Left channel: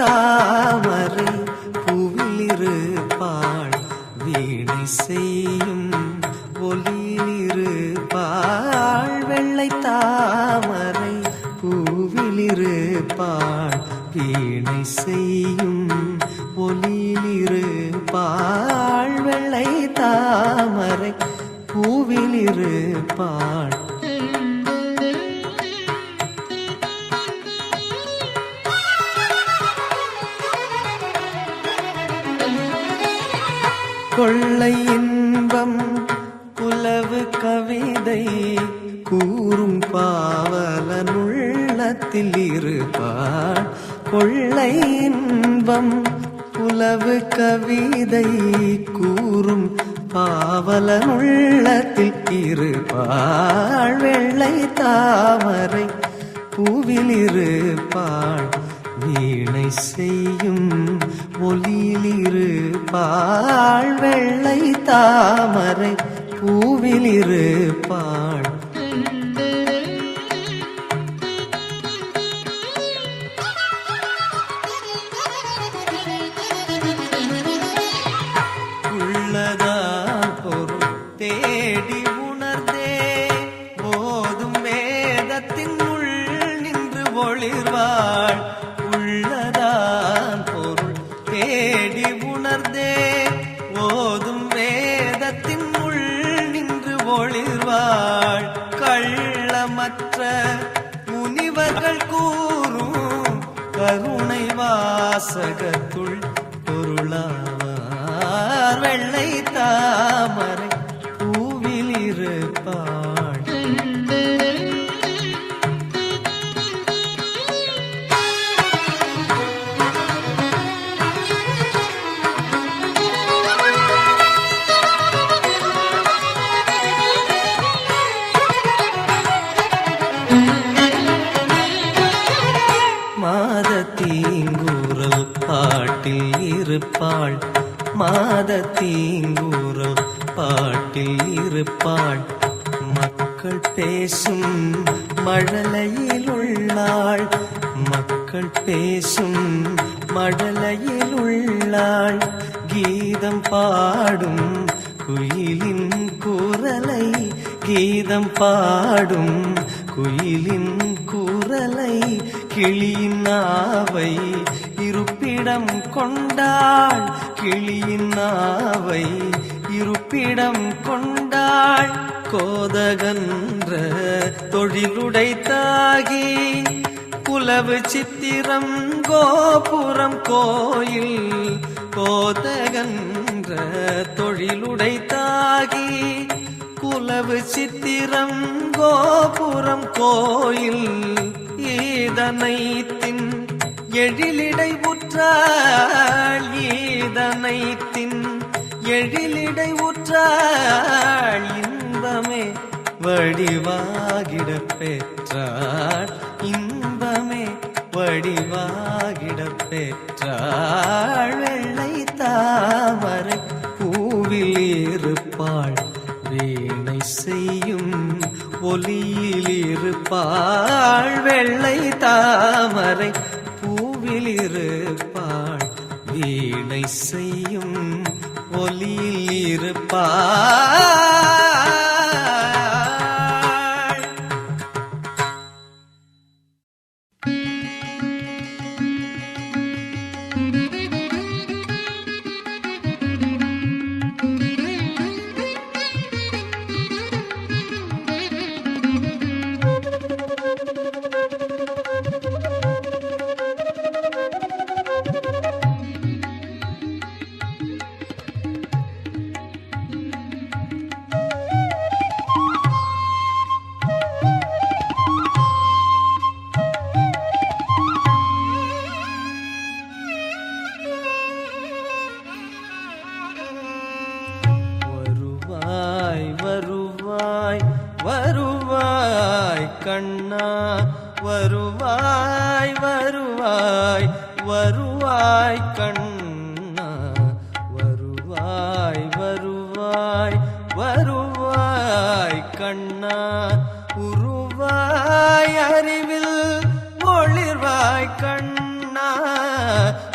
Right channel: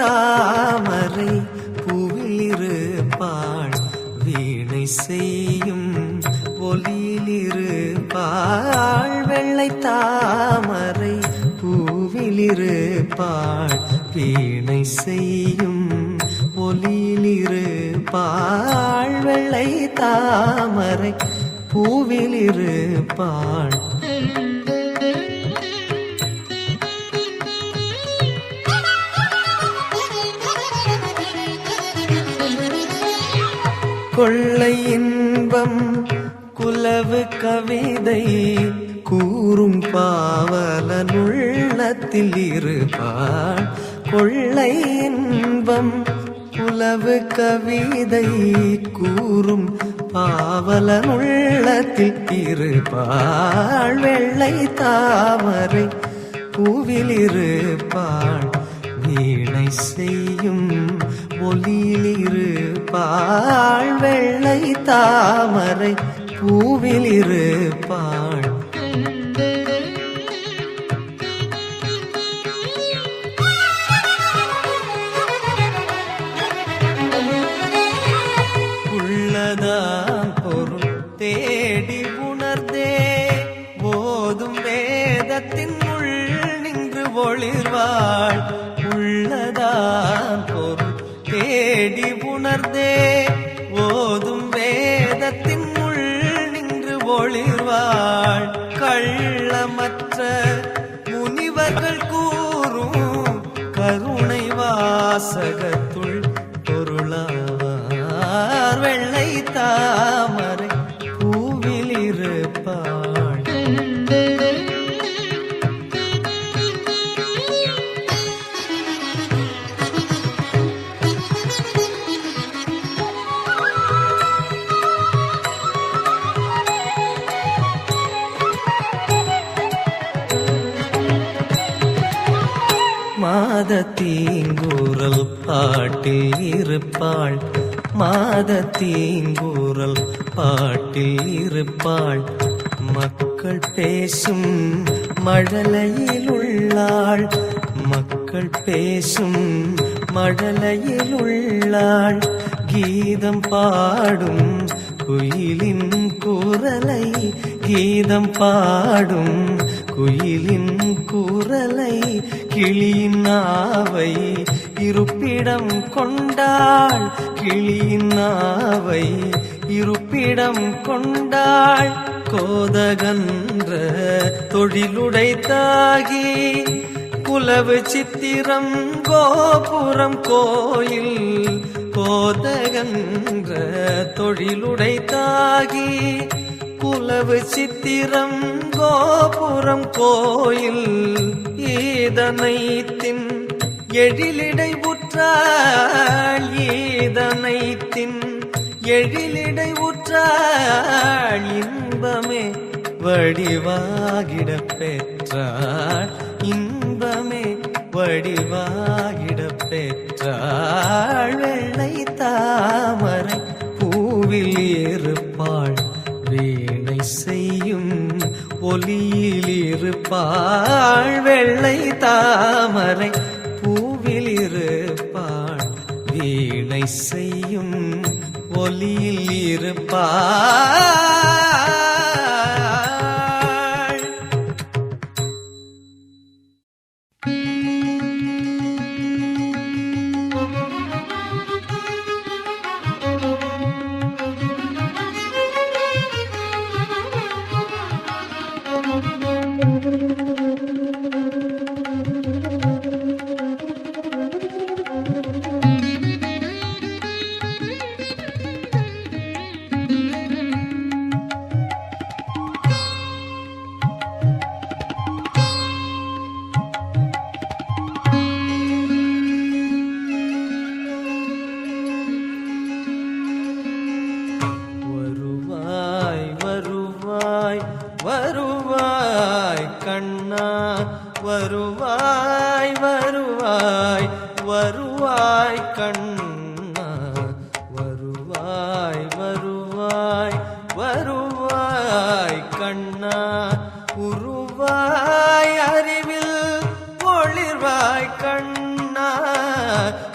தாமரை பூவிலிருப்பாள் வீணை செய்யும் ஒலியிலிருப்பாள். வெள்ளை தாமரை பூவிலிருப்பாள் வீணை செய்யும் ஒலியிலிருப்பாள். வெள்ளை தாமரை பூவிலிருப்பாள். கொள்ளை இன்பம் குலவு கவிதை கூறும் பாவலனுள்ளத்தில் இருப்பாள். கொள்ளை இன்பம் குலவு கவிதை கூறும் பாவலனுள்ளத்தில் இருப்பாள். வெள்ளை தாமரை பூவிலிருப்பாள் வீணை செய்யும் ஒலியிலிருப்பாள். வெள்ளை தாமரை பூவிலிருப்பாள். உள்ளதான் பொருள் தேடி உணர்ந்தே போதும் வேதத்தின் உள் நின்று ஒளிர்வாள். உள்ளதான் பொருள் தேடி உணர்ந்தே ஓதும் வேதத்தின் உள் நின்று ஒளிர்வாள். கள்ளமற்ற முனிவர்கள் கூறும் கருணை வாசகத்துள் பொருளாவார். வெள்ளை தாமரை பூவிலிருப்பாள். மாதத்தீங்கூறல் பாட்டில் இருப்பாள். மாதத்தீங்கூறல் பாட்டில் இருப்பாள். மக்கள் பேசும் மழலையில் உள்ளாள். மக்கள் பேசும் மழலையில் உள்ளாள். கீதம் பாடும் குயிலின் குரலை கீதம் பாடும் குயிலின் குரலை கிளியின் நாவை இருப்பிடம் கொண்டாள். கிளியின் நாவை இருப்பிடம் கொண்டாள். கோதகன்ற தொழிலுடைத்தாகி குலவு சித்திரம் கோபுரம் கோயில். கோதகன்ற தொழிலுடைத்தாகி குலவு சித்திரம் கோபுரம் கோயில். ஈதனைத்தின் எழிலிடை உற்றாள். ஈதனைத்தின் எழிலிடை உற்றாள். இன்பமே வடிவாகிட பெற்றாள். இன்பமே வடிவாகிட பெற்றாள். வெள்ளை தாமரை பூவில் இருப்பாள். வீணை செய்யும் ஒலியில் இருப்பாள். வெள்ளை தாமரை பூவில் இருப்பாள். வீணை செய்யும் ஒலியில் இருப்பாள். வருவாய் கண்ணா வருவாய் வருவாய் வருவாய் கண்ணா வருவாய் வருவாய் வருவாய் கண்ணா உருவாய் அறிவில் ஒளிர்வாய் கண்ணா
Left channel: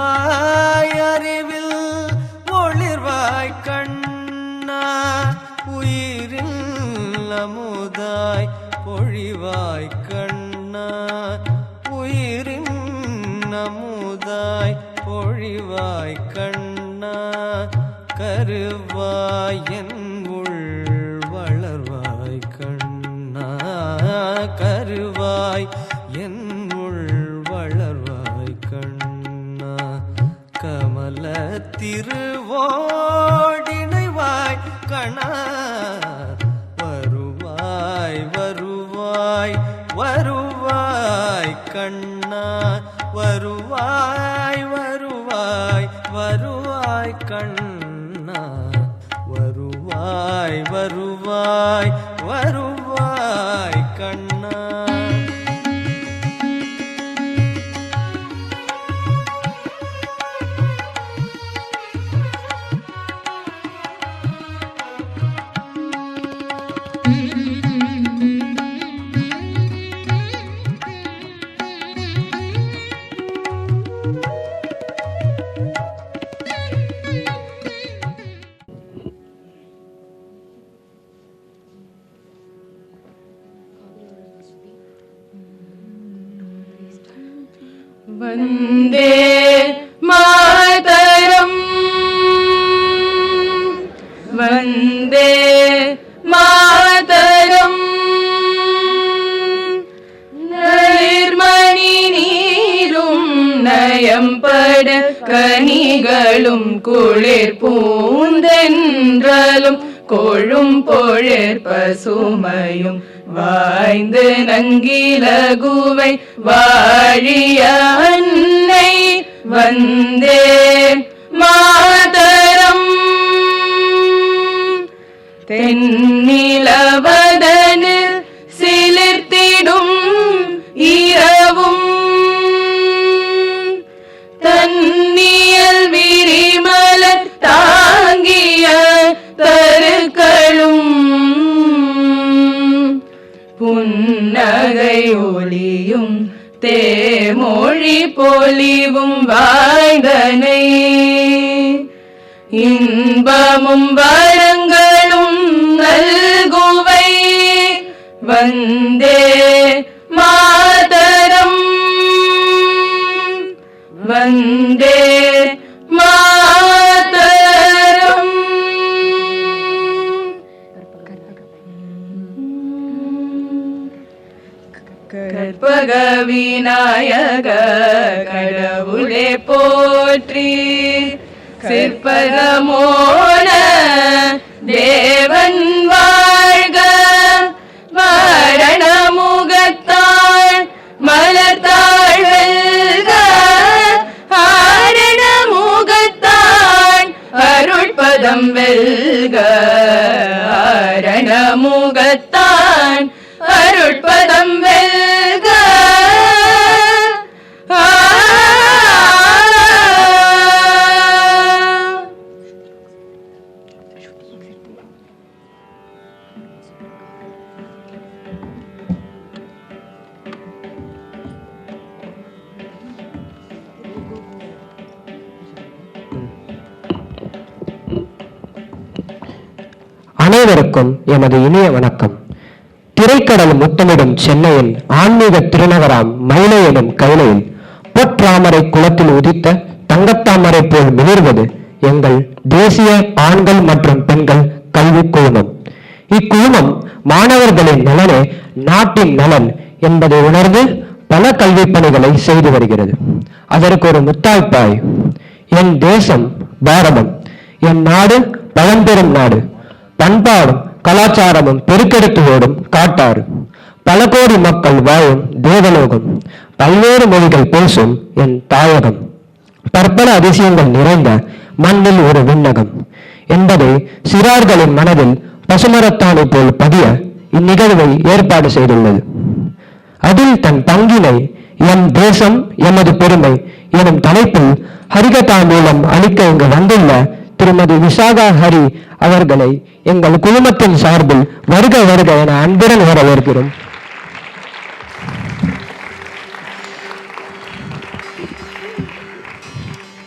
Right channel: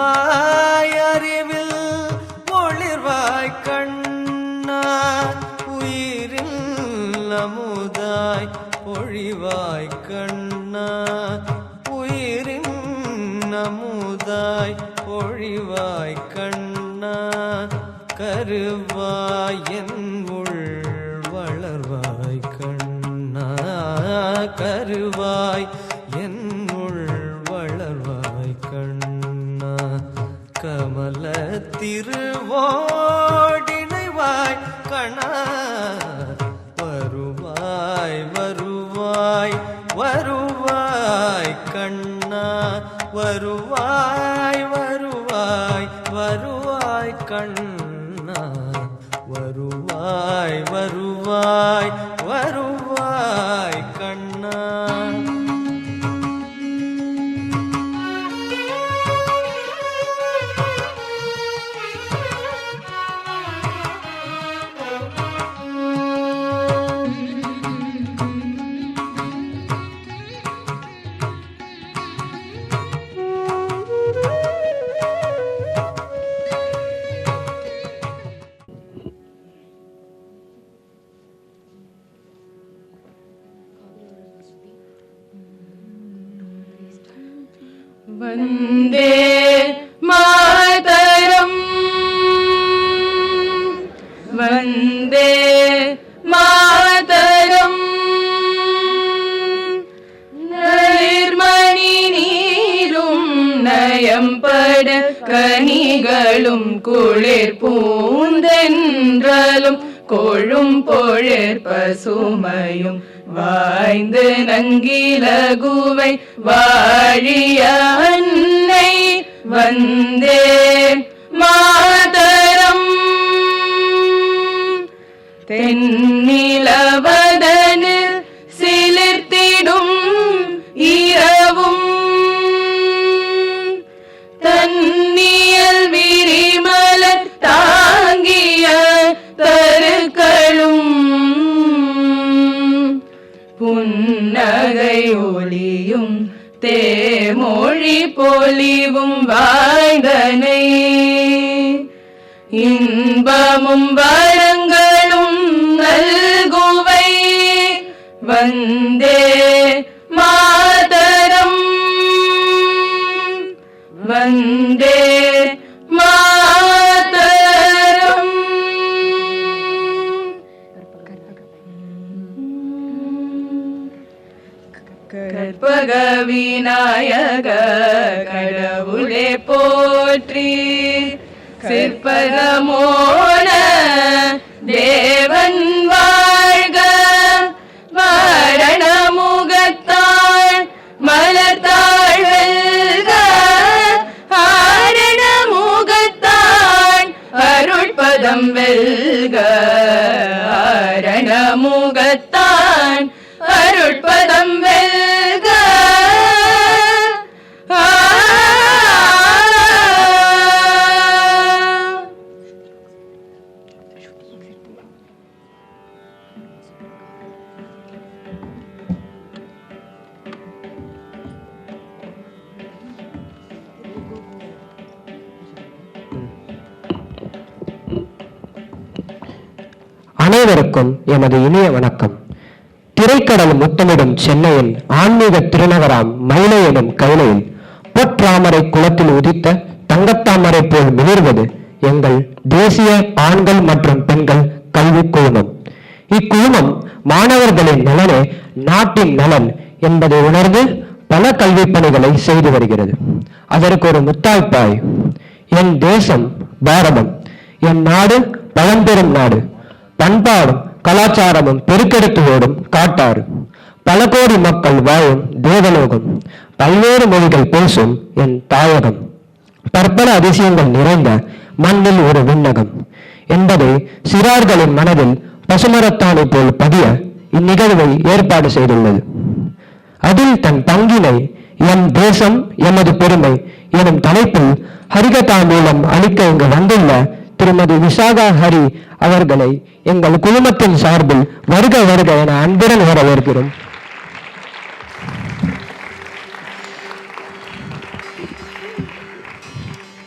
வருவாய் அறிவில் ஒளிர்வாய் கண்ணா உயிரில் அமுதாய் பொழிவாய் கண்ணா உயிரின் அமுதாய் பொழிவாய் கண்ணா கருவாய் என் உள் வளர்வாய் கண்ணா கருவாய் என் உள் வளர்வாய் கண்ணா கமல திருவோடினைவாய் கண்ணா வருவாய் வருவாய் வருவாய் கண்ணா வருவாய் வருவாய் வருவாய் கண்ணா வருவாய் வருவாய் வருவாய் கண்ணா वन्दे मातरम् वन्दे मातरम् निर्मणि नीरुं नयம்பட கனிகளும் குளிர் பூந்தென்றலும் கொழும் பொழிற் பசுமையும் வாய்ந்து நங்கிலகுவை வாழிய அன்னை வந்தே மாதரம் தென்னிலவதனில் சிலிர்த்திடும் இரவும் தன்னியல் விரிமலர் தாங்கிய தருக்களும் புன்னகை ஒளியும் தேமொழி பொலிவும் வாழ்ந்தனை இன்பமும் வரங்களும் நல்குவை வந்தே மாதரம் வந்தே மாதரம் கற்பக விநாயக கடவுளே போற்றி சிற்பகமோன தேவன் வாழ்க வாரண முகத்தாள் மலர்த்தாள் வெல்க ஆரண முகத்தான் அருள்பதம் வெல்க ஆரண முகத்தான் அருட்பதம் வெல்க அனைவருக்கும் எமது இனிய வணக்கம். திரைக்கடல் முத்தமிடும் சென்னையின் ஆன்மீக திருநகராம் மயிலை எனும் கைலையில் பொற்றாமரை குளத்தில் உதித்த தங்கத்தாமரை போல் மிளிர்வது எங்கள் தேசிய ஆண்கள் மற்றும் பெண்கள் கல்வி குழுமம். இக்குழுமம் மாணவர்களின் நலனே நாட்டின் நலன் என்பதை உணர்ந்து பல கல்வி பணிகளை செய்து வருகிறது. அதற்கு ஒரு முத்தாய்ப்பாய் என் தேசம் பாரதம், என் நாடு பழம்பெரும் நாடு, பண்பாடும் கலாச்சாரமும் பெருக்கெடுத்து ஓடும் காட்டாறு, பல கோடி மக்கள் வாழும் தேவலோகம், பல்வேறு மொழிகள் பேசும் என் தாயகம், பற்பல அதிசயங்கள் நிறைந்த மண்ணில் ஒரு விண்ணகம் என்பதை சிறார்களின் மனதில் பசுமரத்தானை போல் பதிய இந்நிகழ்வை ஏற்பாடு செய்துள்ளது. அதில் தன் பங்கினை எம் தேசம் எமது பெருமை எனும் தலைப்பில் ஹரிகதா மூலம் அளிக்க இங்கு வந்துள்ள திருமதி விஷாகா ஹரி அவர்களை எங்கள் குழுமத்தின் சார்பில் வருக வருக என அன்புடன் வரவேற்கிறோம்.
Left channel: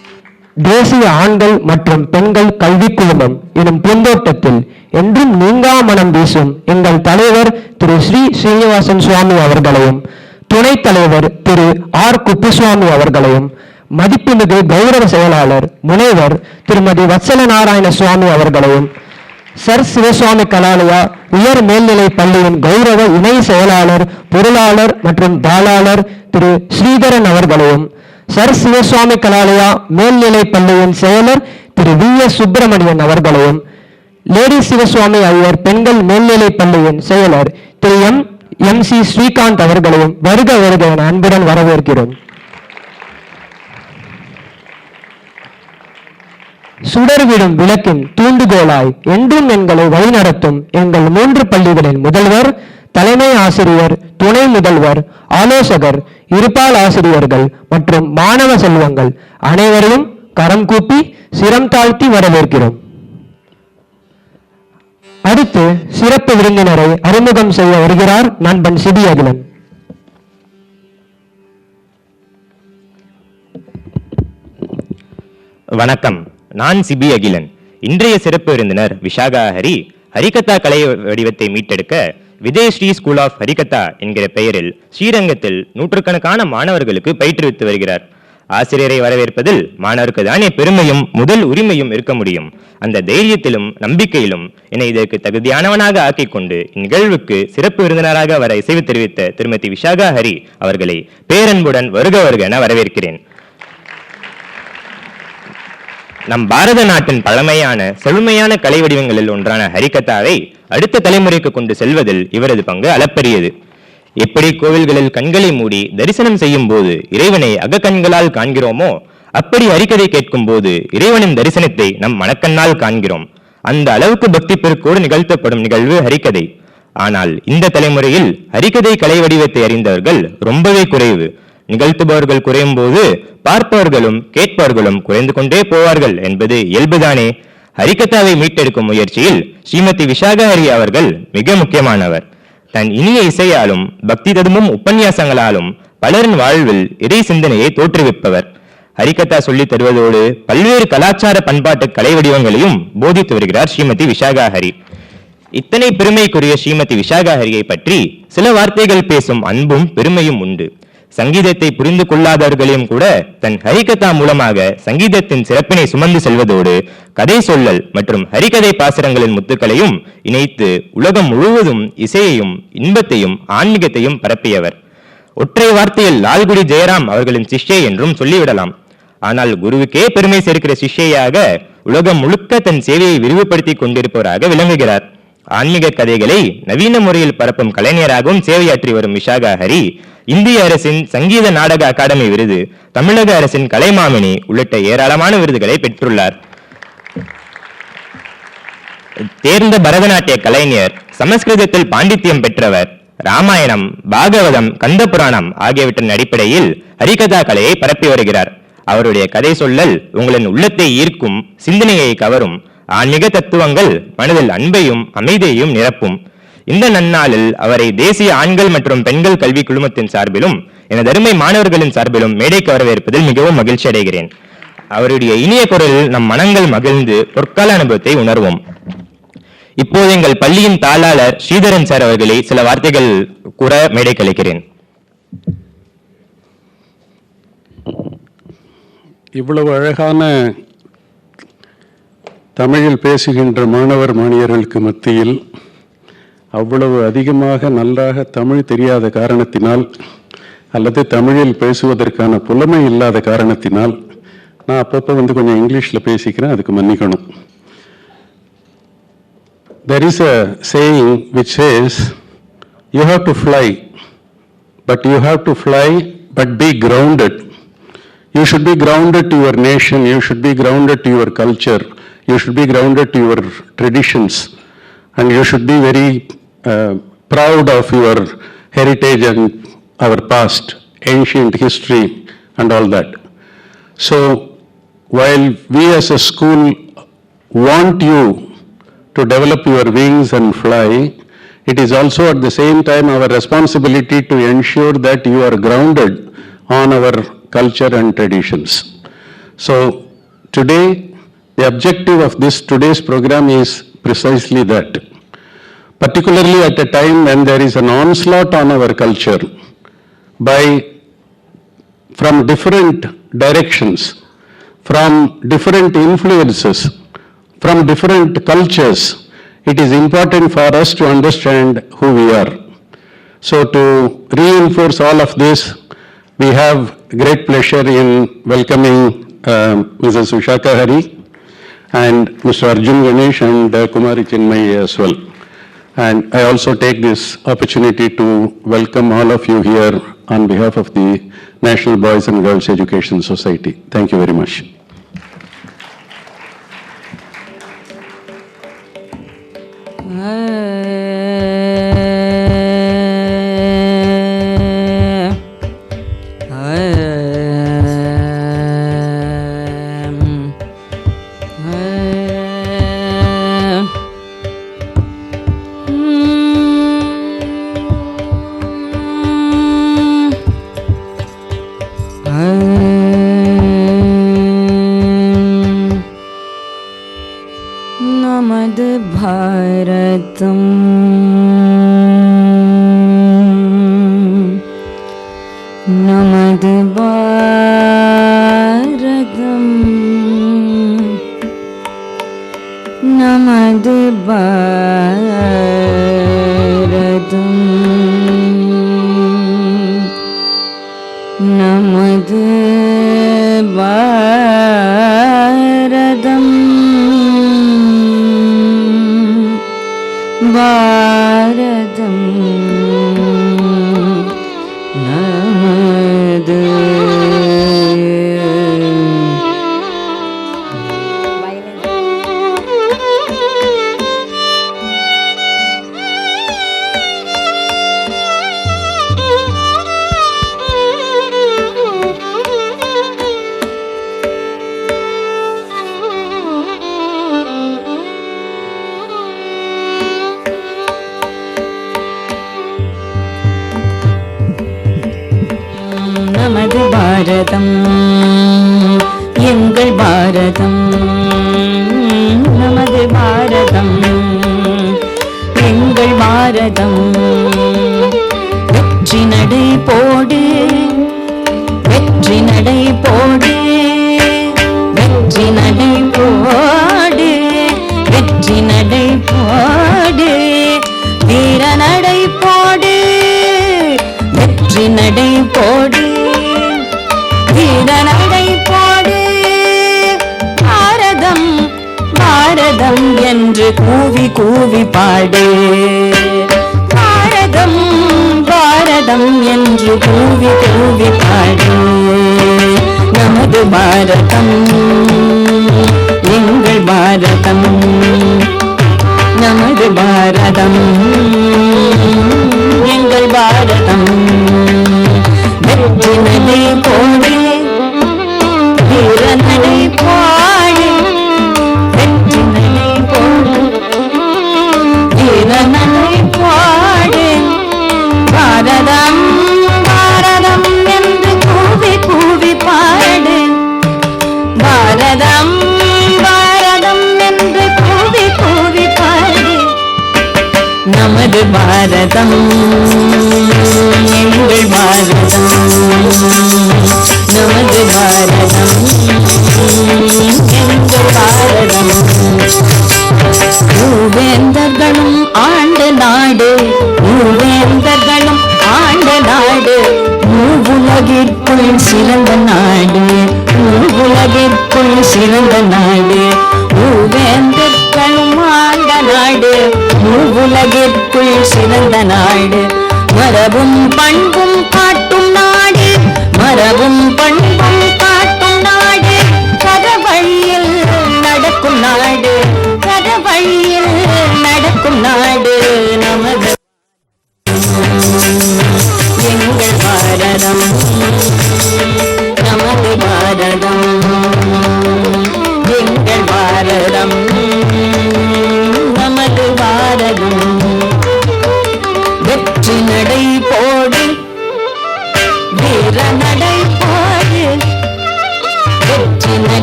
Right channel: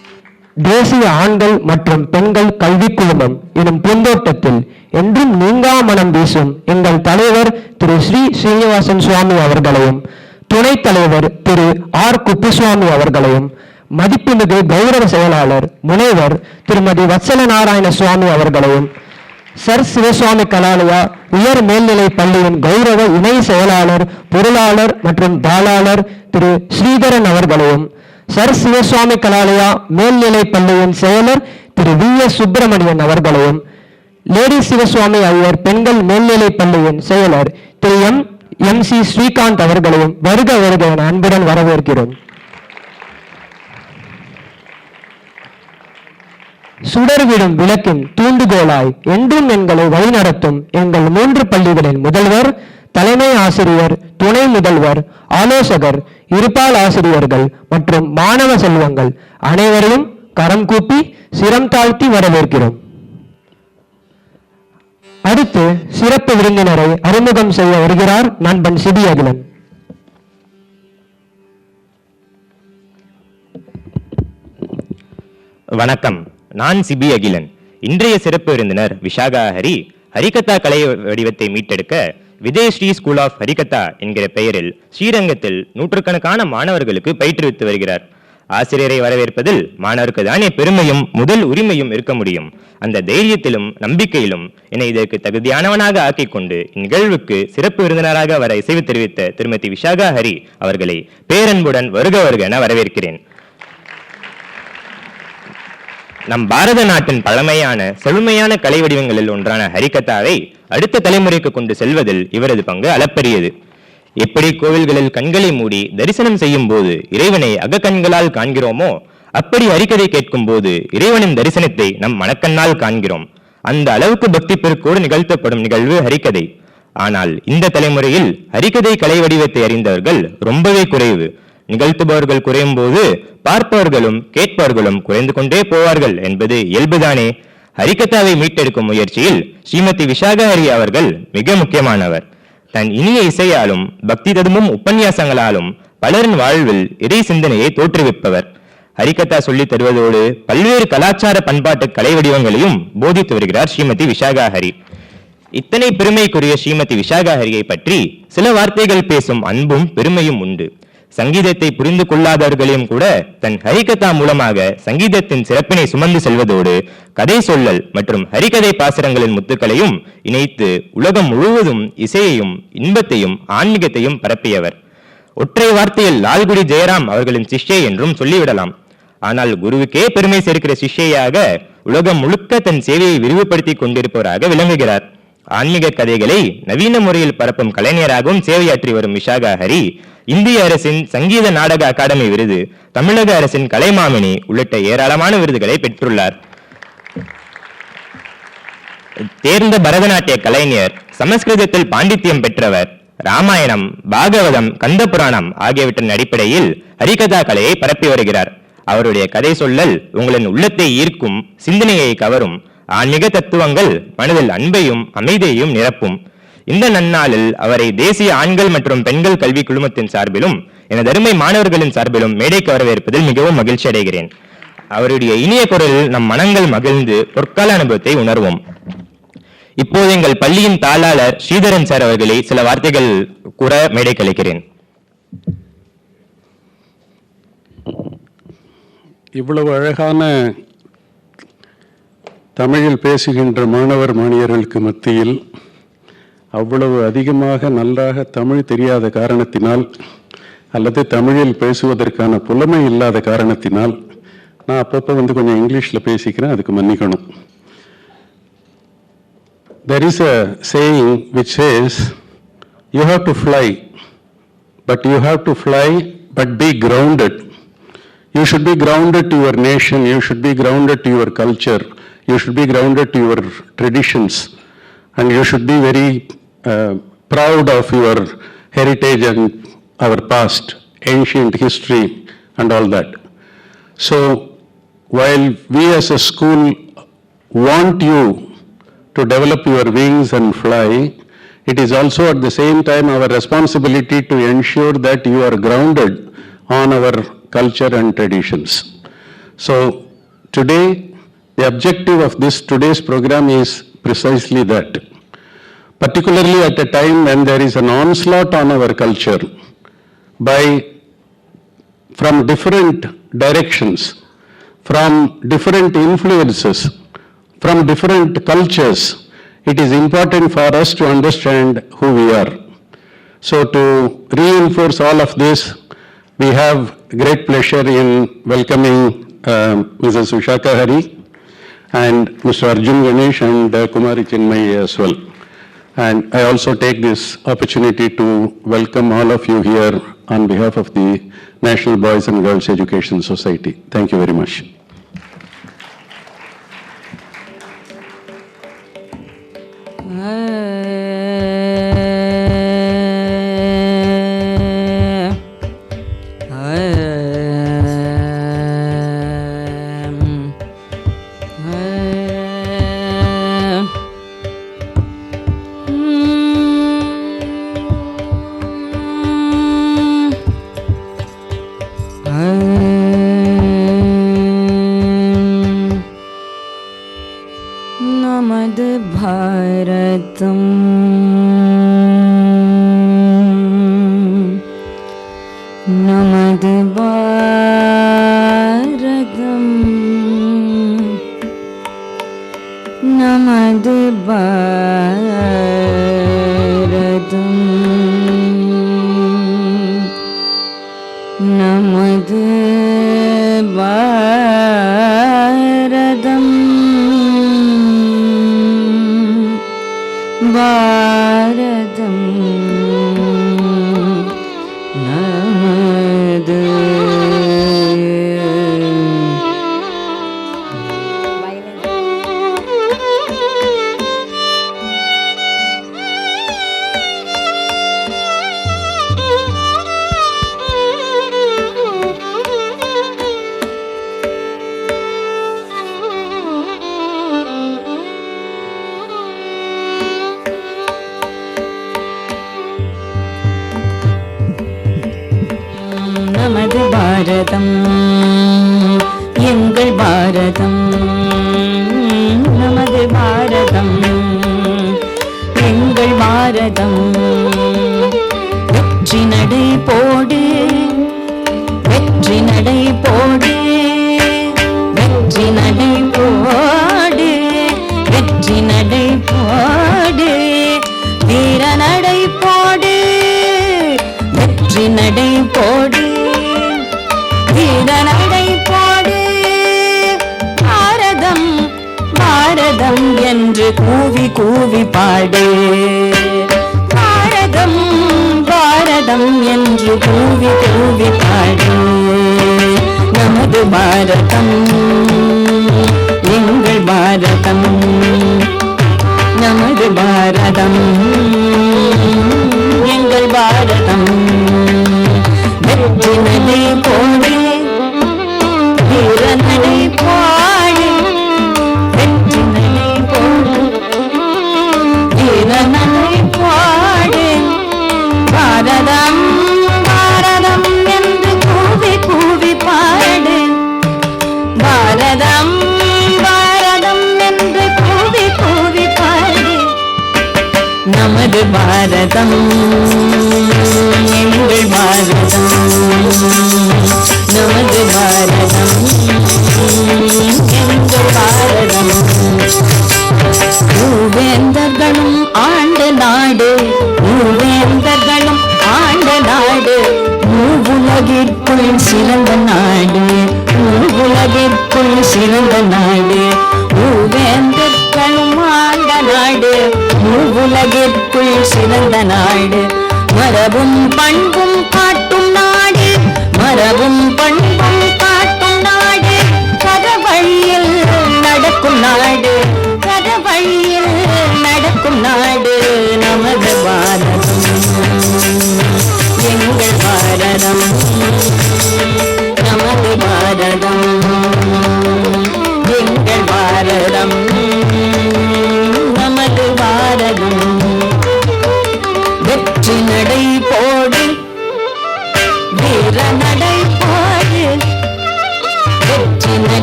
தேசிய ஆண்கள் மற்றும் பெண்கள் கல்விக் குழுமம் எனும் பூந்தோட்டத்தில் என்றும் நீங்கா மனம் வீசும் எங்கள் தலைவர் திரு ஸ்ரீ ஸ்ரீனிவாசன் சுவாமி அவர்களையும் துணைத் தலைவர் திரு ஆர் குப்புசுவாமி அவர்களையும் மதிப்புமிகு கௌரவ செயலாளர் முனைவர் திருமதி வத்சல நாராயண சுவாமி அவர்களையும் சர் சிவசுவாமி கலாலயா உயர் மேல்நிலை பள்ளியின் கௌரவ இணை செயலாளர் பொருளாளர் மற்றும் தாளாளர் திரு ஸ்ரீதரன் அவர்களையும் சர் சிவசுவாமி கலாலயா மேல்நிலை பள்ளியின் செயலர் திரு வி.எஸ். சுப்பிரமணியன் அவர்களையும் லேடி சிவசுவாமி ஐயர் பெண்கள் மேல்நிலை பள்ளியின் செயலர் திரு எம்.சி. ஸ்ரீகாந்த் அவர்களையும் வருக வருக என அன்புடன் வரவேற்கிறோம். சுடர்விடும் விளக்கின் தூண்டுகோலாய் என்றும் எங்களை வழிநடத்தும் எங்கள் 3 பள்ளிகளின் முதல்வர், தலைமை ஆசிரியர், துணை முதல்வர், ஆலோசகர், இருபால் ஆசிரியர்கள் மற்றும் மாணவ செல்வங்கள் அனைவரையும் கரம் கூப்பி சிரம் தாழ்த்தி வரவேற்கிறோம். அடுத்து சிறப்பு விருந்தினரை அறிமுகம் செய்ய வருகிறார் நண்பன் சிபி அகிலன். வணக்கம், நான் சிபி அகிலன். இன்றைய சிறப்பு விருந்தினர் விஷாகா ஹரி ஹரிகதா கலை வடிவத்தை மீட்டெடுக்க விஜயஸ்ரீ ஸ்கூல் ஆஃப் ஹரிகதா என்கிற பெயரில் ஸ்ரீரங்கத்தில் நூற்றுக்கணக்கான மாணவர்களுக்கு பயிற்றுவித்து வருகிறார். ஆசிரியரை வரவேற்பதில் மாணவருக்கு தானே பெருமையும் முதல் உரிமையும் இருக்க முடியும். அந்த தைரியத்திலும் நம்பிக்கையிலும் என்னை இதற்கு தகுதியானவனாக ஆக்கிக் கொண்டு இந்நிகழ்வுக்கு சிறப்பு விருந்தினராக வர இசைவு தெரிவித்த திருமதி விஷாகா ஹரி அவர்களை பேரன்புடன் வருக வருக என வரவேற்கிறேன். நம் பாரத நாட்டின் பழமையான செழுமையான கலை வடிவங்களில் ஒன்றான ஹரிகதாவை அடுத்த தலைமுறைக்கு கொண்டு செல்வதில் இவரது பங்கு அளப்பரியது. எப்படி கோவில்களில் கண்களை மூடி தரிசனம் செய்யும் போது இறைவனை அகக்கண்களால் காண்கிறோமோ, அப்படி ஹரிகதை கேட்கும் போது இறைவனின் தரிசனத்தை நம் மனக்கண்ணால் காண்கிறோம். அந்த அளவுக்கு பக்தி பெருக்கோடு நிகழ்த்தப்படும் நிகழ்வு ஹரிகதை. ஆனால் இந்த தலைமுறையில் ஹரிகதை கலை வடிவத்தை அறிந்தவர்கள் ரொம்பவே குறைவு. நிகழ்த்துபவர்கள் குறையும் போது பார்ப்பவர்களும் கேட்பவர்களும் குறைந்து கொண்டே போவார்கள் என்பது இயல்புதானே. ஹரிகதாவை மீட்டெடுக்கும் முயற்சியில் ஸ்ரீமதி விஷாகா ஹரி அவர்கள் மிக முக்கியமானவர். தன் இனிய இசையாலும் பக்தி ததும்பும் உபன்யாசங்களாலும் பலரின் வாழ்வில் இறை சிந்தனையை தோற்றுவிப்பவர். ஹரிகதா சொல்லித் தருவதோடு பல்வேறு கலாச்சார பண்பாட்டு கலை வடிவங்களையும் போதித்து வருகிறார் ஸ்ரீமதி விஷாகா ஹரி. இத்தனை பெருமைக்குரிய ஸ்ரீமதி விஷாகா ஹரியை பற்றி சில வார்த்தைகள் பேசும் அன்பும் பெருமையும் உண்டு. சங்கீதத்தை புரிந்து கொள்ளாதவர்களையும் கூட தன் ஹரிகதா மூலமாக சங்கீதத்தின் சிறப்பினை சுமந்து செல்வதோடு கதை சொல்லல் மற்றும் ஹரிகதை பாசுரங்களின் முத்துக்களையும் இணைத்து உலகம் முழுவதும் இசையையும் இன்பத்தையும் ஆன்மீகத்தையும் பரப்பியவர். ஒற்றை வார்த்தையில் லால்குடி ஜெயராம் அவர்களின் சிஷ்யை என்றும் சொல்லிவிடலாம். ஆனால் குருவுக்கே பெருமை சேர்க்கிற சிஷ்யையாக உலகம் முழுக்க தன் சேவையை விரிவுபடுத்தி கொண்டிருப்பவராக விளங்குகிறார். ஆன்மீக கதைகளை நவீன முறையில் பரப்பும் கலைஞராகவும் சேவையாற்றி வரும் விஷாகா ஹரி இந்திய அரசின் சங்கீத நாடக அகாடமி விருது, தமிழக அரசின் கலைமாமணி உள்ளிட்ட ஏராளமான விருதுகளை பெற்றுள்ளார். தேர்ந்த பரதநாட்டிய கலைஞர், சமஸ்கிருதத்தில் பாண்டித்யம் பெற்றவர். ராமாயணம், பாகவதம், கந்த புராணம் ஆகியவற்றின் அடிப்படையில் ஹரிகதா கலையை பரப்பி வருகிறார். அவருடைய கதை சொல்லல் உங்களின் உள்ளத்தை ஈர்க்கும், சிந்தனையை கவரும். ஆன்மீக தத்துவங்கள் மனதில் அன்பையும் அமைதியையும் நிரப்பும். இந்த நன்னாளில் அவரை தேசிய ஆண்கள் மற்றும் பெண்கள் கல்வி குழுமத்தின் சார்பிலும் எனது அருமை மாணவர்களின் சார்பிலும் மேடைக்கு வரவேற்பதில் மிகவும் மகிழ்ச்சி அடைகிறேன். அவருடைய இனிய குரலில் நம் மனங்கள் மகிழ்ந்து பொற்கால அனுபவத்தை உணர்வோம். இப்போது எங்கள் பள்ளியின் தாளாளர் ஸ்ரீதரன் சார் அவர்களை சில வார்த்தைகள் கூற மேடைக்கு அழைக்கிறேன். இவ்வளவு அழகான தமிழில் பேசுகின்ற மாணவர் மாணவியர்களுக்கு மத்தியில் அவ்வளவு அதிகமாக நன்றாக தமிழ் தெரியாத காரணத்தினால் அல்லது தமிழில் பேசுவதற்கான புலமை இல்லாத காரணத்தினால் நான் அப்பப்போ கொஞ்சம் இங்கிலீஷில் பேசிக்கிறேன், அதுக்கு மன்னிக்கணும். There is a saying which says, you have to fly, but you have to fly but be grounded. You should be grounded to your nation, you should be grounded to your culture, you should be grounded to your traditions, and you should be very proud of your heritage and our past, ancient history and all that. So while we as a school want you to develop your wings and fly, it is also at the same time our responsibility to ensure that you are grounded on our culture and traditions. So Today, the objective of today's program is precisely that. Particularly at a time when there is an onslaught on our culture from different directions, from different influences, from different cultures, it is important for us to understand who we are. So to reinforce all of this, we have great pleasure in welcoming Mrs. Vishaka Hari and Mr. Arjun Ganesh and Kumari Chinmay as well. And I also take this opportunity to welcome all of you here on behalf of the National Boys and Girls Education Society. Thank you very much.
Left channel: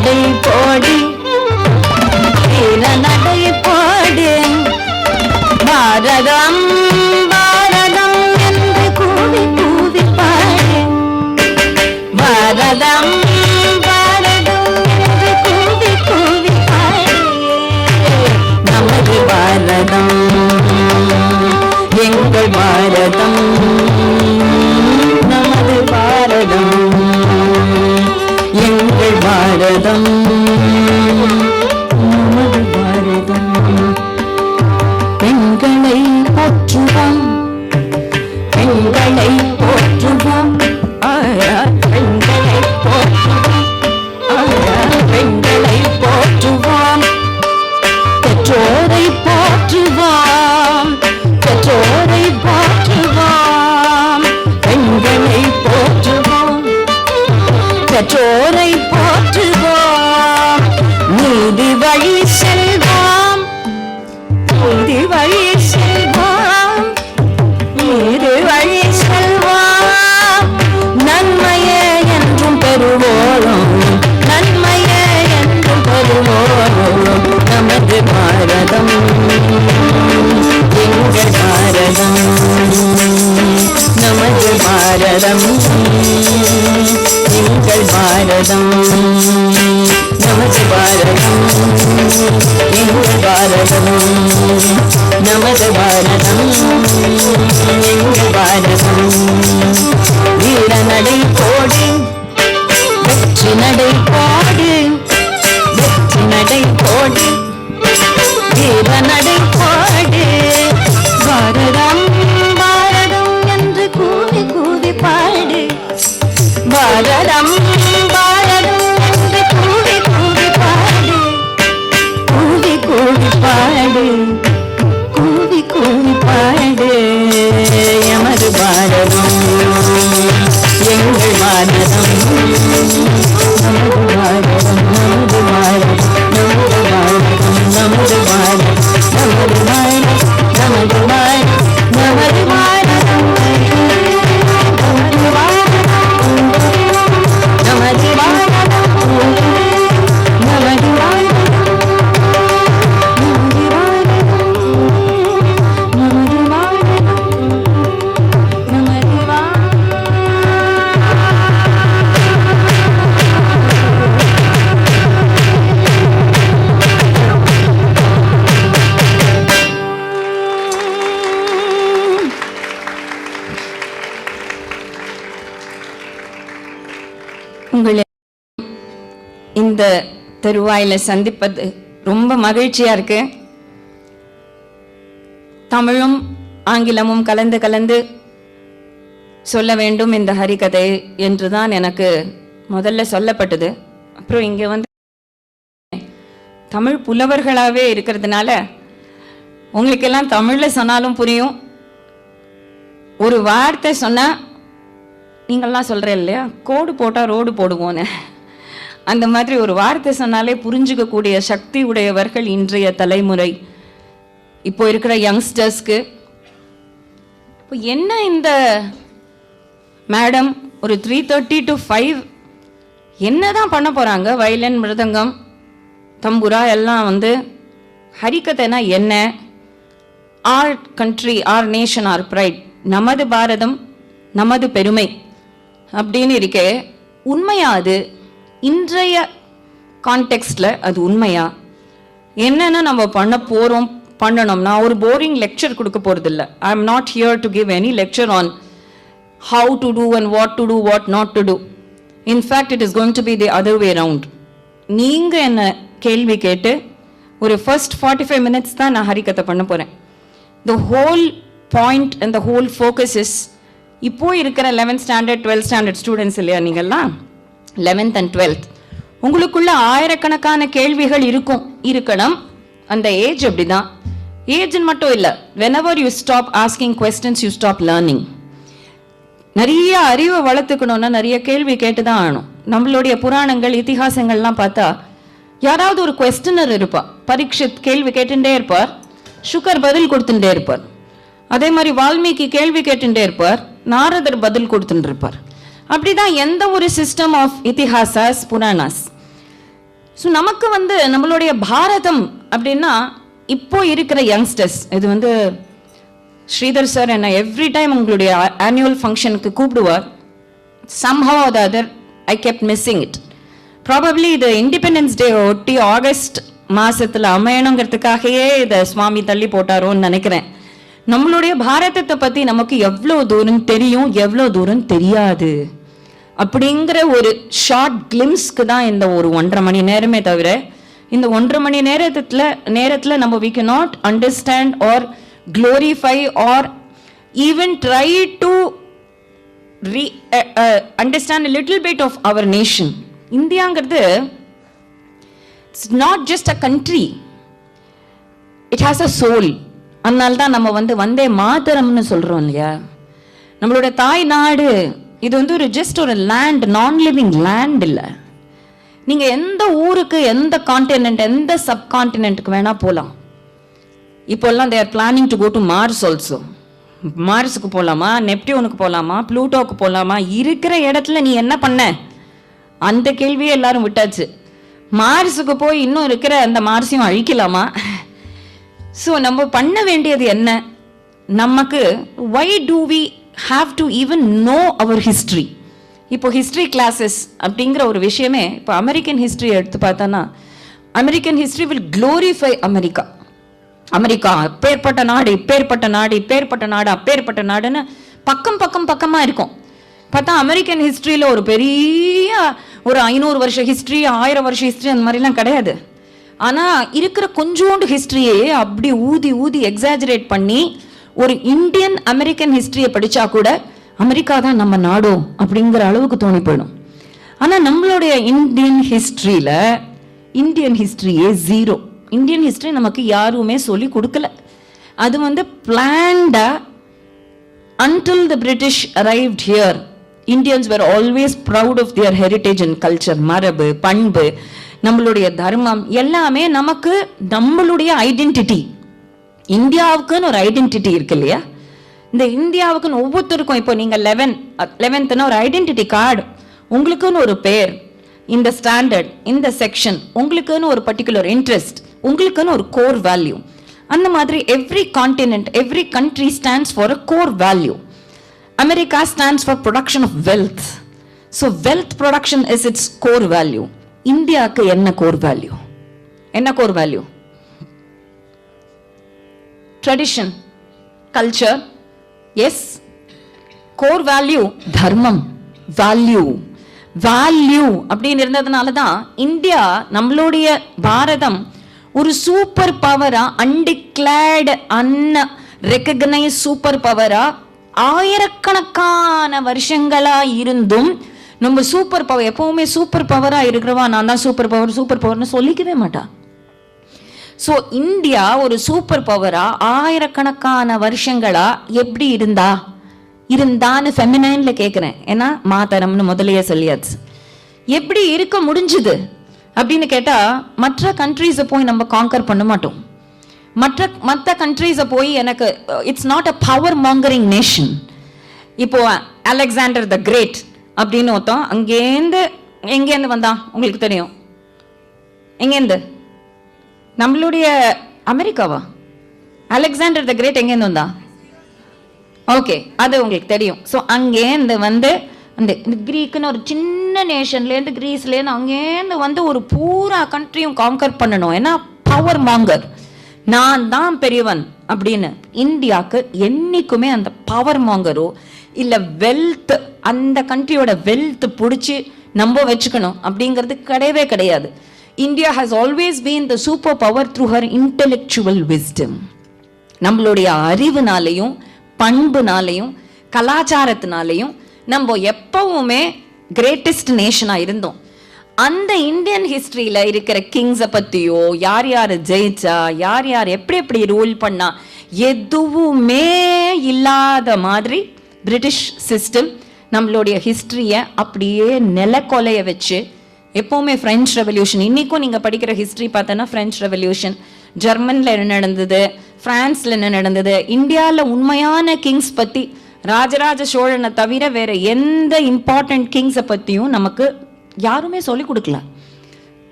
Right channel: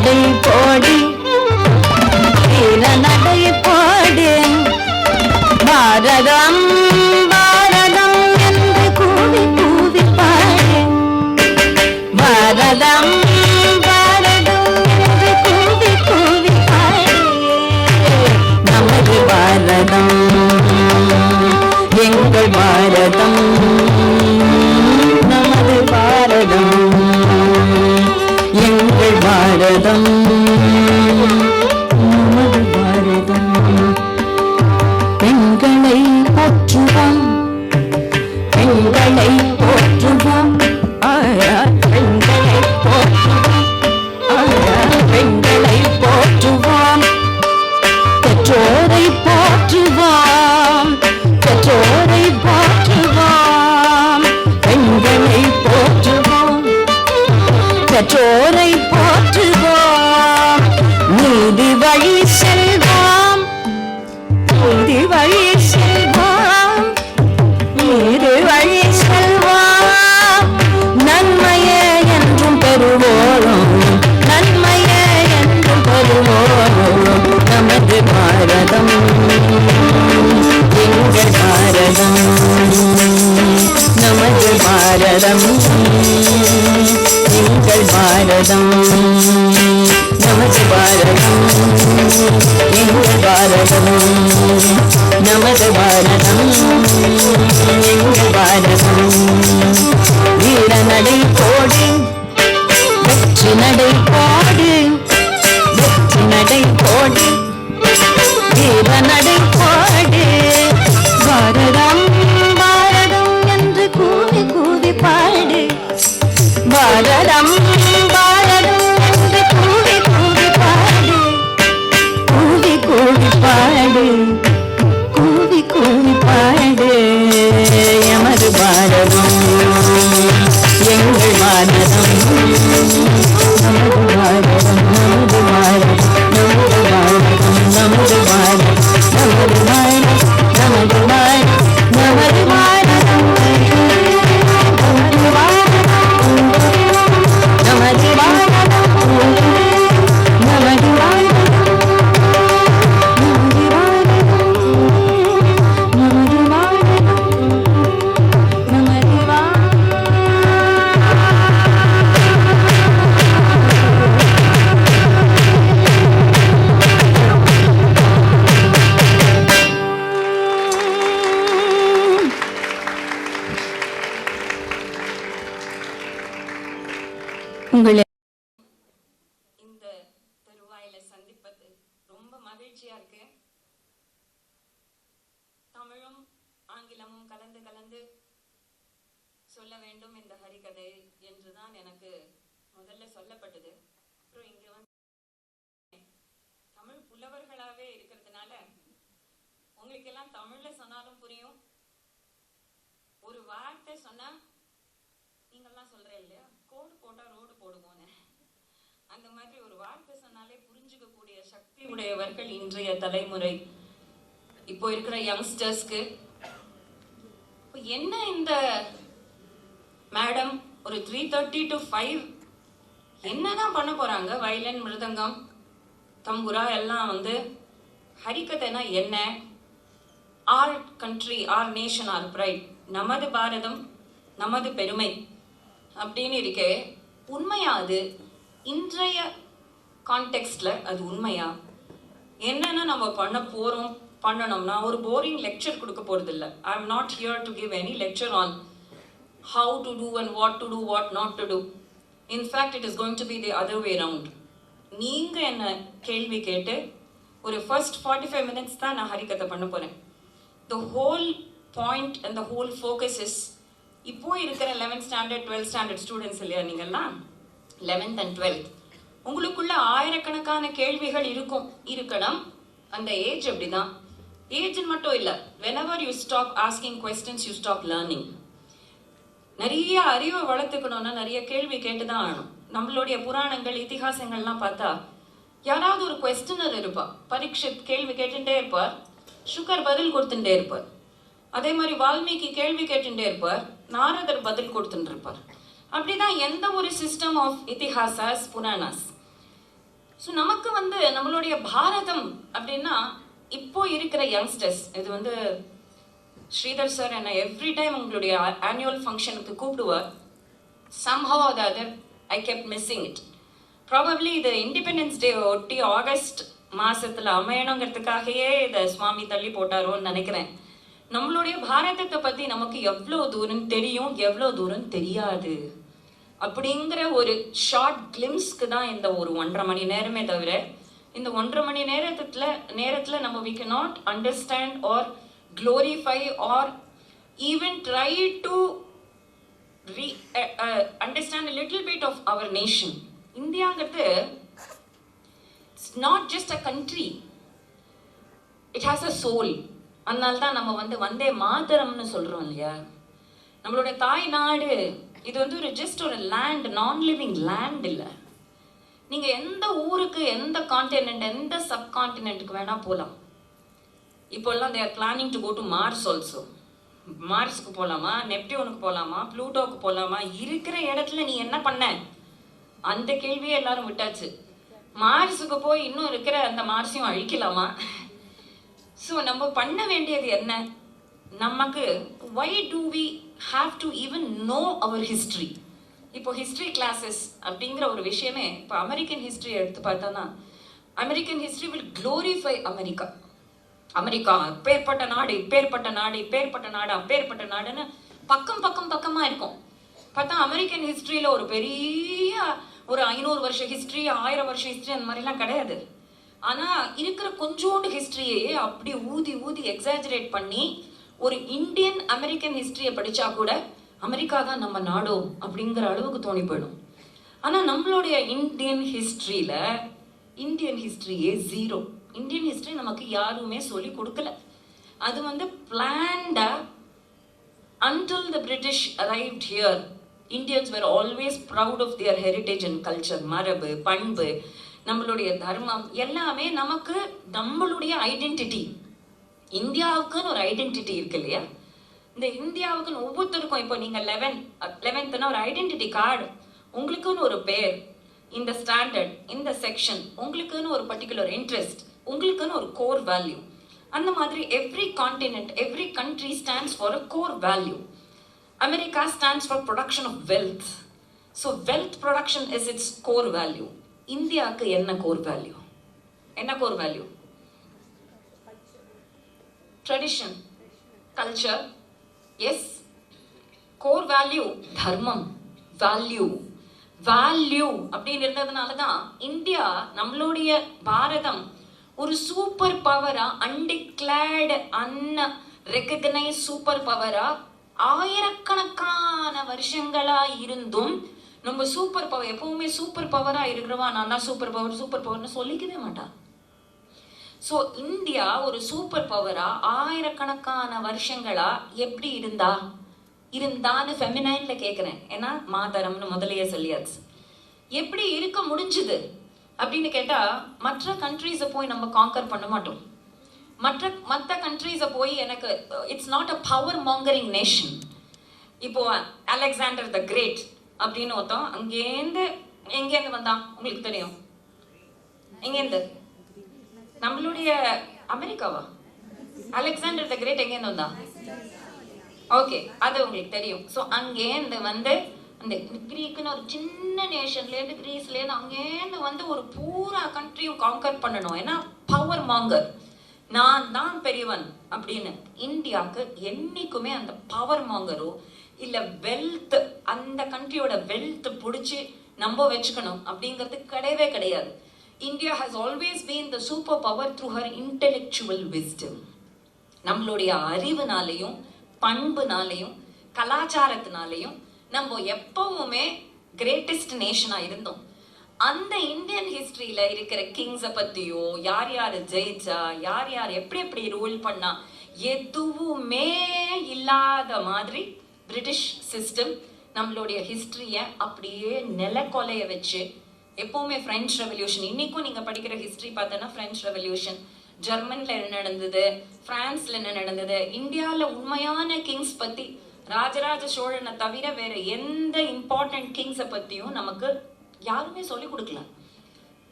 நடை போடு வீர நடை போடு பாரதம் பாரதம் என்று கூவி கூவி பாடு பாரதம் பாரதம் என்று கூவி கூவி பாடு நமது பாரதம் எங்கள் பாரதம் நமது பாரதம் எங்கள் பாரதம் நமது பாரதம் பெண்களை போற்றுவோம் பெண்களை போற்றுவோம் பெண்களை போற்றுவோம் பெண்களை போற்றுவோம் பெற்றோரை போற்றுவோம் பெற்றோரை போற்றுவோம் பெண்களை போற்றுவோம் பெற்றோரை போற்றுவோம் நீதி வழி செல்வோம் நீதி வழி செல்வோம் நீதி வழி செல்வோம் நன்மையே என்றும் பெறுவோம் நன்மையே என்றும் பெறுவோம் நமது பாரதம் எங்கள் பாரதம் நமது பாரதம் எங்கள் பாரதம் நமது பாரதம் எங்கள் பாரதம் நமது பாரதம் எங்கள் பாரதம் வீர நடை போடு வெற்றி நடை போடு வெற்றி நடை போடு வீர நடை போடு பாரதம் பாரதம் என்று கூவி கூவி பாடு பாரதம் பாரதம் என்று கூவி கூவி பாடு கூவி கூவி பாடு கூவி கூவி பாடு எமது பாரதம் எங்கள் பாரதம் நமது பாரதம் நமது பாரதம் நமது பாரதம் நமது பாரதம் நமது பாரதம் நமது பாரதம் நமது பாரதம் நமது பாரதம் நமது பாரதம் நமது பாரதம் உங்களை இந்த தருவாயில சந்திப்பது ரொம்ப மகிழ்ச்சியா இருக்கு. தமிழும் ஆங்கிலமும் கலந்து கலந்து சொல்ல வேண்டும் இந்த ஹரிகதை என்றுதான் எனக்கு முதல்ல சொல்லப்பட்டது. அப்புறம் இங்க வந்து தமிழ் புலவர்களாவே இருக்கிறதுனால உங்களுக்கெல்லாம் தமிழ்ல சொன்னாலும் புரியும். ஒரு வார்த்தை சொன்னா நீங்கள்லாம் சொல்கிறேன் இல்லையா, கோடு போட்டால் ரோடு போடுவோன்னு, அந்த மாதிரி ஒரு வார்த்தை சொன்னாலே புரிஞ்சுக்கக்கூடிய சக்தி உடையவர்கள் இன்றைய தலைமுறை, இப்போ இருக்கிற யங்ஸ்டர்ஸ்க்கு. இப்போ என்ன இந்த மேடம் ஒரு 3:30 to 5 என்ன தான் பண்ண போகிறாங்க? வயலின், மிருதங்கம், தம்புரா எல்லாம் வந்து ஹரிகதைனா என்ன? Our country, R nation, R fried, நமது பாரதம் நமது பெருமை அப்படின்னு இருக்கே. உண்மையா அது? இன்றைய கான்டெக்ஸ்ட்ல அது உண்மையா? என்னென்ன நம்ம பண்ண போறோம், பண்ணணும். நான் ஒரு போரிங் லெக்சர் கொடுக்க போறது இல்லை. I am not here to give any lecture on how to two and what to two, what not to two. In fact it is going to be the other way round. நீங்க என்ன கேள்வி கேட்டு ஒரு first 45 minutes தான் நான் ஹரிகதை பண்ண போறேன். The whole point and the whole focus is, இப்போ இருக்கிற 11th standard 12th standard students இல்லையா நீங்கள்லாம், 11th and 12th, உங்களுக்குள்ள ஆயிரக்கணக்கான கேள்விகள் இருக்கணும். அந்த ஏஜ் அப்படிதான். ஏஜ் மட்டும் இல்லை, whenever you stop asking questions you stop learning. நிறைய அறிவை வளர்த்துக்கணும்னா நிறைய கேள்வி கேட்டுதான் ஆகணும். நம்மளுடைய புராணங்கள், இதிகாசங்கள்லாம் பார்த்தா யாராவது ஒரு குவெஸ்டனர் இருப்பார். பரீட்சித் கேள்வி கேட்டுட்டே இருப்பார், சுகர் பதில் கொடுத்துட்டே இருப்பார். அதே மாதிரி வால்மீகி கேள்வி கேட்டுட்டே இருப்பார், நாரதர் பதில் கொடுத்துட்டு இருப்பார். அப்படிதான் எந்த ஒரு சிஸ்டம் ஆஃப் இதிஹாசாஸ், புராணாஸ். ஸோ நமக்கு வந்து நம்மளுடைய பாரதம் அப்படின்னா இப்போ இருக்கிற யங்ஸ்டர்ஸ், இது வந்து ஸ்ரீதர் சார் என்ன எவ்ரி டைம் உங்களுடைய ஆனுவல் ஃபங்க்ஷனுக்கு கூப்பிடுவார். somehow or the other I kept missing it. Probably இது இண்டிபெண்டன்ஸ் டே ஒட்டி ஆகஸ்ட் மாசத்துல அமையணுங்கிறதுக்காகவே இதை சுவாமி தள்ளி போட்டாரோன்னு நினைக்கிறேன். நம்மளுடைய பாரதத்தை பத்தி நமக்கு எவ்வளோ தூரம் தெரியும், எவ்வளோ தூரம் தெரியாது அப்படிங்கிற ஒரு ஷார்ட் கிளிம்ஸ்க்கு தான் இந்த ஒரு 1.5 மணி நேரமே தவிர, இந்த 1.5 மணி நேரத்துல நம்ம we cannot understand or glorify or even try to understand a little bit of our nation. இந்தியாங்கிறது it's not just a country, it has a soul. அதனால தான் நம்ம வந்து வந்தே மாதரம்னு சொல்றோம் இல்லையா. நம்மளோட தாய் நாடு இது வந்து ஒரு ஜஸ்ட் ஒரு லேண்ட், நான் லிவிங் லேண்ட் இல்லை. நீங்க எந்த ஊருக்கு, எந்த கான்டினென்ட், எந்த சப் கான்டினென்ட்டுக்கு வேணா போகலாம். இப்போல்லாம் they are planning to go to Mars also. மார்ஸுக்கு போகலாமா, நெப்டியூனுக்கு போகலாமா, ப்ளூட்டோக்கு போகலாமா, இருக்கிற இடத்துல நீ என்ன பண்ண, அந்த கேள்வியே எல்லாரும் விட்டாச்சு. மார்ஸுக்கு போய் இன்னும் இருக்கிற அந்த மார்ஸையும் அழிக்கலாமா? ஸோ நம்ம பண்ண வேண்டியது என்ன, நமக்கு why do we have to even know our history? இப்போ ஹிஸ்ட்ரி கிளாஸஸ் அப்படிங்கிற ஒரு விஷயமே, இப்போ அமெரிக்கன் ஹிஸ்ட்ரி எடுத்து பார்த்தோன்னா, American history will glorify America. America அப்பேற்பட்ட நாடு, இப்பேற்பட்ட நாடு, இப்பேற்பட்ட நாடு, அப்பேற்பட்ட நாடுன்னு பக்கமா இருக்கும். பார்த்தா அமெரிக்கன் ஹிஸ்ட்ரியில் ஒரு பெரிய ஒரு 500 வருஷ ஹிஸ்ட்ரி, 1000 வருஷ ஹிஸ்ட்ரி அந்த மாதிரிலாம் கிடையாது. ஆனால் இருக்கிற கொஞ்சோண்டு ஹிஸ்ட்ரியே அப்படி ஊதி எக்ஸாஜரேட் பண்ணி ஒரு இந்தியன் அமெரிக்கன் ஹிஸ்ட்ரியை படித்தா கூட அமெரிக்கா தான் நம்ம நாடோ அப்படிங்கிற அளவுக்கு தோணி போயிடும். ஆனால் நம்மளுடைய இந்தியன் ஹிஸ்ட்ரியே ஜீரோ. இந்தியன் ஹிஸ்ட்ரி நமக்கு யாருமே சொல்லி கொடுக்கல. அது வந்து பிளான்டா until the British arrived here, Indians were always proud of their heritage and culture. மரபு, பண்பு, நம்மளுடைய தர்மம் எல்லாமே நமக்கு நம்மளுடைய ஐடென்டிட்டி. இந்தியாவுக்குன்னு ஒரு ஐடென்டிட்டி இருக்கு இல்லையா. இந்த இந்தியாவுக்குன்னு ஒவ்வொருத்தருக்கும், இப்போ நீங்க 11th ஒரு ஐடென்டிட்டி கார்டு, உங்களுக்குன்னு ஒரு பேர், இந்த ஸ்டாண்டர்ட், இந்த செக்ஷன், உங்களுக்குன்னு ஒரு பர்டிகுலர் இன்ட்ரெஸ்ட், உங்களுக்குன்னு ஒரு கோர் வேல்யூ. அந்த மாதிரி every continent, every country stands for a core value. America stands for production of wealth. So wealth production is it's core value. இந்தியாவுக்கு என்ன core value? Tradition, culture, S. Core value தர்மம், value அப்படின்னு இருந்ததுனால தான் India, நம்மளுடைய பாரதம் ஒரு super பவரா, undeclared அன்ரெகக்னைஸ் super பவரா ஆயிரக்கணக்கான வருஷங்களா இருந்தும் நம்ம சூப்பர் பவர், எப்பவுமே சூப்பர் பவரா இருக்கிறவா நான் தான் சூப்பர் பவர்னு சொல்லிக்கவே மாட்டா. ஸோ இந்தியா ஒரு சூப்பர் பவரா ஆயிரக்கணக்கான வருஷங்களா எப்படி இருந்தான்னு ஃபெமினைன்ல கேட்குறேன். ஏன்னா மாதரம்னு முதலையே சொல்லியாச்சு. எப்படி இருக்க முடிஞ்சுது அப்படின்னு கேட்டா, மற்ற கண்ட்ரீஸை போய் நம்ம காங்கர் பண்ண மாட்டோம். மற்ற கண்ட்ரீஸை போய் எனக்கு it's not a power mongering nation. இப்போ அலெக்சாண்டர் த கிரேட் அப்படின்னு ஒருத்தன் எங்கேருந்து வந்தான் உங்களுக்கு தெரியும்? எங்கேருந்து? நம்மளுடைய அமெரிக்காவா? அலெக்சாண்டர் த கிரேட் எங்கேருந்து வந்தா? ஓகே, அது உங்களுக்கு தெரியும். ஸோ அங்கேருந்து வந்து அந்த கிரீக்குன்னு ஒரு சின்ன நேஷன்லேருந்து, கிரீஸ்லேருந்து அங்கேருந்து ஒரு பூரா கண்ட்ரியும் காங்கர் பண்ணணும். ஏன்னா பவர் மாங்கர், நான் தான் பெரியவன் அப்படின்னு. இந்தியாவுக்கு என்னைக்குமே அந்த பவர் மாங்கரோ இல்லை வெல்த், அந்த கண்ட்ரியோட வெல்த் பிடிச்சி நம்ம வச்சுக்கணும் அப்படிங்கிறது கிடையவே கிடையாது. India has always been the super power through her intellectual wisdom. நம்மளுடைய அறிவுனாலையும், பண்புனாலையும், கலாச்சாரத்தினாலையும் நம்ம எப்பவுமே கிரேட்டஸ்ட் நேஷனா இருந்தோம். அந்த இந்தியன் ஹிஸ்டரியில இருக்கிற கிங்ஸை பத்தியோ, யார் யார் ஜெயிச்சா, யார் யார் எப்படி ரூல் பண்ணா, எதுவுமே இல்லாத மாதிரி பிரிட்டிஷ் சிஸ்டம் நம்மளுடைய ஹிஸ்டரிய அப்படியே நிலக்கொலைய வச்சு, எப்பவுமே பிரெஞ்சு ரெவல்யூஷன், இன்னைக்கும் நீங்க படிக்கிற ஹிஸ்டரி பார்த்தோன்னா பிரெஞ்சு ரெவல்யூஷன், ஜெர்மன்ல என்ன நடந்தது, பிரான்ஸ்ல என்ன நடந்தது, இந்தியாவில் உண்மையான கிங்ஸ் பத்தி ராஜராஜ சோழனை தவிர வேற எந்த இம்பார்ட்டன்ட் கிங்ஸை பத்தியும் நமக்கு யாருமே சொல்லிக் கொடுக்கல.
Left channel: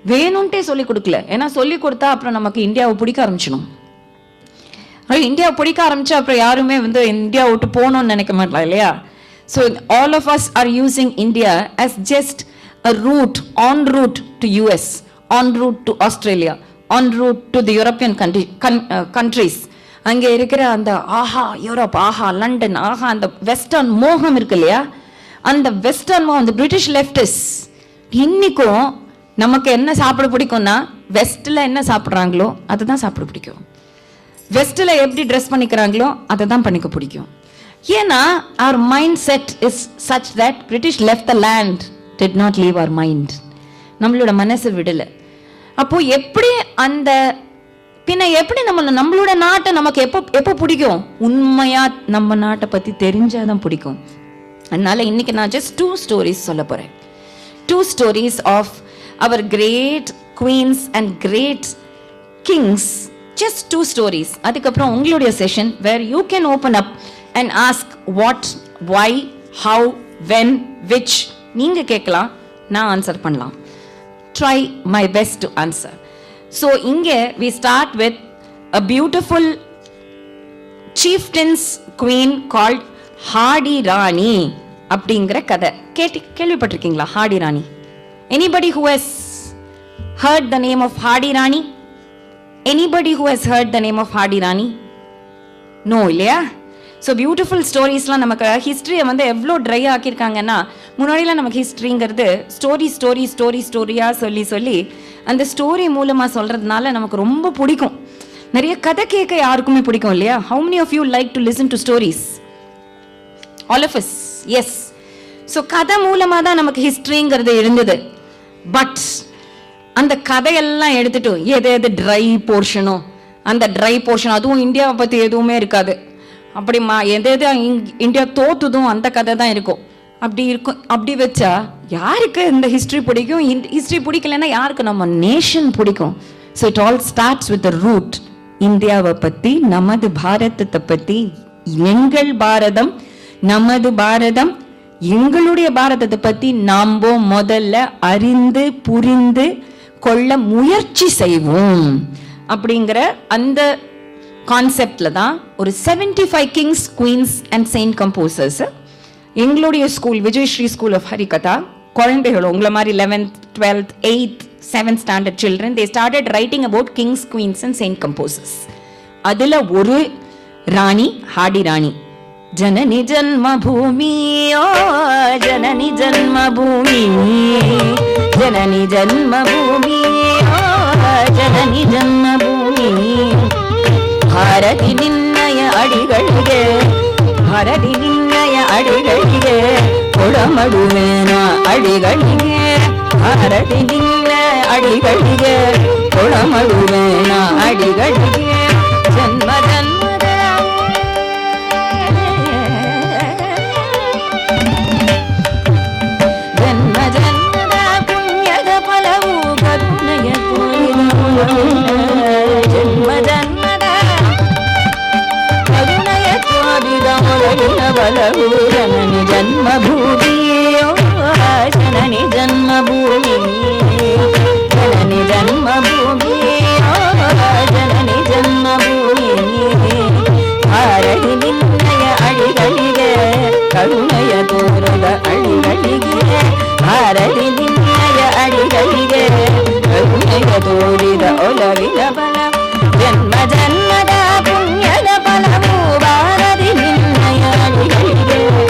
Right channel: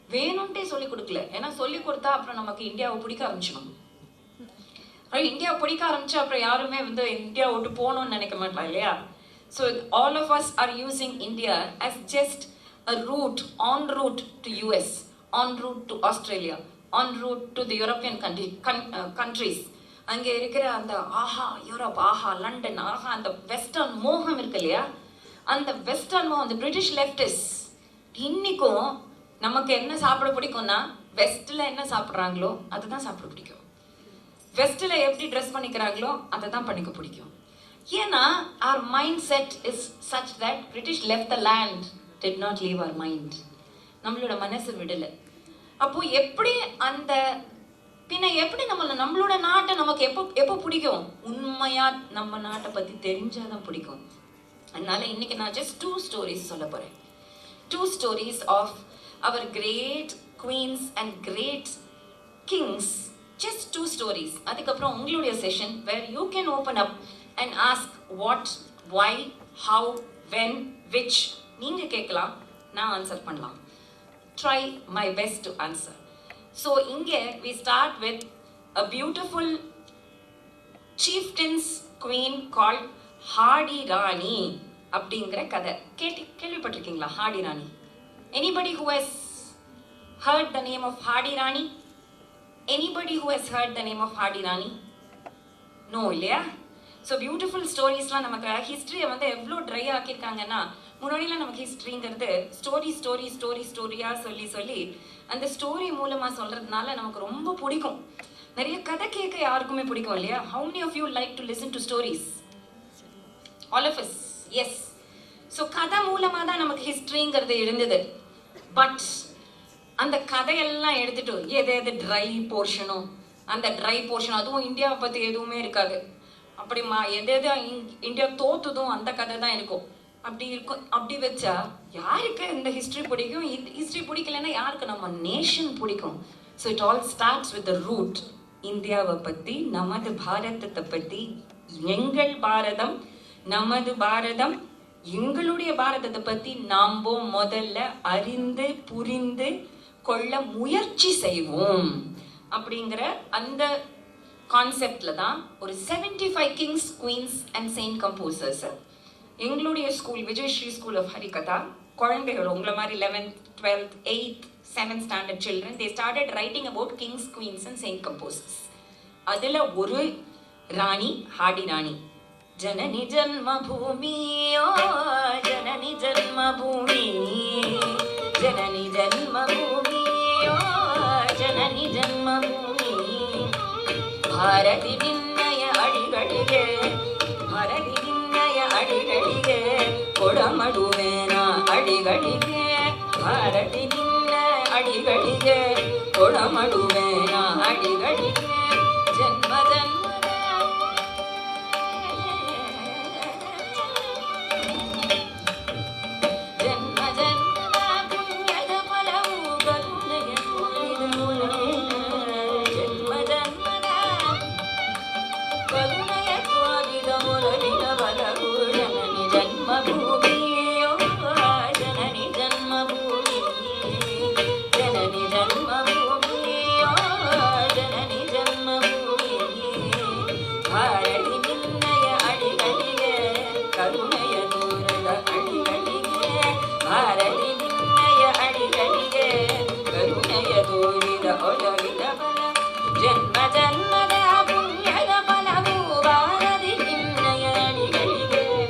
வேணும்ட்டே சொல்லி கொடுக்கல. ஏன்னா சொல்லி கொடுத்தா அப்புறம் நமக்கு இந்தியாவை பிடிக்க ஆரம்பிச்சிடும். இந்தியாவை பிடிக்க ஆரம்பிச்சா அப்புறம் யாருமே வந்து இந்தியா விட்டு போகணும்னு நினைக்க மாட்டலாம் இல்லையா? So all of us are using India as just a route, en route to US, en route to Australia, en route to the European countries. அங்கே இருக்கிற அந்த ஆஹா யூரோப், ஆஹா லண்டன், ஆஹா அந்த வெஸ்டர்ன் மோகம் இருக்கு இல்லையா? அந்த வெஸ்டர்ன் மோகம், அந்த பிரிட்டிஷ் லெஃப்டிஸ் இன்னைக்கும் நமக்கு என்ன சாப்பிட பிடிக்கும்னா வெஸ்ட்ல என்ன சாப்பிட்றாங்களோ அதுதான் சாப்பிட பிடிக்கும். வெஸ்ட்ல எப்படி ட்ரெஸ் பண்ணிக்கிறாங்களோ அதை தான் பண்ணிக்க பிடிக்கும். ஏன்னா our mindset is such that British left the land, did not leave our mind. நம்மளோட மனசு விடல. அப்போ எப்படி அந்த பின்ன எப்படி நம்மளோட நாட்டை நமக்கு எப்போ பிடிக்கும்? உண்மையா நம்ம நாட்டை பத்தி தெரிஞ்சாதான் பிடிக்கும். அதனால இன்னைக்கு நான் just 2 stories சொல்ல போறேன். 2 stories of our great queens and great kings. Just 2 stories. அதுக்கப்புறம் உங்களுடைய session where you can open up and ask what, why, how, when, which. நீங்க கேட்கலாம், நான் ஆன்சர் பண்ணலாம். Try my best to answer. So இங்கே we start with a beautiful chieftain's queen called Hardy ராணி அப்படிங்கிற கதை. கேள்விப்பட்டிருக்கீங்களா Hardy Rani? Anybody who has heard the name of Hadi Rani? Anybody who has heard the name of Hadi Rani? No, இல்லையா? So beautiful ஸ்டோரிஸ்லாம் நமக்கு ஹிஸ்ட்ரியை வந்து எவ்வளோ try ஆக்கியிருக்காங்கன்னா, முன்னாடிலாம் நமக்கு ஹிஸ்ட்ரிங்கிறது ஸ்டோரியாக சொல்லி அந்த ஸ்டோரி மூலமாக சொல்கிறதுனால நமக்கு ரொம்ப பிடிக்கும். நிறைய கதை கேட்க யாருக்குமே பிடிக்கும் இல்லையா? How many of you like to listen to stories? All of us, S. So கதை மூலமாக தான் நமக்கு ஹிஸ்ட்ரிங்கிறது இருந்தது. பட் அந்த கதையெல்லாம் எடுத்துட்டு எது ட்ரை போர்ஷனோ அந்த ட்ரை போர்ஷன், அதுவும் இந்தியாவை பற்றி எதுவுமே இருக்காது. அப்படிமா எது இந்தியா தோத்துதும் அந்த கதை தான் இருக்கும். அப்படி வச்சா யாருக்கு இந்த ஹிஸ்ட்ரி பிடிக்கும்? ஹிஸ்ட்ரி பிடிக்கலன்னா யாருக்கு நம்ம நேஷன் பிடிக்கும்? So it all starts with the root. இந்தியாவை பற்றி, நமது பாரதத்தை பற்றி, எங்கள் பாரதம், நமது பாரதம், எங்களுடைய பாரதத்தை பற்றி நாம முதல்ல அறிந்து புரிந்து கொள்ள முயற்சி செய்வோம் அப்படிங்கிற அந்த கான்செப்ட்ல தான் ஒரு 75 Kings, queens and Saint composers எங்களுடைய school Vijayasri school of Harikatha குழந்தைகள் உங்களை மாதிரி 11th, 12th, 8th, 7th standard children, they started writing about kings, queens and saint composers. அதுல ஒரு ராணி ஹாடி ராணி. ஜனனி ஜன்மபூமி, ஓ ஜனனி ஜன்மபூமி, ஜனனி ஜன்மபூமி, ஓ ஜனனி ஜன்மபூமி. ಭಾರತಿ ನಿನ್ನಯ ಅಡಿಗಳಿಗೆ, ಭಾರತಿ ನಿನ್ನಯ ಅಡಿಗಳಿಗೆ ಕೊಡಮಡುವೆನ ಅಡಿಗಳಿಗೆ, ಭಾರತಿ ನಿನ್ನ ಅಡಿಗಳಿಗೆ ಕೊಡಮಡುವೆನ ಅಡಿಗಳಿಗೆ. ಜನ್ಮ ಜನ್ಮದ ಜನ್ಮ ಜನ್ಮದ ಪುಣ್ಯದ ಫಲವು ಕರುಣೆಯ ತೋರಿದ, ಜನ್ಮ ಜನ್ಮದ ಕರುಣೆಯ ತೋರಿದ ಒಳಗಿನ ಬಲವು ಜನನಿ ಜನ್ಮಭೂಮಿ, ಜನನಿ ಜನ್ಮಭೂಮಿ, ಜನನಿ ಜನ್ಮಭೂಮಿ, ಜನನಿ ಜನ್ಮಭೂಮಿ. ಭಾರತಿ ನಿನ್ನಯ ಅಡಿಗಳಿಗೆ ಕರುಣೆಯ ತೋರದ ಅಡಿಗಳಿಗೆ, ಭಾರತಿ ನಿನ್ನಯ ಅಡಿಗಳಿಗೆ ಕರುಣೆಯ ತೋರಿದ ಒಲವಿನ ಬಲ. ಜನ್ಮ ಜನ್ಮದ ಪುಣ್ಯದ ಫಲವು ಭಾರತಿ ನಿನ್ನಯ ಅಡಿಗಳಿಗೆ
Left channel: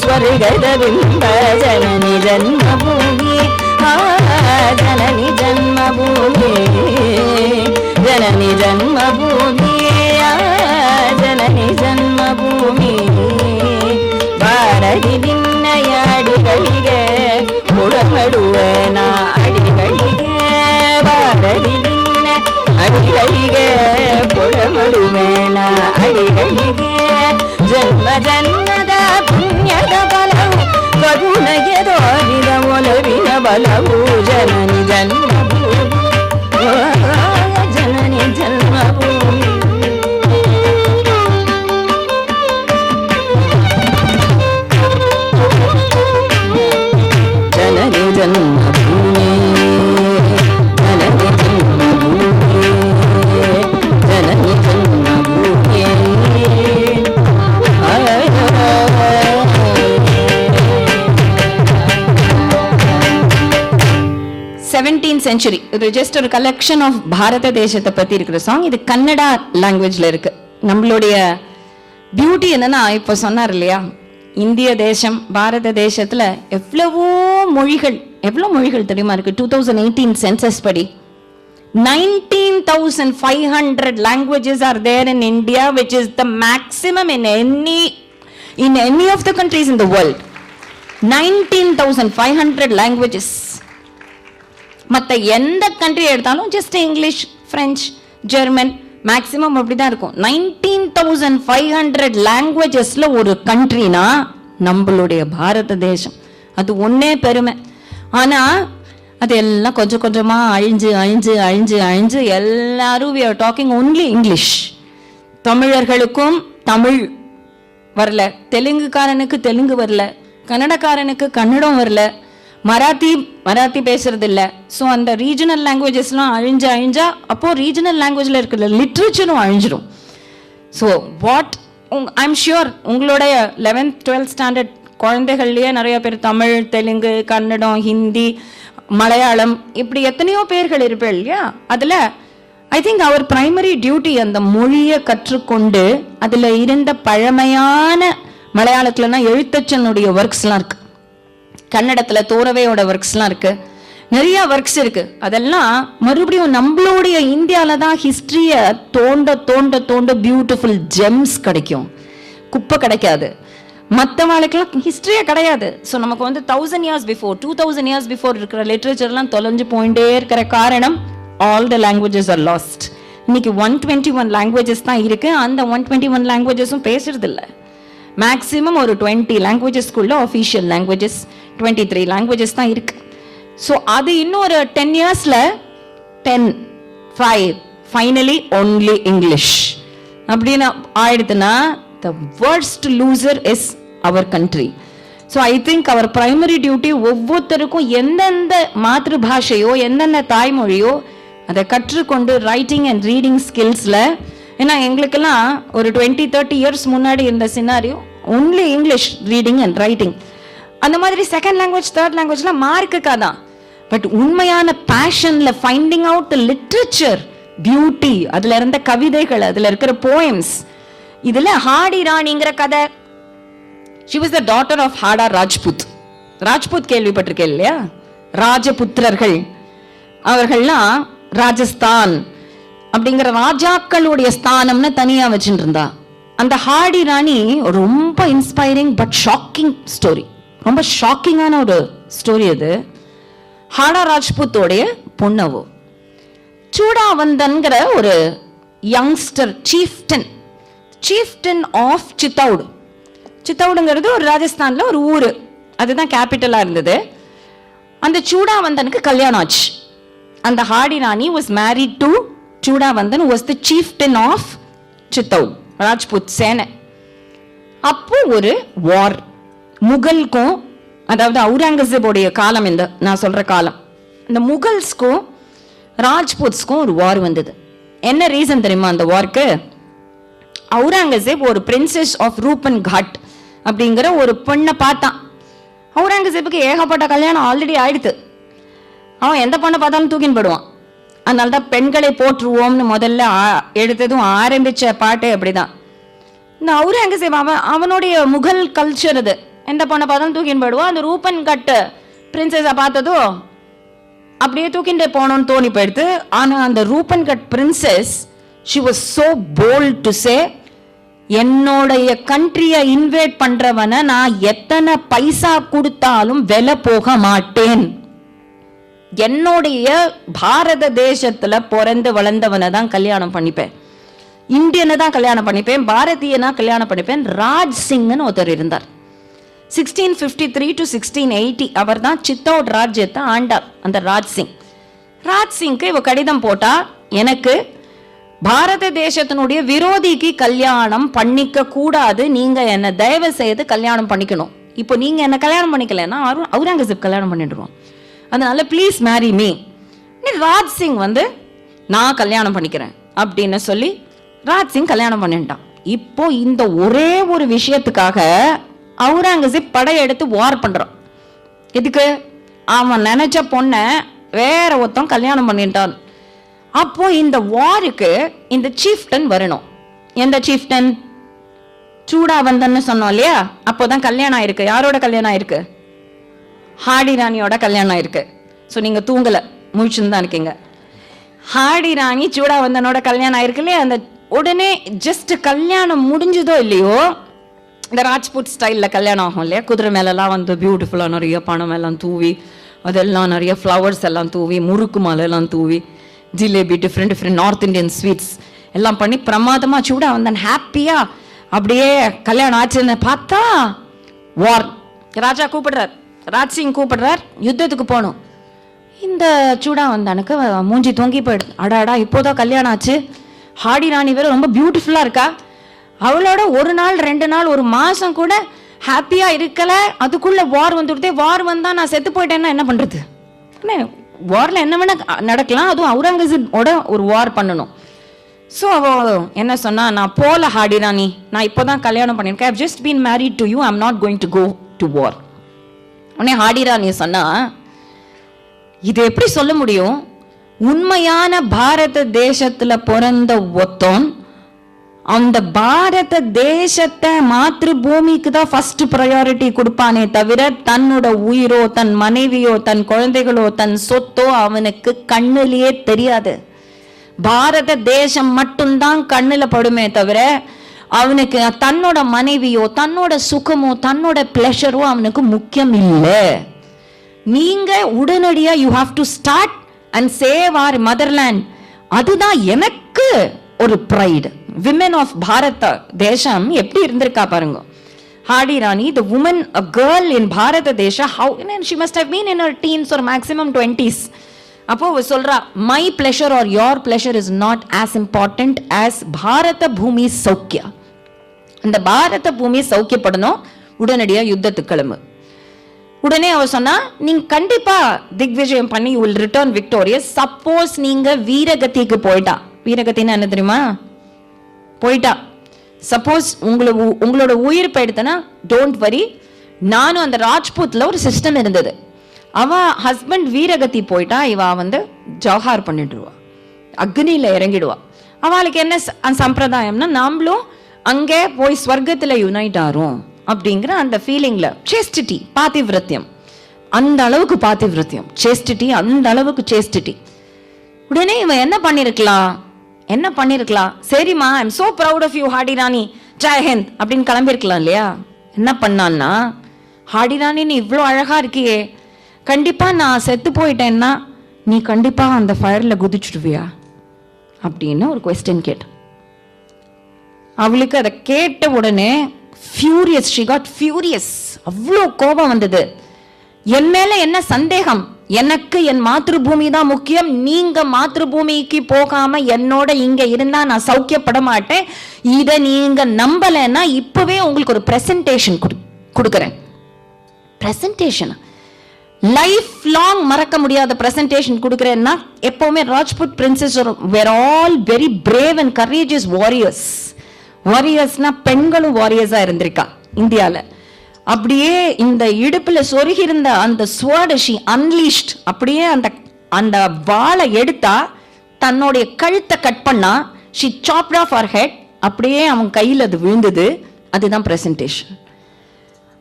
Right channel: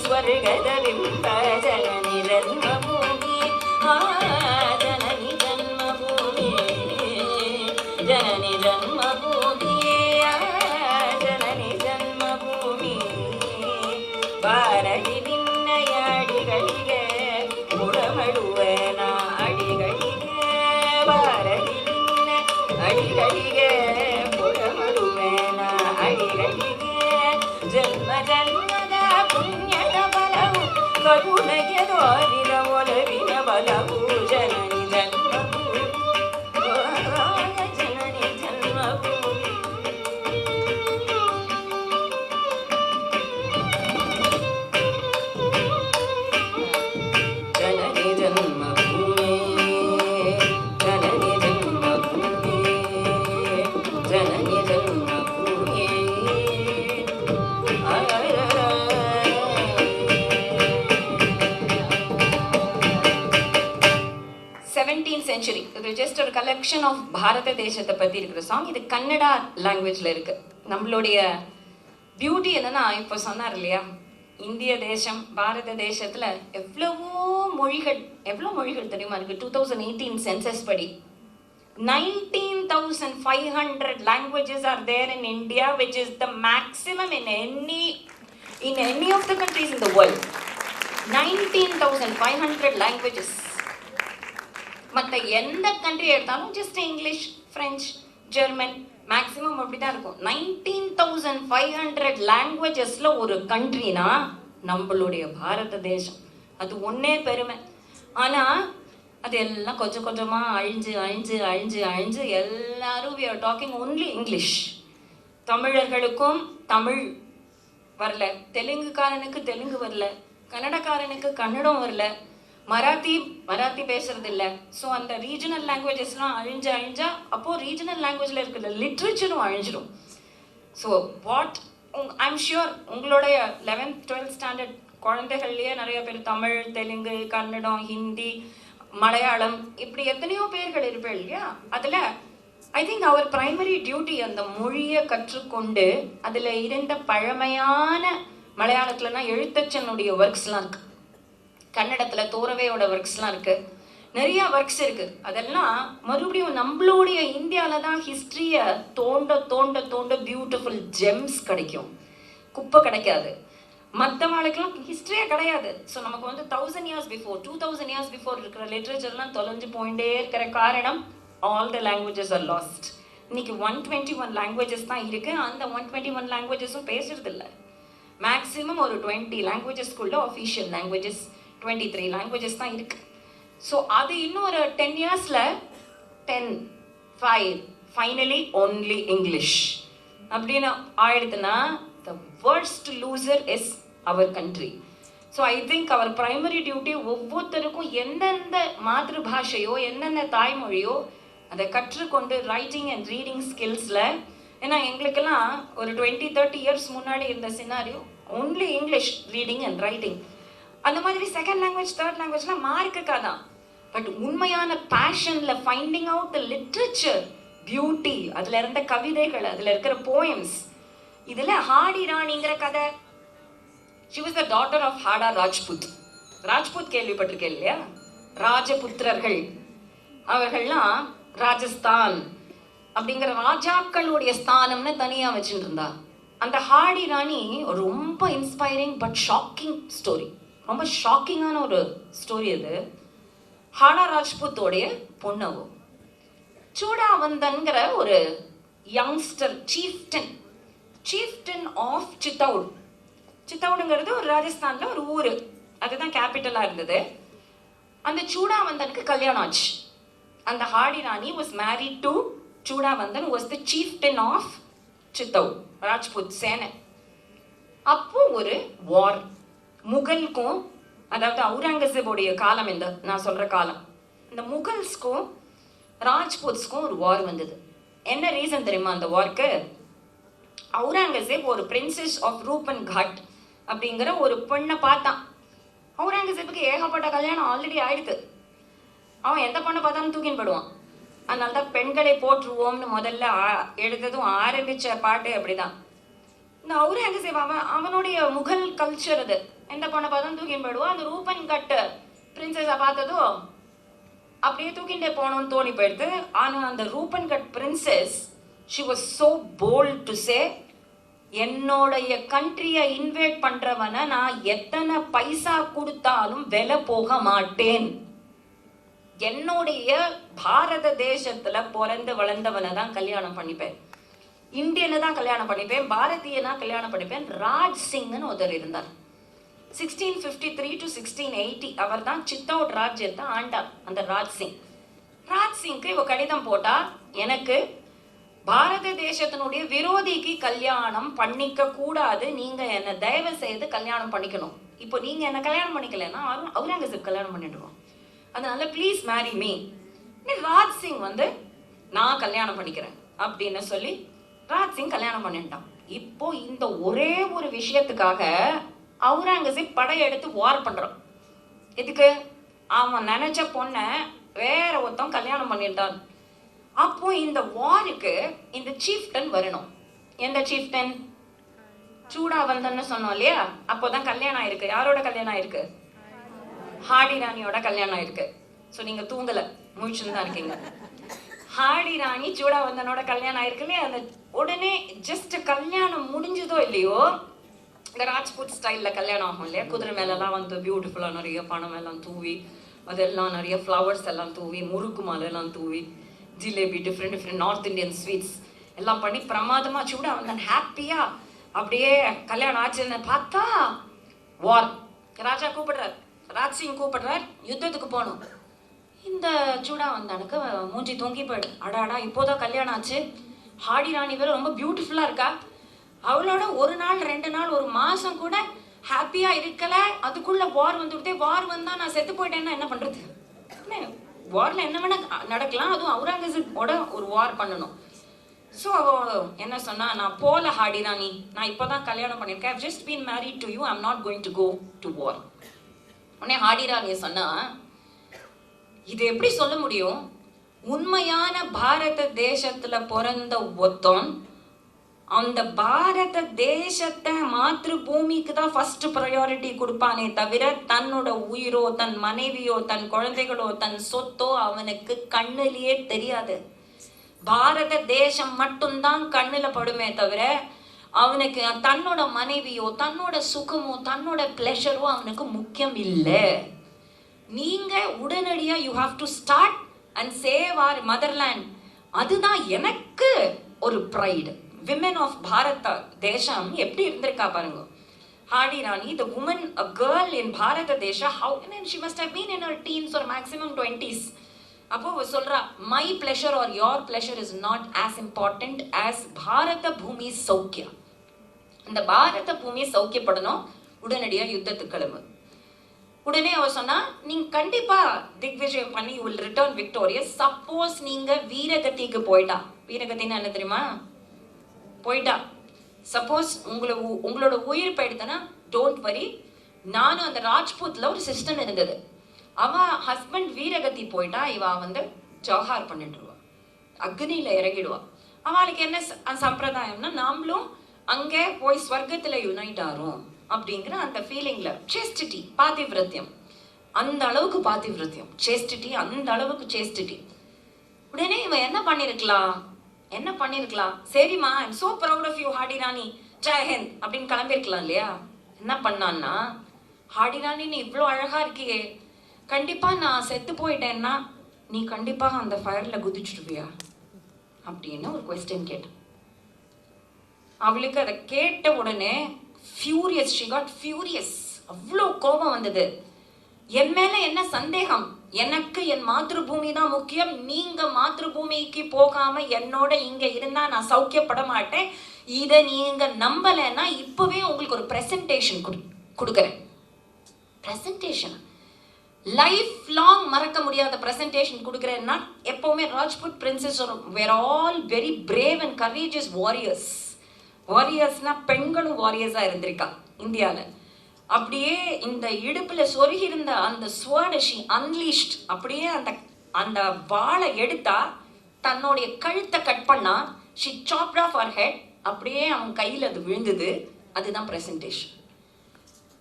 ಸ್ವರ್ಗದ ಬಿಂಬ ಜನನಿ ಜನ್ಮಭೂಮಿ ಜನನಿ ಜನ್ಮಭೂಮಿ ಜನನಿ ಜನ್ಮಭೂಮಿ ಜನನಿ ಜನ್ಮಭೂಮಿ ಬಾರಡಿ ನಿನ್ನಯ ಅಡಿಗಳಿಗೆ ಕೊಡಮಡುವನ ಅಡಿಗಳಿಗೆ ಬಾರಡಿ ನಿನ್ನ ಅಡಿಗಳಿಗೆ ಕೊಡಮಡುವನ ಅಡಿಗಳಿಗೆ ಜನ್ಮ ಜನ್ಮದ ಪುಣ್ಯದ ಬಲವು ಕರುಣಗೆ ತೋರಿದ ಒಲವಿನ ಬಲವು ಜನನಿ ಜನ್ಮಭೂಮಿ ಜನನಿ ಜನ್ಮಭೂಮಿ ಜನನಿ ಜನ್ಮಭೂಮಿ ಜನನಿ ಜನ್ಮಭೂಮಿ ಜನನಿ ಜನ್ಮಭೂಮಿ 17th century. இது ஜஸ்ட் ஒரு கலெக்ஷன் ஆஃப் பாரத தேசத்தை பத்தி இருக்கிற சாங். இது கன்னடா லாங்குவேஜ்ல இருக்கு. நம்மளுடைய பியூட்டி என்னன்னா, இப்ப சொன்னார் இல்லையா, இந்திய தேசம் பாரத தேசத்துல எவ்வளவோ மொழிகள் தெரியுமா இருக்கு. 2018 சென்சஸ் படி 19,500 languages are there in India, which is the maximum in any of the countries in the world. 19,500 languages. மற்ற எந்த கண்ட்ரி எடுத்தாலும் just English, French, German maximum அப்படிதான் இருக்கும். 19,500 லாங்குவேஜஸ்ல ஒரு கண்ட்ரினா நம்மளுடைய பாரத தேசம். அது ஒன்னே பெருமை. ஆனா அது எல்லாம் கொஞ்சம் கொஞ்சமா அழிஞ்சு எல்லாரும் we are talking only English. தமிழர்களுக்கும் தமிழ் வரல, தெலுங்குக்காரனுக்கு தெலுங்கு வரல, கன்னடக்காரனுக்கு கன்னடம் வரல, மராத்தி பேசுறது இல்ல. ஸோ அந்த ரீஜனல் லாங்குவேஜஸ்லாம் அழிஞ்சா அப்போ ரீஜனல் லாங்குவேஜ்ல இருக்கிற லிட்ரேச்சரும் அழிஞ்சிடும். ஸோ வாட் ஐம் ஷியோர் உங்களுடைய 11th 12th ஸ்டாண்டர்ட் குழந்தைகள்லயே நிறைய பேர் தமிழ், தெலுங்கு, கன்னடம், ஹிந்தி, மலையாளம் இப்படி எத்தனையோ பேர்கள் இருப்பேன் இல்லையா. அதுல I think our primary duty அந்த மொழியை கற்றுக்கொண்டு அதுல இருந்த பழமையான மலையாளத்துலனா எழுத்தச்சனுடைய ஒர்க்ஸ்லாம் இருக்கு, கன்னடத்துல தோரவையோட ஒர்க்ஸ்லாம் இருக்கு, நிறைய ஒர்க்ஸ் இருக்கு. அதெல்லாம் மறுபடியும் நம்மளுடைய இந்தியால தான் ஹிஸ்டரிய தோண்ட பியூட்டிஃபுல் ஜெம்ஸ் கிடைக்கும், குப்பை கிடைக்காது. மற்ற வாழ்க்கைலாம் ஹிஸ்டரியே கிடையாது. ஸோ நமக்கு 1000 years before 2000 years before இருக்கிற லிட்ரேச்சர்லாம் தொலைஞ்சு போயிட்டே இருக்கிற காரணம் all the languages R last. இன்னைக்கு 121 லாங்குவேஜஸ் தான் இருக்கு. அந்த 121 லாங்குவேஜஸும் பேசுறது இல்லை. மேக்சிமம் ஒரு 20 லாங்குவேஜஸ்க்குள்ள ஆஃபீஷியல் லாங்குவேஜஸ் 23 லாங்குவேஜஸ் தான் இருக்கு. ஸோ அது இன்னும் ஒரு 10 yearsல 10, 5 ஃபைனலி ஒன்லி இங்கிலீஷ் அப்படின்னு ஆயிடுதுன்னா the worst loser is our country. So I think our primary duty ஒவ்வொருத்தருக்கும் எந்தெந்த மாதృபாஷையோ எந்தெந்த தாய்மொழியோ அதை கற்றுக்கொண்டு ரைட்டிங் அண்ட் ரீடிங் ஸ்கில்ஸ்ல, ஏன்னா எங்களுக்கெல்லாம் ஒரு 20-30 years முன்னாடி இந்த scenario only English reading and writing. அந்த மாதிரி செகண்ட் லாங்குவேஜ் தேர்ட் லாங்குவேஜ்லாம் மார்க்குக்கா தான். பட் உண்மையான பேஷன்ல finding out the literature beauty, அதுல இருந்த கவிதைகள், அதுல இருக்கிற போயம்ஸ். இதுல ஹாடி ராணிங்கிற கதை, she was the daughter of ஹாடா Rajput. Rajput கேள்விப்பட்டிருக்கேன் இல்லையா, ராஜபுத்திரர்கள். அவர்கள்லாம் ராஜஸ்தான் அப்படிங்கிற ராஜாக்களுடைய ஸ்தானம்னு தனியா வச்சுட்டு இருந்தா. அந்த ஹாடி ராணி ரொம்ப இன்ஸ்பைரிங் பட் ஷாக்கிங் ஸ்டோரி, ரொம்ப ஷாக்கிங்கான ஒரு ஸ்டோரி அது. ஹாடா ராஜ்புத்தோடைய பொண்ணவோ சூடாவந்தன்கிற ஒரு யங்ஸ்டர் சீஃப்டன் ஆஃப் சித்தௌடு. சித்தௌடுங்கிறது ஒரு ராஜஸ்தான்ல ஒரு ஊரு, அதுதான் கேபிட்டலா இருந்தது. அந்த சூடாவந்தனுக்கு கல்யாணம் ஆச்சு. அந்த Hardy Rani was married to சூடாவந்தன், was the chieftain of சித்தௌட், Rajput சேனை. அப்போ ஒரு வார் முகல்க்கும், அதாவது அவுரங்கசீபோடைய காலம், இந்த நான் சொல்ற காலம், இந்த முகல்ஸ்க்கும் ராஜ்புத்ஸ்க்கும் ஒரு வார் வந்தது. என்ன ரீசன் தெரியுமா அந்த வார்க்கு? அவுரங்கசீப் ஒரு பிரின்சஸ் ஆஃப் ரூபன் காட் அப்படிங்கிற ஒரு பெண்ணை பார்த்தான். அவுரங்கசீப்புக்கு ஏகப்பட்ட கல்யாணம் ஆல்ரெடி ஆயிடுத்து. அவன் எந்த பொண்ணை பார்த்தாலும் தூக்கின்னு போடுவான். அதனால்தான் பெண்களை போற்றுவோம்னு முதல்ல எடுத்ததும் ஆரம்பிச்ச பாட்டு அப்படிதான். இந்த அவுரங்கசீப் அவனுடைய முகல் கல்ச்சர் அது, எந்த பொண்ணை பார்த்தாலும் தூக்கின்னு போயிடுவோம். அந்த ரூபன் கட்டு பிரின்சஸை பார்த்ததும் அப்படியே தூக்கிண்டே போகணும்னு தோணி போயிடுது. ஆனா அந்த Ruban cut princess she was so bold to say, என்னோடைய கண்ட்ரிய இன்வைட் பண்றவனை நான் எத்தனை பைசா கொடுத்தாலும் விலை போக மாட்டேன். என்னுடைய பாரத தேசத்துல பிறந்து வளர்ந்தவனை தான் கல்யாணம் பண்ணிப்பேன், இந்தியனை தான் கல்யாணம் பண்ணிப்பேன், பாரதியனா கல்யாணம் பண்ணிப்பேன். ராஜ் சிங்னு ஒருத்தர் இருந்தார். 1653 to 1680 அவர் தான் சித்தோட் ராஜ்யத்தை ஆண்டார். அந்த ராஜ் சிங்க்கு இவ கடிதம் போட்டா, எனக்கு பாரத தேசத்தினுடைய விரோதிக்கு கல்யாணம் பண்ணிக்க கூடாது, நீங்க என்ன தயவு செய்து கல்யாணம் பண்ணிக்கணும். இப்போ நீங்க என்ன கல்யாணம் பண்ணிக்கலன்னா அவுரங்கசீப் கல்யாணம் பண்ணிடுவோம், அதனால please marry me. Raj Singh வந்து நான் கல்யாணம் பண்ணிக்கிறேன் அப்படின்னு சொல்லி ராஜ் சிங் கல்யாணம் பண்ணிட்டான். இப்போ இந்த ஒரே ஒரு விஷயத்துக்காக அவுரங்கசீப் படையெடுத்து வார் பண்றான். இதுக்கு அவன் நினைச்ச பொண்ண வேற ஒருத்தன் கல்யாணம் பண்ணிட்டான். அப்போ இந்த வாருக்கு இந்த சீஃப்டன் வரணும். எந்த சீஃப்டன்? சூடாவந்தன்னு சொன்னோம் இல்லையா, அப்போதான் கல்யாணம் ஆயிருக்கு. யாரோட கல்யாணம் ஆயிருக்கு? ஹாடி ராணியோட கல்யாணம் ஆயிருக்கு. ஸோ நீங்க தூங்கல, முழிச்சுன்னு தான் இருக்கீங்க. ஹாடி ராணி சூடாவந்தனோட கல்யாணம் ஆயிருக்கு இல்லையா. அந்த உடனே ஜஸ்ட் கல்யாணம் முடிஞ்சதோ இல்லையோ, இந்த ராஜ்புட் ஸ்டைல்ல கல்யாணம் ஆகும் இல்லையா, குதிரை மேலெல்லாம் வந்து பியூட்டிஃபுல்லா நிறைய பணம் எல்லாம் தூவி, அதெல்லாம் நிறைய ஃப்ளவர்ஸ் எல்லாம் தூவி, முறுக்கு மாலை எல்லாம் தூவி, jalebi, different north Indian sweets எல்லாம் பண்ணி பிரமாதமா சூடா வந்தேன் ஹாப்பியா அப்படியே கல்யாணம் ஆச்சுன்னு பார்த்தா வார். ராஜா கூப்பிடுறார், ராஜ் சிங் கூப்பிடுறார், யுத்தத்துக்கு போகணும். இந்த சூடா வந்தானுக்கு மூஞ்சி தொங்கி போயிடுது. அடாடா இப்போதான் கல்யாணம் ஆச்சு, ஹாடி ராணி வேற ரொம்ப பியூட்டிஃபுல்லா இருக்கா, அவளோட ஒரு நாள் 2 நாள் ஒரு மாசம் கூட ஹாப்பியா இருக்கல, அதுக்குள்ள வார் வந்துடுதே, வார் வந்தா நான் செத்து போயிட்டேன்னா என்ன பண்றது? வார்ல என்ன வேணா நடக்கலாம், அதுவும் அவுரங்கசீப்போட ஒரு வார் பண்ணணும். ஸோ அவ என்ன சொன்னா, நான் போல ஹாடி ராணி, நான் இப்போதான் கல்யாணம் பண்ணிருக்கேன், I have just been married to you, I am not going to go to வார். உடனே ஹாடி ராணி சொன்னா, இது எப்படி சொல்ல முடியும்? உண்மையான பாரத தேசத்துல பிறந்த ஒருத்தன் அந்த பாரத தேசத்தை மாத்ரு பூமிக்கு தான் ஃபர்ஸ்ட் ப்ரையாரிட்டி கொடுப்பானே தவிர தன்னோட உயிரோ தன் மனைவியோ தன் குழந்தைகளோ தன் சொத்தோ அவனுக்கு கண்ணிலேயே தெரியாது. பாரத தேசம் மட்டும்தான் கண்ணுல படுமே தவிர அவனுக்கு தன்னோட மனைவியோ தன்னோட சுகமோ தன்னோட பிளஷரோ அவனுக்கு முக்கியம் இல்லை. நீங்க உடனடியா you have to start and save R motherland. அதுதான் எனக்கு ஒரு ப்ரைடு. விமென் ஆஃப் பாரத தேசம் எப்படி இருந்திருக்கா பாருங்க. Hardy Rani, the woman, a girl in Bharata Desai, how she must have been in her teens or maximum 20s. அப்போ சொல்றா, my pleasure or your pleasure is not as important as பாரத பூமி சௌக்கியா. இந்த பாரத பூமி சௌக்கியப்படணும், உடனடியா யுத்தத்துக்கு கிளம்பு. உடனே அவ சொன்னா, நீங்க கண்டிப்பா திக்விஜயம் பண்ணி you will return victorious. Suppose நீங்க வீரகதிக்கு போயிட்டா, வீரகத்தின்னா என்ன தெரியுமா? போயிட்டா, சப்போஸ் உங்களோட உயிர் போயிடுதுன்னா டோன்ட் வரி, நானும் அந்த ராஜ்பூத்ல ஒரு சிஸ்டம் இருந்தது, அவ ஹஸ்பண்ட் வீரகதி போயிட்டா இவ வந்து ஜவஹார் பண்ணிடுவா, அக்னியில இறங்கிடுவா. அவளுக்கு என்ன சம்பிரதாயம்னா, நாமளும் அங்கே போய் ஸ்வர்க்கத்துல யுனைட் ஆறோம் அப்படிங்கிற அந்த ஃபீலிங்ல. சேஸ்டிட்டி, பாதிவிரத்தியம், அந்த அளவுக்கு பாதிவிரத்தியம், சேஸ்டிட்டி அந்த அளவுக்கு சேஸ்டிட்டி. உடனே இவன் என்ன பண்ணிருக்கலாம், சரிம்மா I am so proud of you Hardy ராணி, ஜெய் ஹிந்த் அப்படின்னு கிளம்பிருக்கலாம் இல்லையா. என்ன பண்ணான்னா, ஹாடி ராணி நீ இவ்வளோ அழகா இருக்கியே, கண்டிப்பா நான் செத்து போயிட்டேன்னா நீ கண்டிப்பா அந்த ஃபயர்ல குதிச்சுடுவியா அப்படின்னு ஒரு கொஸ்டின் கேட்டு. அவளுக்கு அதை கேட்ட உடனே furious, she got furious, அவ்வளோ கோபம் வந்தது. என் மேல என்ன சந்தேகம், எனக்கு என் மாத்ருபூமி தான் முக்கியம், நீங்க மாத்ருபூமிக்கு போகாம என்னோட இங்க இருந்தா நான் சௌக்கியப்பட மாட்டேன். இத நீங்க நம்பலன்னா இப்பவே உங்களுக்கு ஒரு பிரசன்டேஷன் கொடுக்கறேன். பிரசன்டேஷன் லைஃப் லாங் மறக்க முடியாத பிரசன்டேஷன் கொடுக்கறேன்னா, எப்பவுமே Rajput princess where all very brave and courageous warriors. வாரியர்ஸ்னா பெண்களும் வாரியர்ஸா இருந்திருக்கா இந்தியால. அப்படியே இந்த இடுப்புல சொருகி இருந்த அந்த ஸ்வர்டஷி அன்லீஷ்ட், அப்படியே அந்த வாளை எடுத்தா தன்னுடைய கழுத்தை கட் பண்ணா, she chopped off her head, அப்படியே அவன் கையில் அது விழுந்தது. அதுதான் பிரசன்டேஷன்.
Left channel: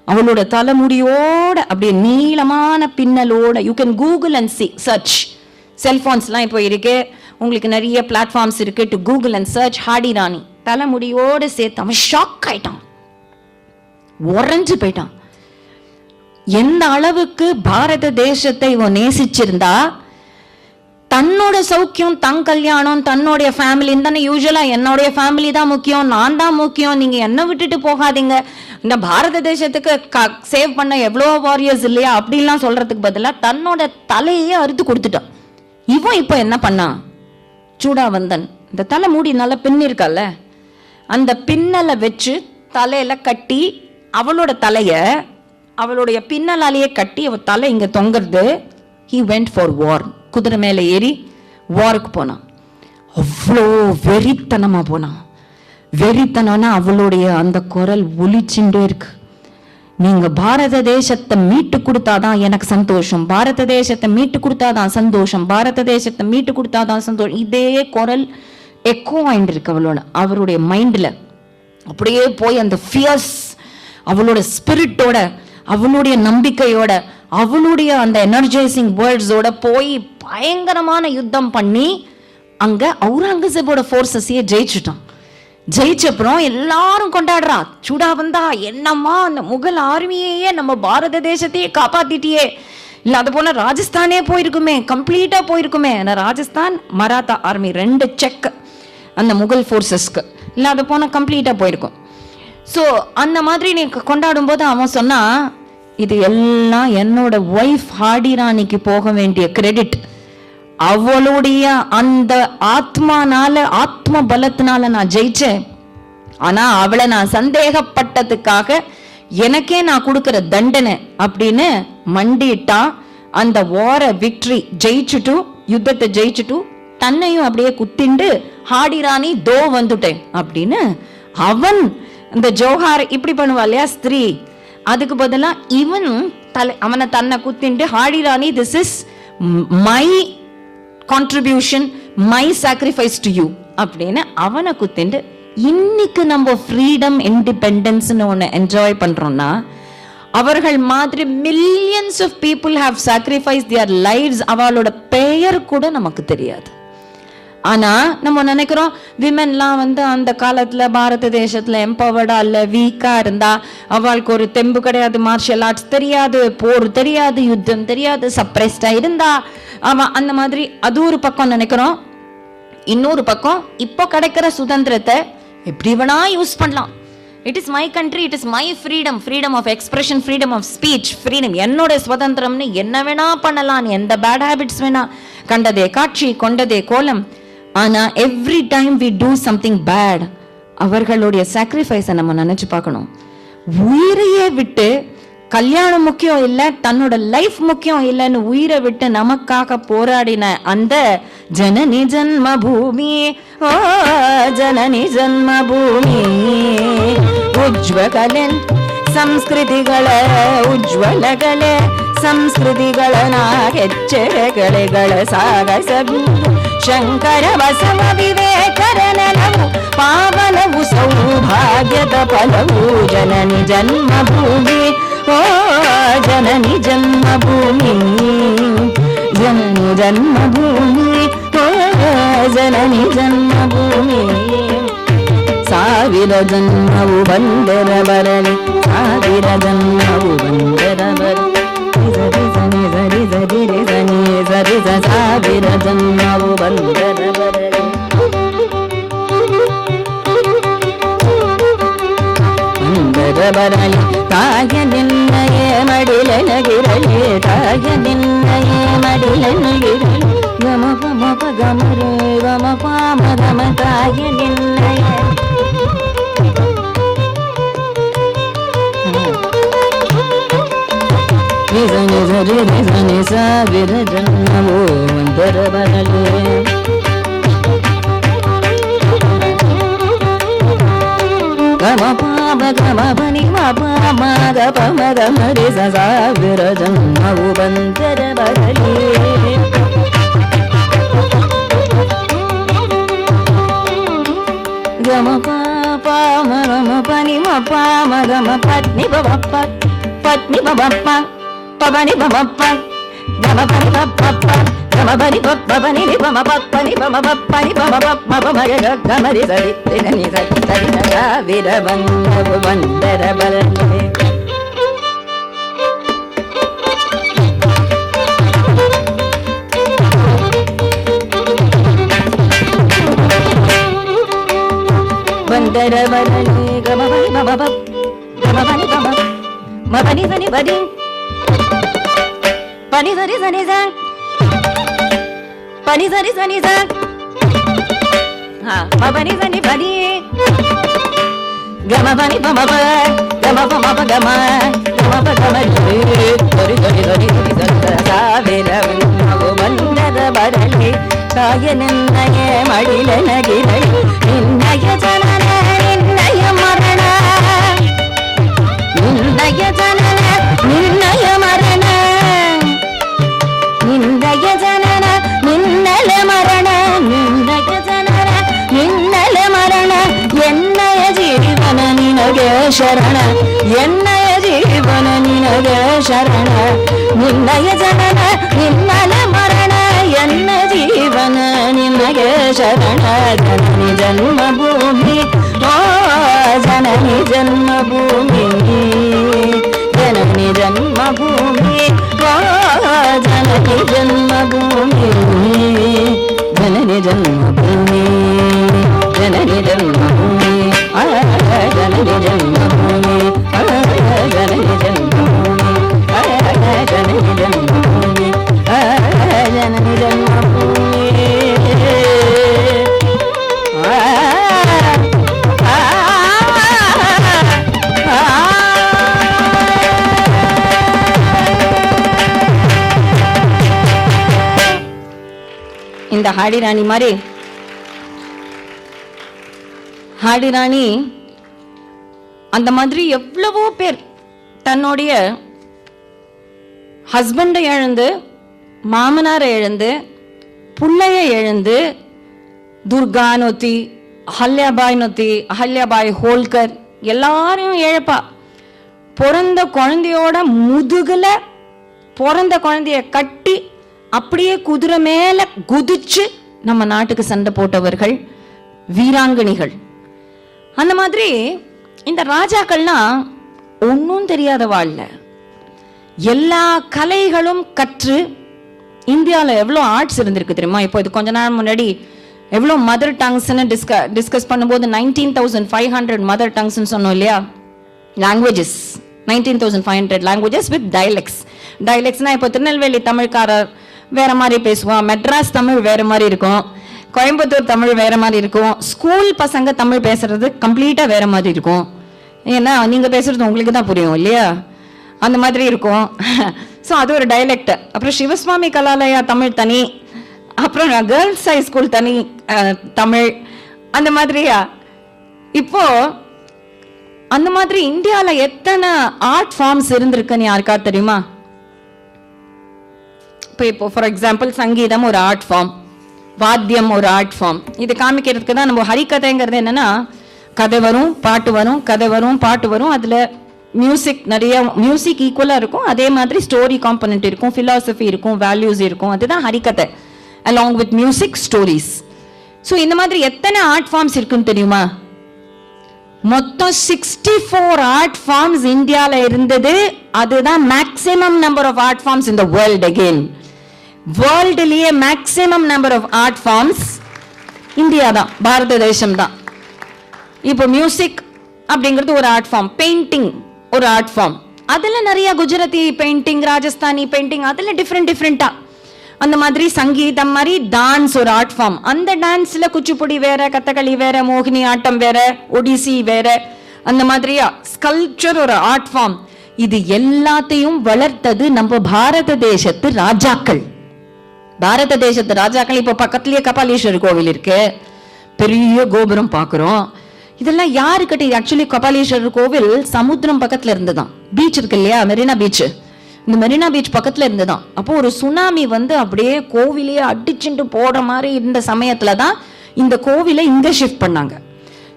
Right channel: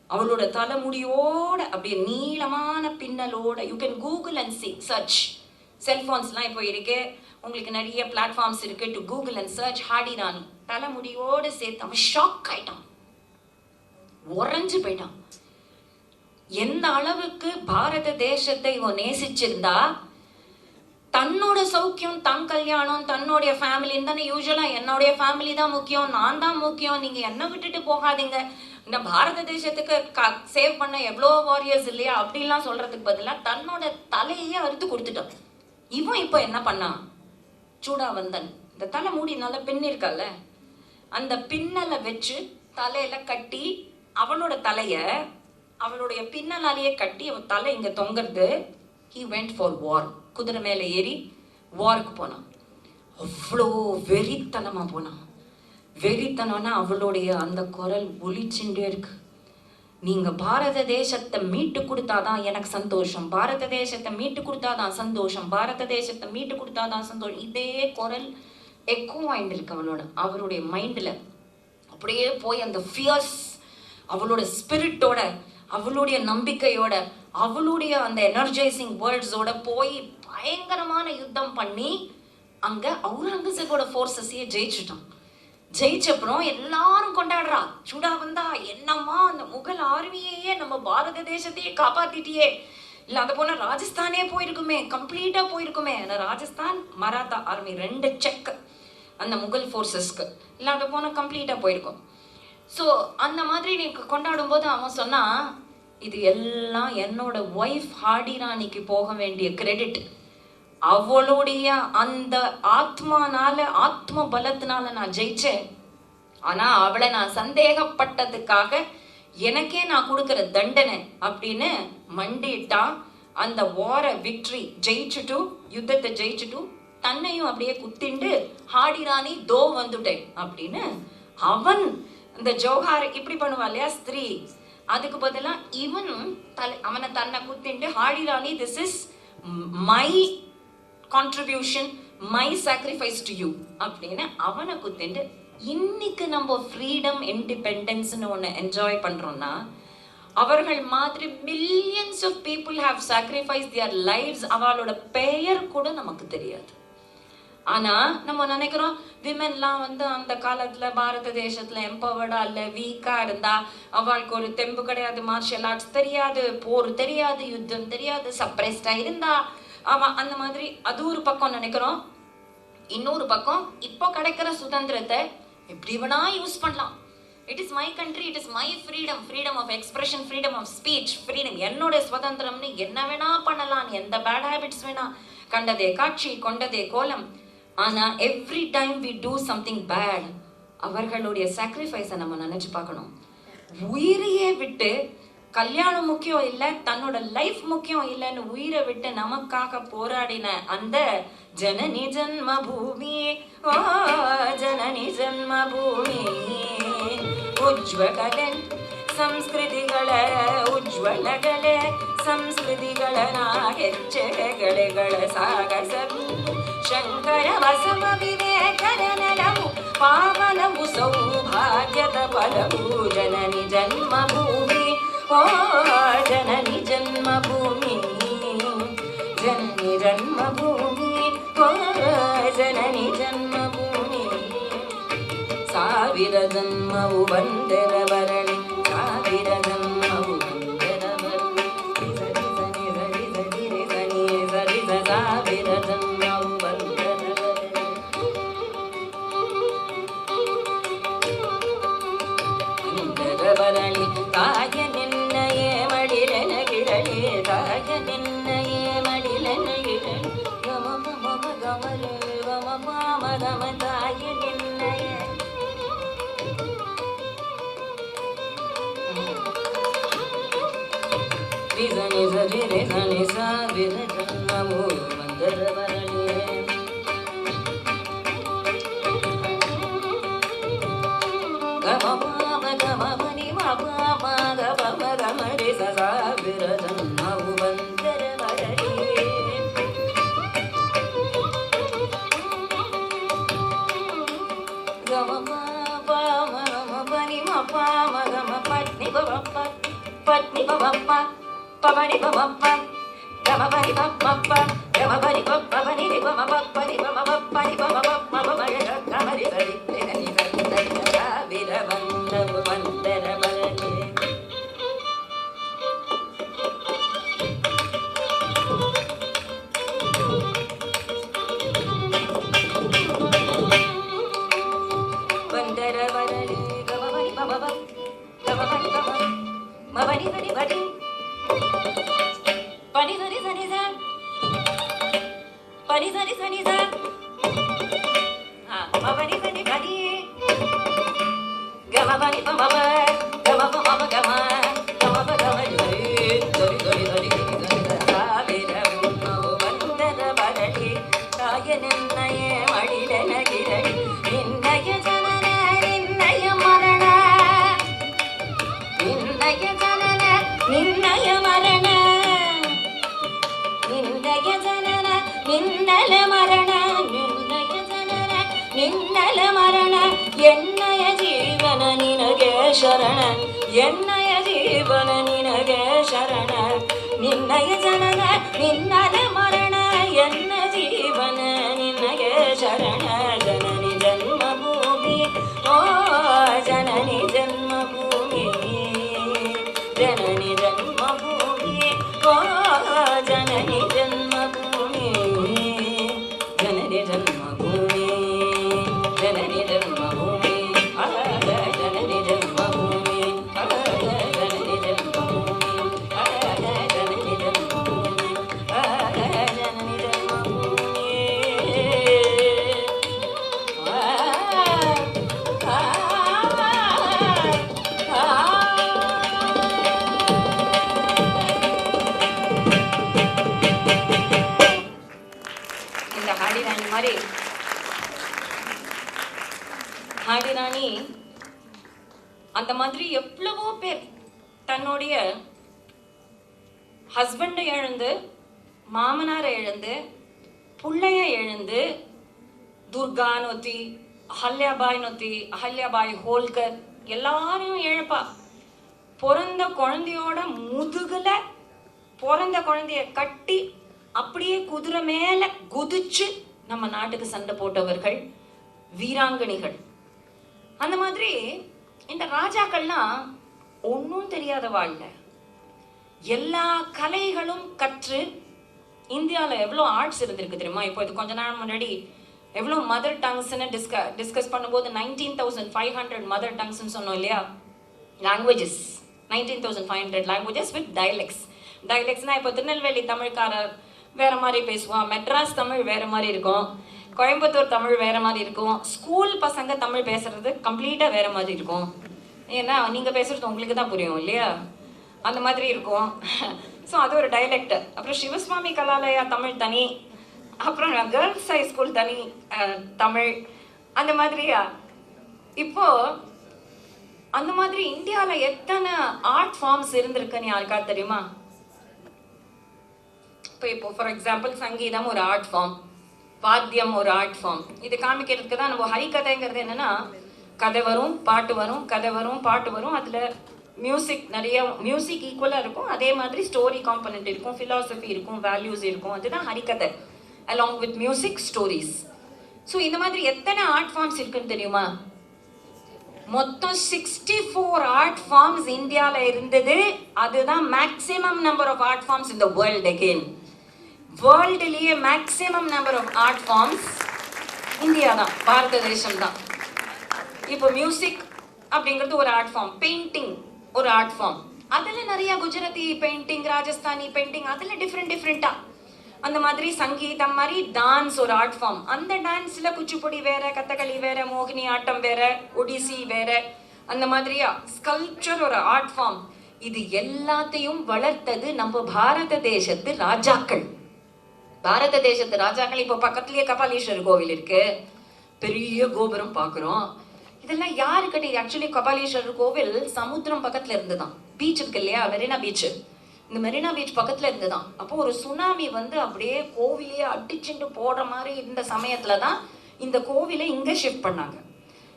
அவளோட தலைமுடியோட அப்படியே நீளமான பின்னலோட, you can Google and search. செல்போன்ஸ்லாம் இப்போ இருக்கு, உங்களுக்கு நிறைய பிளாட்ஃபார்ம்ஸ் இருக்கு, to Google and search Hardy ராணி. தலைமுடியோட சேர்த்து அவன் ஷாக் ஆயிட்டான், உறைஞ்சு போயிட்டான். எந்த அளவுக்கு பாரத தேசத்தை இவன் நேசிச்சிருந்தா, தன்னோட சௌக்கியம், தன் கல்யாணம், தன்னுடைய ஃபேமிலின்னு தானே யூஸ்வலா, என்னுடைய ஃபேமிலி தான் முக்கியம், நான் தான் முக்கியம், நீங்க என்ன விட்டுட்டு போகாதீங்க, இந்த பாரத தேசத்துக்கு சேவ் பண்ண எவ்வளோ வாரியர்ஸ் இல்லையா அப்படின்லாம் சொல்றதுக்கு பதிலா தன்னோட தலையே அறுத்து கொடுத்துட்டான். இவன் இப்போ என்ன பண்ணான், சூடாவந்தன் இந்த தலை மூடி நல்லா பின் இருக்கல்ல, அந்த பின்னலை வச்சு தலையில கட்டி அவளோட தலைய அவளுடைய பின்னலாலேயே கட்டி அவ தலை இங்க தொங்குறது. he went for war. குதிரை மேல ஏறி வாருக்கு போனான். அவ்வளோ வெறித்தனமா போனான். வெறித்தனம்னா அவளுடைய அந்த குரல் ஒலிச்சுட்டே இருக்கு. நீங்க பாரத தேசத்தை மீட்டு கொடுத்தாதான் எனக்கு சந்தோஷம், பாரத தேசத்தை மீட்டு கொடுத்தாதான் சந்தோஷம், பாரத தேசத்தை மீட்டு கொடுத்தாதான் சந்தோஷம். இதே குரல் எக்கோ ஆயிட்டு இருக்கு அவருடைய மைண்ட்ல. அப்படியே போய் அந்த ஃபியர்ஸ், அவளோட ஸ்பிரிட்டோட, அவளுடைய நம்பிக்கையோட, அவளுடைய அந்த எனர்ஜைசிங் வேர்ட்ஸோட போய் பயங்கரமான யுத்தம் பண்ணி அங்க அவுரங்கசீபோட ஃபோர்ஸஸையே ஜெயிச்சுட்டான். ஜெயிச்சப்புறம் எல்லாரும் கொண்டாடுறா, சூடா வந்தா என்னம்மா அந்த முகல் ஆர்மியையே நம்ம பாரத தேசத்தையே காப்பாத்திட்டியே, இல்ல அது போல ராஜஸ்தானே போயிருக்குமே, கம்ப்ளீட்டா போயிருக்குமே. ராஜஸ்தான் மராத்தா ஆர்மி 2 செக் அந்த முகல் ஃபோர்ஸஸ்க்கு, இல்ல அது போன கம்ப்ளீட்டா போயிருக்கும். ஸோ அந்த மாதிரி நீ கொண்டாடும் போது அவன் சொன்னா, இது எல்லாம் என்னோட ஒய்ஃப் ஹாடி ராணிக்கு போக வேண்டிய கிரெடிட். அவளுடைய அந்த ஆத்மானால, ஆத்ம பலத்தினால நான் ஜெயிச்சேன். ஆனா அவளை நான் சந்தேகப்பட்டதுக்காக எனக்கே நான் கொடுக்கிற தண்டனை அப்படின்னு மண்டிட்டா. அந்த வார விக்டரி ஜெயிச்சுட்டு, யுத்தத்தை ஜெயிச்சுட்டு, தன்னையும் அப்படியே குத்திண்டு ஹாடி ராணி தோ வந்துட்டேன் அப்படின்னு அவன் இந்த ஜோஹார் இப்படி பண்ணுவா இல்லையா ஸ்திரீ, அதுக்கு பதிலா இவன் அவனை தன்னை குத்திண்டு Hardy Rani, this is my contribution, my sacrifice to you அப்படின்னு அவனை குத்திண்டு. இன்னைக்கு நம்ம ஃப்ரீடம், இண்டிபெண்டன்ஸ்னு ஒன்று என்ஜாய் பண்றோம்னா, அவர்கள் மாதிரி millions of people have sacrifice their lives. அவளோட பெயர் கூட நமக்கு தெரியாது. ஆனா நம்ம நினைக்கிறோம் விமென்லாம் அந்த காலத்துல பாரத தேசத்துல எம்பவர்டா இல்ல வீக்கா இருந்தா, அவளுக்கு ஒரு தெம்பு கிடையாது, மார்ஷல் ஆர்ட்ஸ் தெரியாது, போர் தெரியாது, யுத்தம் தெரியாது, சப்ரெஸ்டா இருந்தா அவன் அந்த மாதிரி. அது ஒரு பக்கம் நினைக்கிறோம். இன்னொரு பக்கம் இப்போ கிடைக்கிற சுதந்திரத்தை எப்படி வேணா யூஸ் பண்ணலாம். It is my country, it is my freedom, freedom of expression, freedom of speech, freedom, என்னோட சுதந்திரம்னு என்ன வேணா பண்ணலாம், எந்த பேட் ஹேபிட்ஸ் வேணா, கண்டதே காட்சி கொண்டதே கோலம். ஆனா every time we do something bad, அவர்களுடைய சாக்ரிஃபைஸை நம்ம நினைச்சு பார்க்கணும். உயிரையே விட்டு, கல்யாணம் முக்கியம் இல்ல, தன்னோட லைஃப் முக்கியம் இல்லைன்னு உயிரை விட்டு நமக்காக போராடின அந்த ஜனனி ஜன்ம பூமி, ஓ ஜனனி ஜன்ಮ ಭೂಮಿ, ಉಜ್ವಲಗಳೆ ಸಂಸ್ಕೃತಿಗಳ ಉಜ್ವಲಗಳೆ ಸಂಸ್ಕೃತಿಗಳ ಹೆಜ್ಜೆಗಳೆಗಳ ಸಾಗಸಬಹುದು ಶಂಕರ ಬಸವ ವಿವೇಕರನವು ಪಾವನವು ಸೌಭಾಗ್ಯದ ಫಲವು ಜನನಿ ಜನ್ಮಭೂಮಿ, ಓ ಜನನಿ ಜನ್ಮಭೂಮಿ, ಜನನಿ ಜನ್ಮಭೂಮಿ, ಓ ಜನನಿ ಜನ್ಮಭೂಮಿ. ಸಾವಿರ ಜನ್ಮವು ಬಂದರ ಬರಲಿ, ಸಾವಿರ ಜನ್ಮವು ಬಂದರ ಬರಲಿ, ಸಾವಿರ ಜನ್ಮವು ಬಂದರ ಬರಲಿ. ಬಂದರ ಬರಲಿ ತಾಯ ನಿನ್ನಯೇ ಮಡಿಲನಗಿರಲಿ, ತಾಯ ನಿನ್ನಯೇ ಮಡಿಲನಗಿರಲಿ. ಗಮ ಪಮ ಪ ಗಮ ರೇ ಗಮ ಪಾಮ ಗಮ ತಾಯ ನಿನ್ನಯೇ. ನಿಜ ನಿಜ ರಿ ನಿಜ ನಿಜ ಸಾವಿರ ಜನ್ಮವು ಒಂದರ ಬರಲಿ. ಗಮ ಪಾಮ ಗಮ ಪನಿ ಮ ಮ ಗ ಪ ಮ ಗ ಮ ರಿ ಸ ಸಾವಿರ ಜನ್ಮವು ಬಂದರ ಬರಲಿ. ಗಮ ಪ ಮ ಗ ಮ ಪನಿ ಮ ಪ ಮ ಗ ಮ ಪತ್ನಿ ಬ ಪ பத்னி பபப்பா பபனி பபப்பா கமபனி பபப்பா கமபனி பபனி பமபப்பனி பமபப்பனி பமபப்பமபமய கமரி சரி தினி சரி சரி சா வீரவந்தோ வந்தரபலனே. வந்தரபலனே கமபனி பபபப் கமபனி பபப் மபனி சனி படி பனி சரி சனி சன் பனி சரி சனி சன் மபனி சனி படி கமபனி பமப கமபமப கம கமப கமரி தொரி தொரி தொரி சாவிரவோ வந்தரபலனே காயனன்னய மடில நகிரை நின்னய ஜனன நின்னய மரண நின்னய ஜனன நின்னய மரண நின்னய ஜனன நின்னல மரண நின்னய ஜனன நின்னல மரண என்னய ஜீவன நினಗೆ ಶರಣ என்னய ஜீவன நினಗೆ ಶರಣ நின்னய ஜனன நின்னல மரண என்ன ஜீவன நினಗೆ ಶರಣ ಜನನಿ ಜನ್ಮಭೂಮಿ ಓ ಜನನಿ ಜನ್ಮಭೂಮಿ ಜನನಿ ಜನ್ಮಭೂಮಿ ಓ ಜನನಿ ಜನ್ಮಭೂಮಿ ಜನನಿ ಜನ್ಮಭೂಮಿ ಜನನಿ ಜನ್ಮಭೂಮಿ ಜನನಿ ಜನ್ಮಭೂಮಿ ಜನನಿ ಜನ್ಮಭೂಮಿ ಜನನಿ ಜನ್ಮಭೂಮಿ ಜನನಿ ಜನ್ಮಭೂಮಿ. இந்த ஹாடிராணி மாதிரி ஹாடிராணி அந்த மாதிரி எவ்வளவோ பேர் தன்னுடைய ஹஸ்பண்டை இழந்து மாமனாரை இழந்து புள்ளைய இழந்து துர்கானொத்தி அஹல்யாபாய் ஹோல்கர் எல்லாரையும் இழப்பா. பிறந்த குழந்தையோட முதுகுல பிறந்த குழந்தைய கட்டி அப்படியே குதிரை மேல குதிச்சு நம்ம நாட்டுக்கு சண்டை போட்டவர்கள் வீராங்கனிகள். அந்த மாதிரி இந்த ராஜாக்கள்லாம் ஒன்னும் தெரியாத வாழ்ல எல்லா கலைகளும் கற்று இந்தியாவில் எவ்வளோ ஆர்ட்ஸ் இருந்திருக்கு தெரியுமா? இப்போ இது கொஞ்ச நாள் முன்னாடி எவ்வளோ மதர் டங்ஸ்ன்னு டிஸ்கஸ் பண்ணும்போது 19,500 மதர் டங்ஸ்ன்னு சொன்னோம் இல்லையா? லாங்குவேஜஸ் 19,500 லாங்குவேஜஸ் வித் டைலெக்ட்ஸ்னா இப்போ திருநெல்வேலி தமிழ்காரர் வேற மாதிரி பேசுவான், மெட்ராஸ் தமிழ் வேற மாதிரி இருக்கும், கோயம்புத்தூர் தமிழ் வேற மாதிரி இருக்கும், ஸ்கூல் பசங்க தமிழ் பேசுறது கம்ப்ளீட்டா வேற மாதிரி இருக்கும். ஏன்னா நீங்க பேசுறது உங்களுக்கு தான் புரியும் இல்லையா? அந்த மாதிரி இருக்கும். ஸோ அது ஒரு டைலெக்ட். அப்புறம் சிவசுவாமி கலாலயா தமிழ் தனி, அப்புறம் கேர்ள்ஸ் ஹை ஸ்கூல் தனி தமிழ், அந்த மாதிரியா. இப்போ அந்த மாதிரி இந்தியால எத்தனை ஆர்ட் ஃபார்ம்ஸ் இருந்திருக்குன்னு யாருக்கா தெரியுமா? இப்போ ஃபார் எக்ஸாம்பிள் சங்கீதம் ஒரு ஆர்ட் ஃபார்ம், வாத்தியம் ஒரு ஆர்ட் ஃபார்ம். இது காமிக்கிறதுக்கு தான் நம்ம ஹரிகதைங்கிறது என்னன்னா, கதை வரும் பாட்டு வரும், கதை வரும் பாட்டு வரும், அதுல மியூசிக் நிறைய மியூசிக் ஈக்குவலா இருக்கும், அதே மாதிரி ஸ்டோரி காம்பனன்ட் இருக்கும், பிலாசபி இருக்கும், வேல்யூஸ் இருக்கும். அதுதான் Harikatha along with music stories. So இந்த மாதிரி எத்தனை ஆர்ட் ஃபார்ம்ஸ் இருக்குன்னு தெரியுமா? மொத்தம் 64 ஆர்ட் ஃபார்ம்ஸ் இந்தியால இருந்தது. அதுதான் maximum number of art forms in the world. Again வேர்ல்ட்லயே maximum number of art forms India தான், பாரத தேசம் தான். இப்போ மியூசிக் அப்படிங்கிறது ஒரு ஆர்ட் ஃபார்ம், பெயிண்டிங் ஒரு ஆர்ட் ஃபார்ம், அதுல நிறைய குஜராத்தி பெயிண்டிங், ராஜஸ்தானி பெயிண்டிங், அதுல டிஃப்ரெண்டா. அந்த மாதிரி சங்கீதம் மாதிரி டான்ஸ் ஒரு ஆர்ட் ஃபார்ம். அந்த டான்ஸ்ல குச்சிப்புடி வேற, கதகளி வேற, மோகினி ஆட்டம் வேற, ஒடிசி வேற, அந்த மாதிரியா. ஸ்கல்ப்சர் ஒரு ஆர்ட் ஃபார்ம். இது எல்லாத்தையும் வளர்த்தது நம்ம பாரத தேசத்து ராஜாக்கள். பாரத தேசத்து ராஜாக்கள். இப்போ பக்கத்துலயே கபாலீஸ்வரர் கோவில் இருக்கு, பெரிய கோபுரம் பாக்குறோம். இதெல்லாம் யாருக்கிட்ட? ஆக்சுவலி கபாலீஸ்வரர் கோவில் சமுத்திரம் பக்கத்துல இருந்துதான். பீச் இருக்கு இல்லையா, மெரினா பீச், இந்த மெரினா பீச் பக்கத்துல இருந்துதான். அப்போ ஒரு சுனாமி வந்து அப்படியே கோவிலையே அடிச்சுட்டு போற மாதிரி இருந்த சமயத்துலதான் இந்த கோவிலை இங்க ஷிஃப்ட் பண்ணாங்க.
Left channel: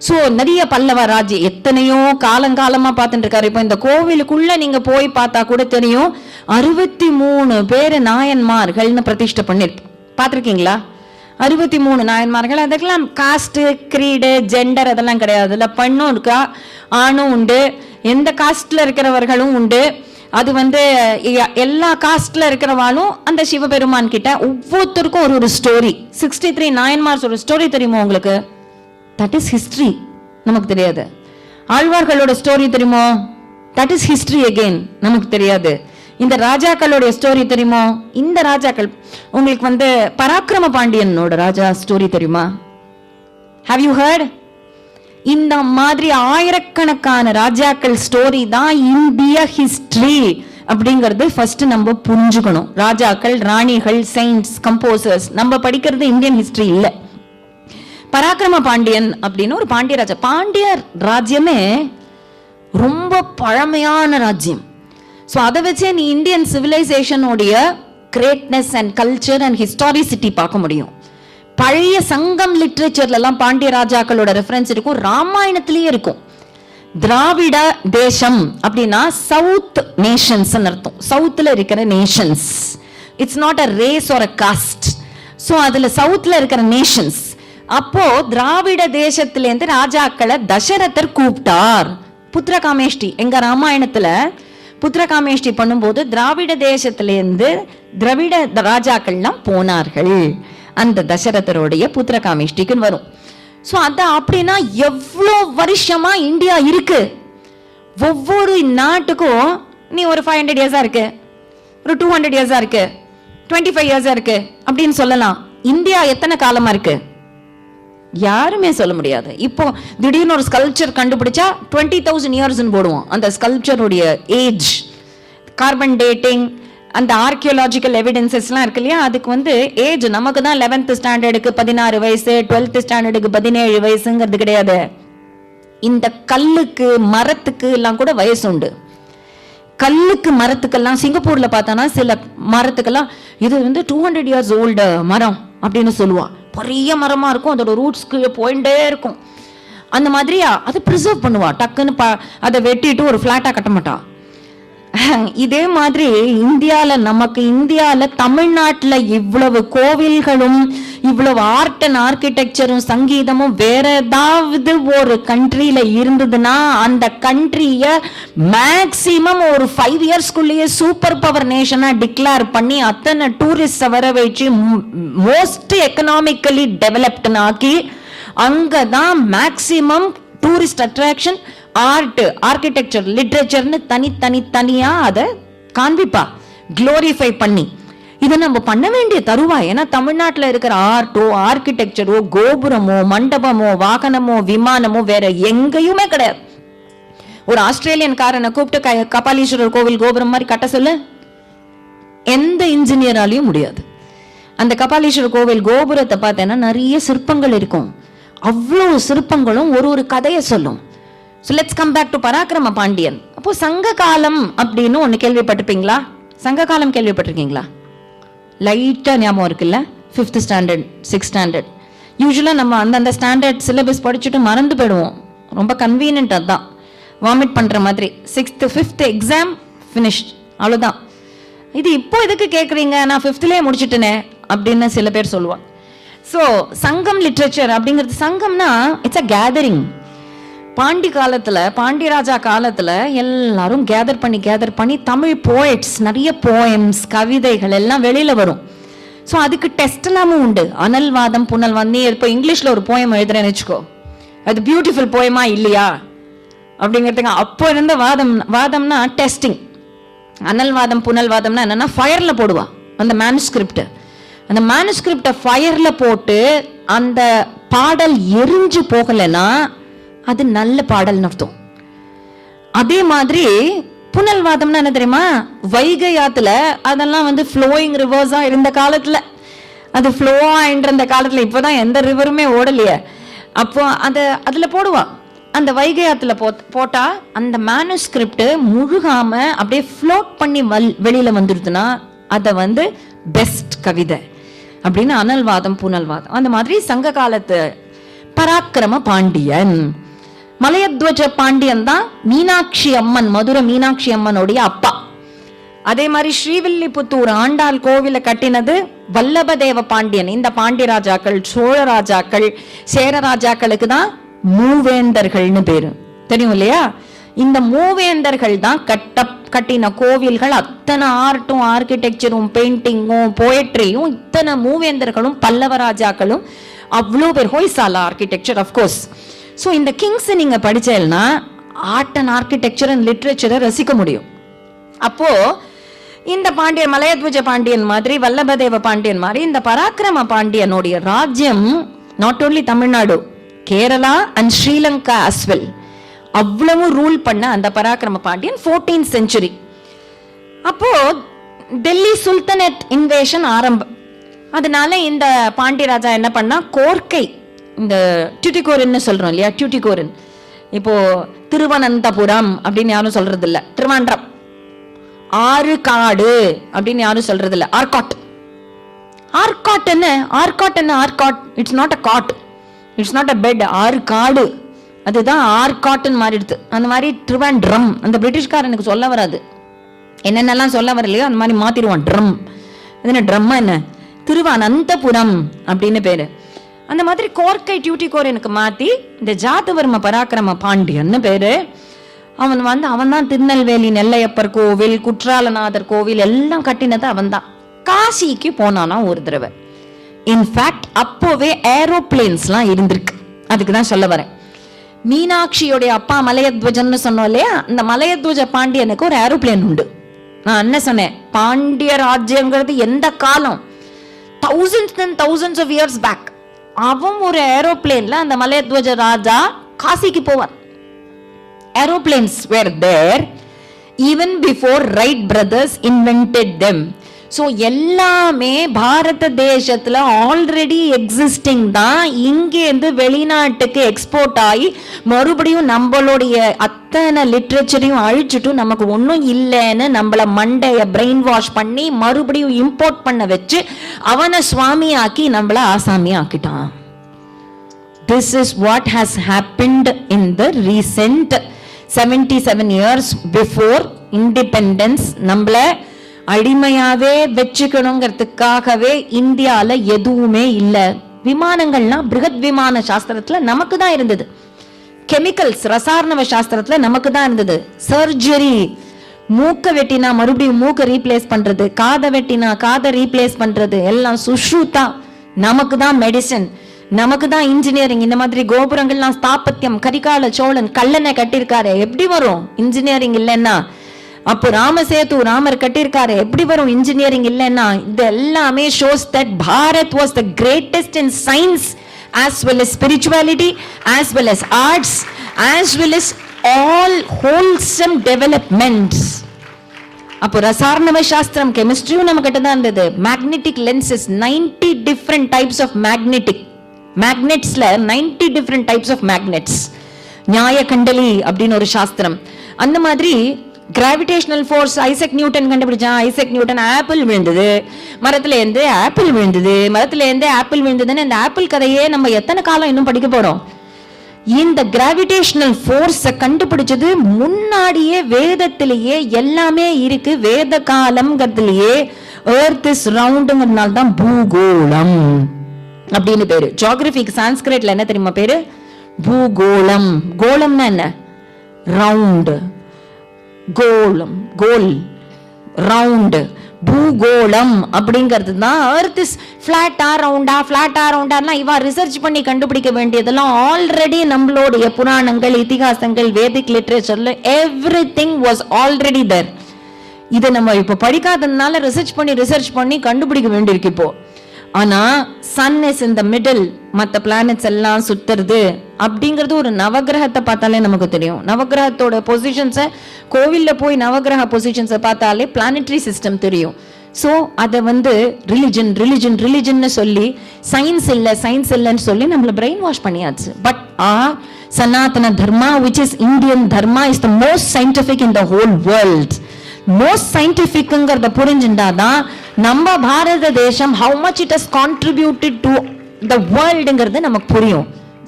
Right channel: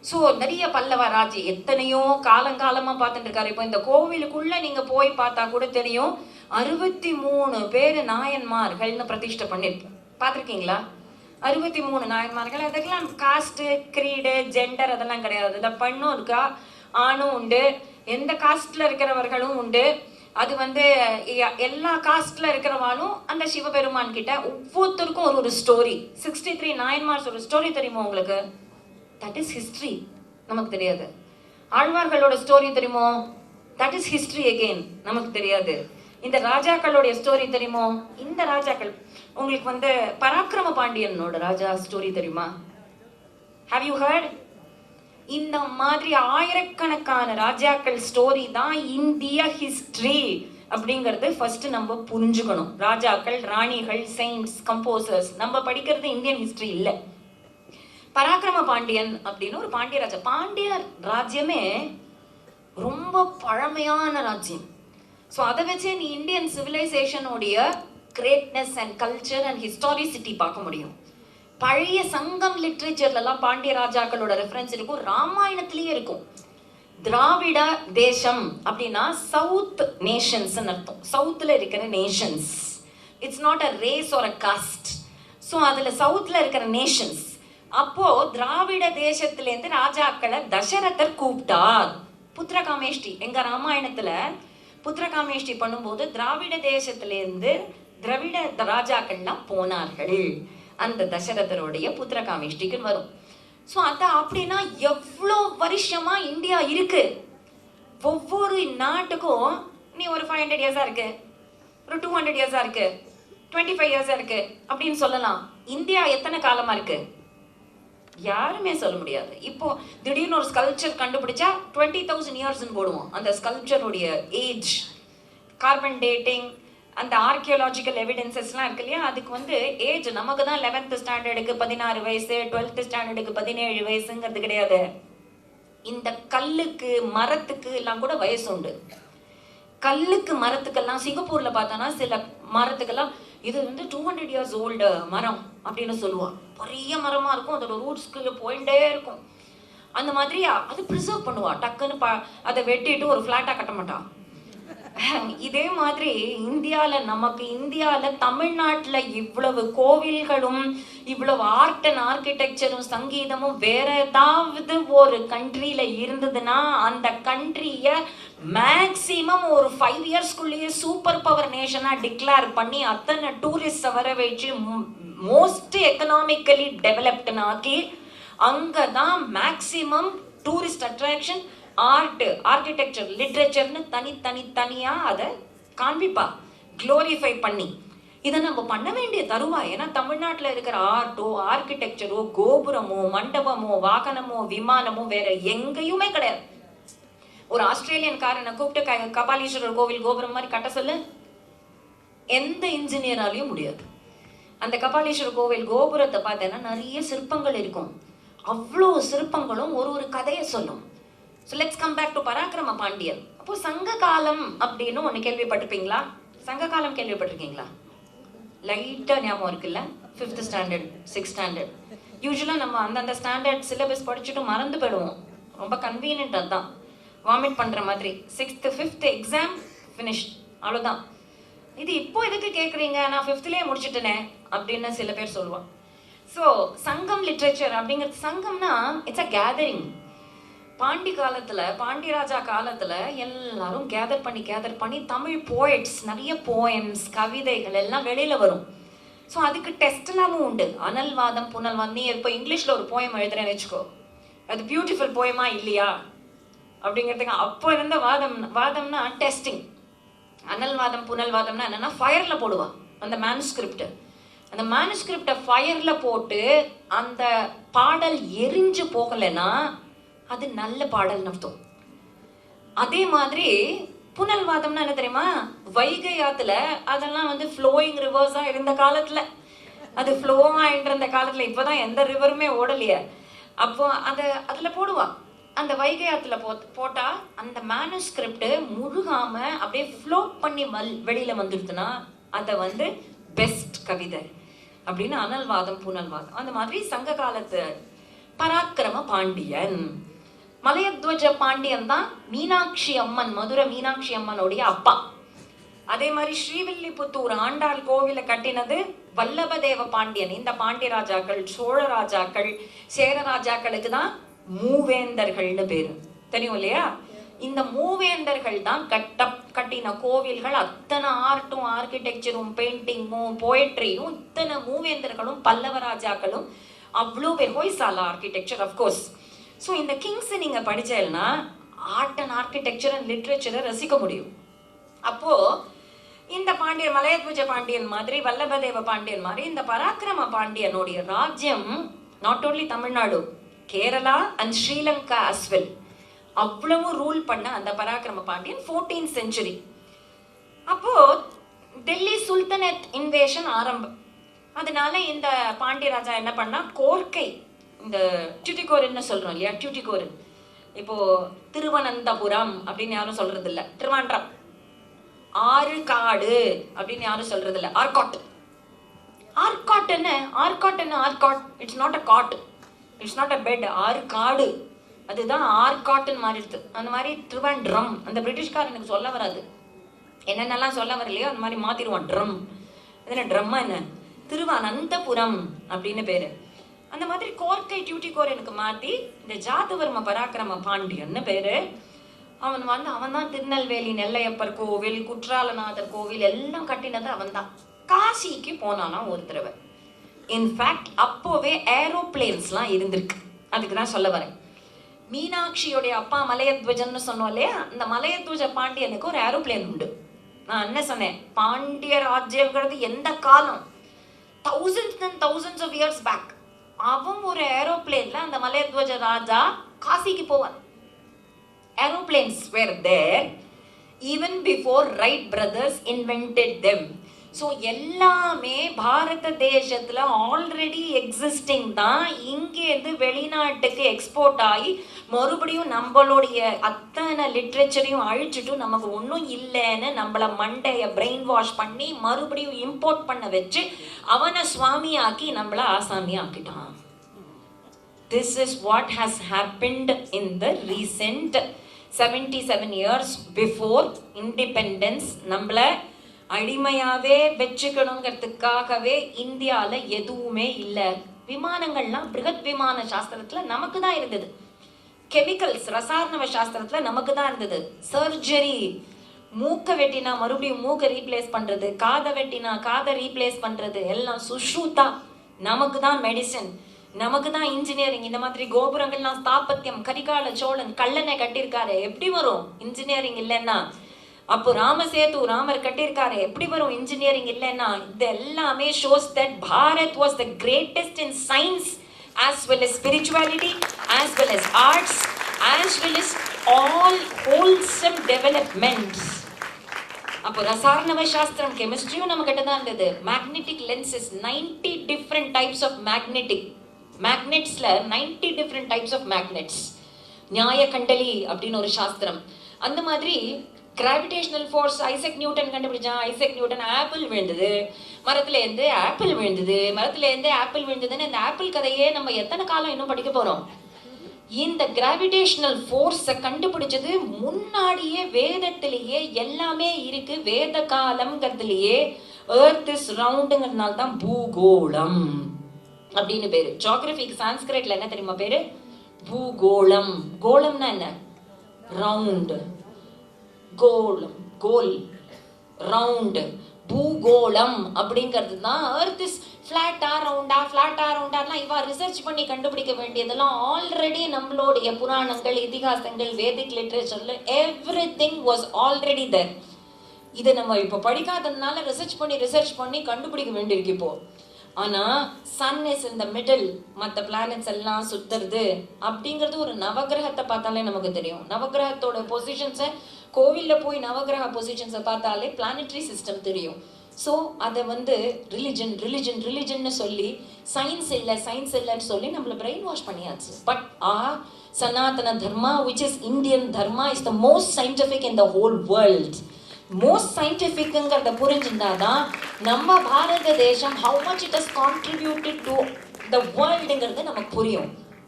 சோ நிறைய பல்லவ ராஜ்யம் எத்தனையோ காலங்காலமா பார்த்துட்டு இருக்காரு. இப்போ இந்த கோவிலுக்குள்ள நீங்க போய் பார்த்தா கூட தெரியும், 63 பேரு நாயன்மார்கள்னு பிரதிஷ்டை பண்ணி பார்த்திருக்கீங்களா? 63 நாயன்மார்கள். அதுக்கெல்லாம் காஸ்ட், கிரீடு, ஜெண்டர் அதெல்லாம் கிடையாது. இல்ல பெண்ணும் இருக்கா, ஆணும் உண்டு, எந்த காஸ்ட்ல இருக்கிறவர்களும் உண்டு. அது எல்லா காஸ்ட்ல இருக்கிறவாலும் அந்த சிவபெருமான் கிட்ட ஒவ்வொருத்தருக்கும் ஒரு ஸ்டோரி. 63 நாயன்மார்ஸ் ஒரு ஸ்டோரி தெரியுமா உங்களுக்கு? That is history. நமக்கு தெரியாது. ஆழ்வார்களோட ஸ்டோரி தெரியுமோ? That is history again. நமக்கு தெரியாது. இந்த ராஜாக்களுடைய ஸ்டோரி தெரியுமோ? இந்த ராஜாக்கள் உங்களுக்கு பராக்கிரம பாண்டியனோட ராஜா ஸ்டோரி தெரியுமா? Have you heard? இந்த மாதிரி ஆயிரக்கணக்கான ராஜாக்கள் ஸ்டோரி தான் இந்திய ஹிஸ்டரி அப்படிங்கறது ஃபர்ஸ்ட் நம்ம புரிஞ்சுக்கணும். ராஜாக்கள், ராணிகள், செயின்ட்ஸ், கம்போசர்ஸ் நம்ம படிக்கிறது இந்தியன் ஹிஸ்டரி இல்ல. பராக்கிரம பாண்டியன் அப்படின்னு ஒரு பாண்டிய ராஜா. பாண்டிய ராஜ்யமே ரொம்ப பழமையான ராஜ்யம். ஸோ அதை வச்சே நீ Indian சிவிலைசேஷனுடைய greatness and culture and ஹிஸ்டாரிசிட்டி பார்க்க முடியும். பழைய சங்கம் லிட்ரேச்சர்ல எல்லாம் பாண்டிய ராஜாக்களோட ரெஃபரன்ஸ் இருக்கும், ராமாயணத்திலேயே இருக்கும். திராவிட தேசம் அப்படின்னா சவுத் நேஷன்ஸ் அர்த்தம். சவுத்ல இருக்கிற Nations. It's not a race R a cost. So அதுல சவுத்ல இருக்கிற நேஷன்ஸ். அப்போ திராவிட தேசத்திலேருந்து ராஜாக்களை தசரதர் கூப்பிட்டார். புத்திரகாமேஷ்டி எங்க ராமாயணத்துல புத்திரகாமேஷ்டி பண்ணும்போது திராவிட தேசத்திலேருந்து திராவிட ராஜாக்கள்லாம் போனார்கள். அந்த தசரதருடைய புத்திரகாமேஷ்டிக்கு வரும். சோ அத அப்படின்னா எவ்வளவு வருஷமா இந்தியா இருக்கு. ஒவ்வொரு நாட்டுக்கும் நீ ஒரு 500 இயர்ஸா இருக்கு, ஒரு 200 இயர்ஸா இருக்கு, 25 இயர்ஸா இருக்கு அப்படின்னு சொல்லலாம். இந்தியா எத்தனை காலமா இருக்கு யாருமே சொல்ல முடியாது. இப்போ திடீர்னு ஒரு ஸ்கல்ப்சர் கண்டுபிடிச்சா 20,000 இயர்ஸ்ன்னு போடுவோம். அந்த ஸ்கல்ப்சருடைய ஏஜ், கார்பன் டேட்டிங், அந்த ஆர்கியோலாஜிக்கல் எவிடன்சஸ்லாம் இருக்கு இல்லையா, அதுக்கு ஏஜ் நமக்கு தான் 11th ஸ்டாண்டர்டுக்கு 16 வயசு, 12th ஸ்டாண்டர்டுக்கு 17 வயசுங்கிறது கிடையாது. இந்த கல்லுக்கு, மரத்துக்கு எல்லாம் கூட வயசு உண்டு. கல்லுக்கு, மரத்துக்கெல்லாம் சிங்கப்பூர்ல பார்த்தானா சில மரத்துக்கெல்லாம் இது 200 இயர்ஸ் ஓல்டு மரம் அப்படின்னு சொல்லுவா. பெரிய மரமா இருக்கும், அதோட ரூட்ஸ் போயிட்டே இருக்கும். அந்த மாதிரியா அதை ப்ரிசர்வ் பண்ணுவா. டக்குன்னு அதை வெட்டிட்டு ஒரு பிளாட்டா கட்ட மாட்டா. இதே மாதிரி இந்தியால தமிழ்நாட்டுல இவ்வளவு கோவில்களும் இவ்வளவு ஆர்ட் அண்ட் ஆர்கிடெக்சரும் சங்கீதமும் வேற ஏதாவது ஒரு கண்ட்ரியில இருந்ததுன்னா அந்த கண்ட்ரிய மேக்சிமம் ஒரு 5 இயர்ஸ்க்குள்ளேயே சூப்பர் பவர் நேஷனா டிக்ளேர் பண்ணி அத்தனை டூரிஸ்ட் வர வச்சு மோஸ்ட் எக்கனாமிக்கலி டெவலப்டு ஆக்கி அங்கதான் maximum tourist attraction, art, architecture, லிட்ரேச்சர்னு தனியா அதை காண்பிப்பா, குளோரிஃபை பண்ணி. இதை நம்ம பண்ண வேண்டிய தருவாய். ஏன்னா தமிழ்நாட்டில் இருக்கிற ஆர்ட்டோ, ஆர்கிடெக்சரோ, கோபுரமோ, மண்டபமோ, வாகனமோ, விமானமோ வேற எங்கேயுமே கிடையாது. ஒரு ஆஸ்திரேலியன் காரனை கூப்பிட்டு கபாலீஸ்வரர் கோவில் கோபுரம் மாதிரி கட்ட சொல்லு, எந்த இன்ஜினியராலையும் முடியாது. அந்த கபாலீஸ்வரர் கோவில் கோபுரத்தை பார்த்தேன்னா நிறைய சிற்பங்கள் இருக்கும். அவ்வளோ சிற்பங்களும் ஒரு கதையை சொல்லும். So let's come back to பராக்கிரம பாண்டியன். அப்போ சங்க காலம் அப்படின்னு ஒண்ணு கேள்விப்பட்டிருப்பீங்களா? சங்க காலம் கேள்விப்பட்டிருக்கீங்களா? லைட்டா ஞாபகம் இருக்குல்ல? 5th standard, 6th standard. யூஸ்வலா நம்ம அந்த ஸ்டாண்டர்ட் சிலபஸ் படிச்சுட்டு மறந்து போயிடுவோம். ரொம்ப கன்வீனியன்ட். அதான் வாமிட் பண்ற மாதிரி. 6th 5th எக்ஸாம் ஃபினிஷ்ட், அவ்வளவுதான். இது இப்போ எதுக்கு கேட்குறீங்க, நான் 5thலயே முடிச்சுட்டேனே அப்படின்னு சில பேர் சொல்லுவாங்க. ஸோ சங்கம் லிட்ரேச்சர் அப்படிங்கிறது, சங்கம்னா இட்ஸ் அ கேதரிங். பாண்டியராஜா காலத்துல எல்லாரும் கேதர் பண்ணி தமிழ் போயட்ஸ், நிறைய போயம்ஸ், கவிதைகள் எல்லாம் வெளியில வரும். ஸோ அதுக்கு டெஸ்ட் எல்லாமும் உண்டு. அனல்வாதம், புனல்வாதம். நீ இப்போ இங்கிலீஷ்ல ஒரு போயம் எழுதுறேன்னு வச்சுக்கோ, அது பியூட்டிஃபுல் போயமா இல்லையா அப்படிங்கிறதுக்கு அப்போ இருந்த வாதம்னா டெஸ்டிங். அனல்வாதம், புனல்வாதம்னா என்னன்னா ஃபயர்ல போடுவா அந்த மேனுஸ்கிரிப்ட். அந்த மேனுஸ்கிரிப்ட ஃபயர்ல போட்டு அந்த பாடல் எரிஞ்சு போகலைன்னா அது நல்ல பாடல்னு அர்த்தம். அதே மாதிரி புனல்வாதம்னா என்ன தெரியுமா? வைகை ஆத்துல அதெல்லாம் ஃப்ளோயிங் ரிவர்ஸா இருந்த காலத்துல, அது ஃப்ளோவா என்ற காலத்துல, இப்பதான் எந்த ரிவருமே ஓடலையே. அப்போ அதுல போடுவா. அந்த வைகை ஆத்துல போட்டா அந்த மேனுஸ்கிரிப்ட் முழுகாம அப்படியே ஃப்ளோட் பண்ணி வெளியில வந்துருதுன்னா அதை பெஸ்ட் கவிதை அப்படின்னு. அனல்வாதம், புனல்வாதம். அந்த மாதிரி சங்க காலத்து பராக்கிரம பாண்டியன். மலையத்வஜ பாண்டியன் தான் மீனாட்சி அம்மன், மதுரை மீனாட்சி அம்மனுடைய அப்பா. அதே மாதிரி ஸ்ரீவில்லிபுத்தூர் ஆண்டாள் கோவில கட்டினது வல்லபதேவ பாண்டியன். இந்த பாண்டிய ராஜாக்கள், சோழ ராஜாக்கள், சேர ராஜாக்களுக்கு தான் மூவேந்தர்கள்னு பேரு, தெரியும் இல்லையா? இந்த மூவேந்தர்கள் தான் கட்டின கோவில்கள். அத்தனை ஆர்ட்டும், ஆர்கிடெக்சரும், பெயிண்டிங்கும், போயட்ரியும், இத்தனை மூவேந்தர்களும் பல்லவ ராஜாக்களும் அவ்வளோ பேர். Hoysala architecture of course. ஸோ இந்த கிங்ஸ் நீங்க படிச்சேன்னா ஆர்ட் அண்ட் ஆர்கிடெக்சர் அண்ட் லிட்ரேச்சரை ரசிக்க முடியும். அப்போ இந்த பாண்டியன், மலையத்வஜ பாண்டியன் மாதிரி, வல்லபதேவ பாண்டியன் மாதிரி இந்த பராக்கிரம பாண்டியனுடைய ராஜ்யம் not only Tamil Nadu, Kerala and Sri Lanka as well, அவ்வளவு ரூல் பண்ண அந்த பராக்கிரம பாண்டியன் 14th century. அப்போ டெல்லி சுல்தனேட் இன்வேஷன் ஆரம்பம். அதனால இந்த பாண்டிய ராஜா என்ன பண்ணா, கோர்க்கை, இந்த டியூட்டிகோரன் சொல்றோம் இல்லையா, டியூட்டிகோரன், இப்போ திருவனந்தபுரம் அப்படின்னு யாரும் சொல்றது இல்ல, திருவாண்டம். ஆறு காடு அப்படின்னு யாரும் சொல்றது இல்ல, ஆர்காட். ஆர்காட் என்ன, ஆர்காட் என்ன, Arcot it's not a God, it's not a bed. ஆறு காடு, அதுதான் ஆர்காட்னு மாறிடுது. அந்த மாதிரி திருவாண்ட்ரம், அந்த பிரிட்டிஷ்காரனுக்கு சொல்ல வராது, என்னென்னலாம் சொல்ல வரலையோ அந்த மாதிரி மாத்திடுவான். ட்ரம், என்ன ட்ரம்மா என்ன, திருவனந்தபுரம் அப்படின்னு பேரு. அந்த மாதிரி கோர்க்கை டியூட்டிகோரனுக்கு மாத்தி இந்த ஜாதவர்ம பராக்கிரம பாண்டியன்னு பேரு. அவன் தான் திருநெல்வேலி நெல்லையப்பர் கோவில், குற்றாலநாதர் கோவில் எல்லாம் கட்டினது அவன் தான். காசிக்கு போனானா ஒரு தடவை. இன்ஃபேக்ட் அப்போவே ஏரோப்ளேன்ஸ்லாம் இருந்திருக்கு. அதுக்கு தான் சொல்ல வரேன். மீனாட்சியோடைய அப்பா மலையத்வஜன்னு சொன்னோம் இல்லையா, இந்த மலையத்வஜ பாண்டியனுக்கு ஒரு ஏரோப்ளேன் உண்டு. நான் என்ன சொன்னேன், பாண்டிய ராஜ்யம்ங்கிறது எந்த காலம், thousands and thousands of years back. அவன் ஒரு ஏரோப்ளேன்ல அந்த மலையத்வஜ ராஜா காசிக்கு போவான். Aeroplanes were there even before Wright brothers invented them. So எல்லாமே பாரத தேசத்துல ஆல்ரெடி எக்ஸிஸ்டிங் தான். இங்கேருந்து வெளிநாட்டுக்கு எக்ஸ்போர்ட் ஆகி மறுபடியும் நம்மளுடைய அத்தனை லிட்ரேச்சரையும் அழிச்சுட்டு நமக்கு ஒன்றும் இல்லைன்னு நம்மள மண்டைய பிரெயின் வாஷ் பண்ணி மறுபடியும் இம்போர்ட் பண்ண வச்சு அவனை சுவாமி ஆக்கி நம்மள ஆசாமி ஆக்கிட்டான். This is what has happened in the recent 77 years before independence. நம்மள அடிமையாவே வச்சுக்கணுங்கிறதுக்காகவே இந்தியால எதுவுமே இல்ல. விமானங்கள்லாம் பிருகத் விமான சாஸ்திரத்துல நமக்கு தான் இருந்தது. கெமிக்கல்ஸ், ரசாயன சாஸ்திரத்துல நமக்கு தான் இருந்தது. சர்ஜரி, மூக்க வெட்டினா மறுபடியும் மூக்க ரீப்ளேஸ் பண்றது, காதை வெட்டினா காதை ரீப்ளேஸ் பண்றது, எல்லாம் சுஷ்ருதா நமக்கு தான். மெடிசன் நமக்கு தான். இன்ஜினியரிங், இந்த மாதிரி கோபுரங்கள்லாம் ஸ்தாபத்தியம், கரிகால சோழன் கல்லணை கட்டியிருக்காரு, எப்படி வரும் இன்ஜினியரிங் இல்லைன்னா? அப்போ ராமசேது ராமர் கட்டியிருக்காரு, எப்படி வரும் இன்ஜினியரிங் இல்லைன்னா? இது எல்லாமே shows that Bharat was the greatest in science as well as spirituality, as well as arts, as well as all wholesome developments. அப்போ ரசாயன சாஸ்திரம், கெமிஸ்ட்ரியும் நம்ம கிட்ட தான் இருந்தது. Magnetic lenses, 90 different types of மேக்னெட்ஸ்ல 90 different types of magnets. நியாய கண்டலி அப்படின்னு ஒரு சாஸ்திரம். அந்த மாதிரி gravitational force Isaac Newton கண்டுபிடிச்சான். Isaac Newton apple விழுந்தது மரத்துல இருந்து, ஆப்பிள் விழுந்தது மரத்துல இருந்து, ஆப்பிள் விழுந்ததுன்னு இந்த ஆப்பிள் கதையே நம்ம எத்தனை காலம் இன்னும் படிக்க போறோம்? இந்த கிராவிடேஷனல் ஃபோர்ஸை கண்டுபிடிச்சது முன்னாடியே வேதத்திலேயே எல்லாமே இருக்கு. வேத காலம்ங்கிறதுலயே எர்த் இஸ் ரவுண்டுங்கிறதுனால தான் பூகோளம் அப்படின்னு பேரு. ஜியோகிராபிக்கு சான்ஸ்கிரிட்ல என்ன தெரியுமா பேரு? பூகோளம். கோளம்னா என்ன? ரவுண்ட். கோளம், கோல், ரவுண்ட். பூகோளம் அப்படிங்கிறது தான். எர்த் இஸ் பிளாட்டா ரவுண்டா, பிளாட்டா ரவுண்டான்னா இவா ரிசர்ச் பண்ணி கண்டுபிடிக்க வேண்டியதெல்லாம் ஆல்ரெடி நம்மளுடைய புராணங்கள், இதிகாசங்கள், வேதிக் லிட்ரேச்சர்ல எவ்ரிதிங் வாஸ் ஆல்ரெடி தேர். இதை நம்ம இப்ப படிக்காததுனால ரிசர்ச் பண்ணி கண்டுபிடிக்க வேண்டியிருக்கு இப்போ. ஆனா Sun is in the middle, மற்ற பிளானட்ஸ் எல்லாம் சுத்துறது அப்படிங்கிறது ஒரு நவகிரகத்தை பார்த்தாலே நமக்கு தெரியும். நவகிரகத்தோட பொசிஷன்ஸை, கோவில்ல போய் நவகிரக பொசிஷன்ஸை பார்த்தாலே பிளானட்டரி சிஸ்டம் தெரியும். ஸோ அதை ரிலிஜன் சொல்லி சயின்ஸ் இல்லைன்னு சொல்லி நம்மள பிரெயின் வாஷ் பண்ணியாச்சு. But Sanatana Dharma, which is Indian dharma, is the most scientific in the whole world. Most சயின்டிபிக்ங்கிறத புரிஞ்சுட்டாதான் நம்ம பாரத தேசம் how much it has contributed to the worldங்கிறது நமக்கு புரியும்.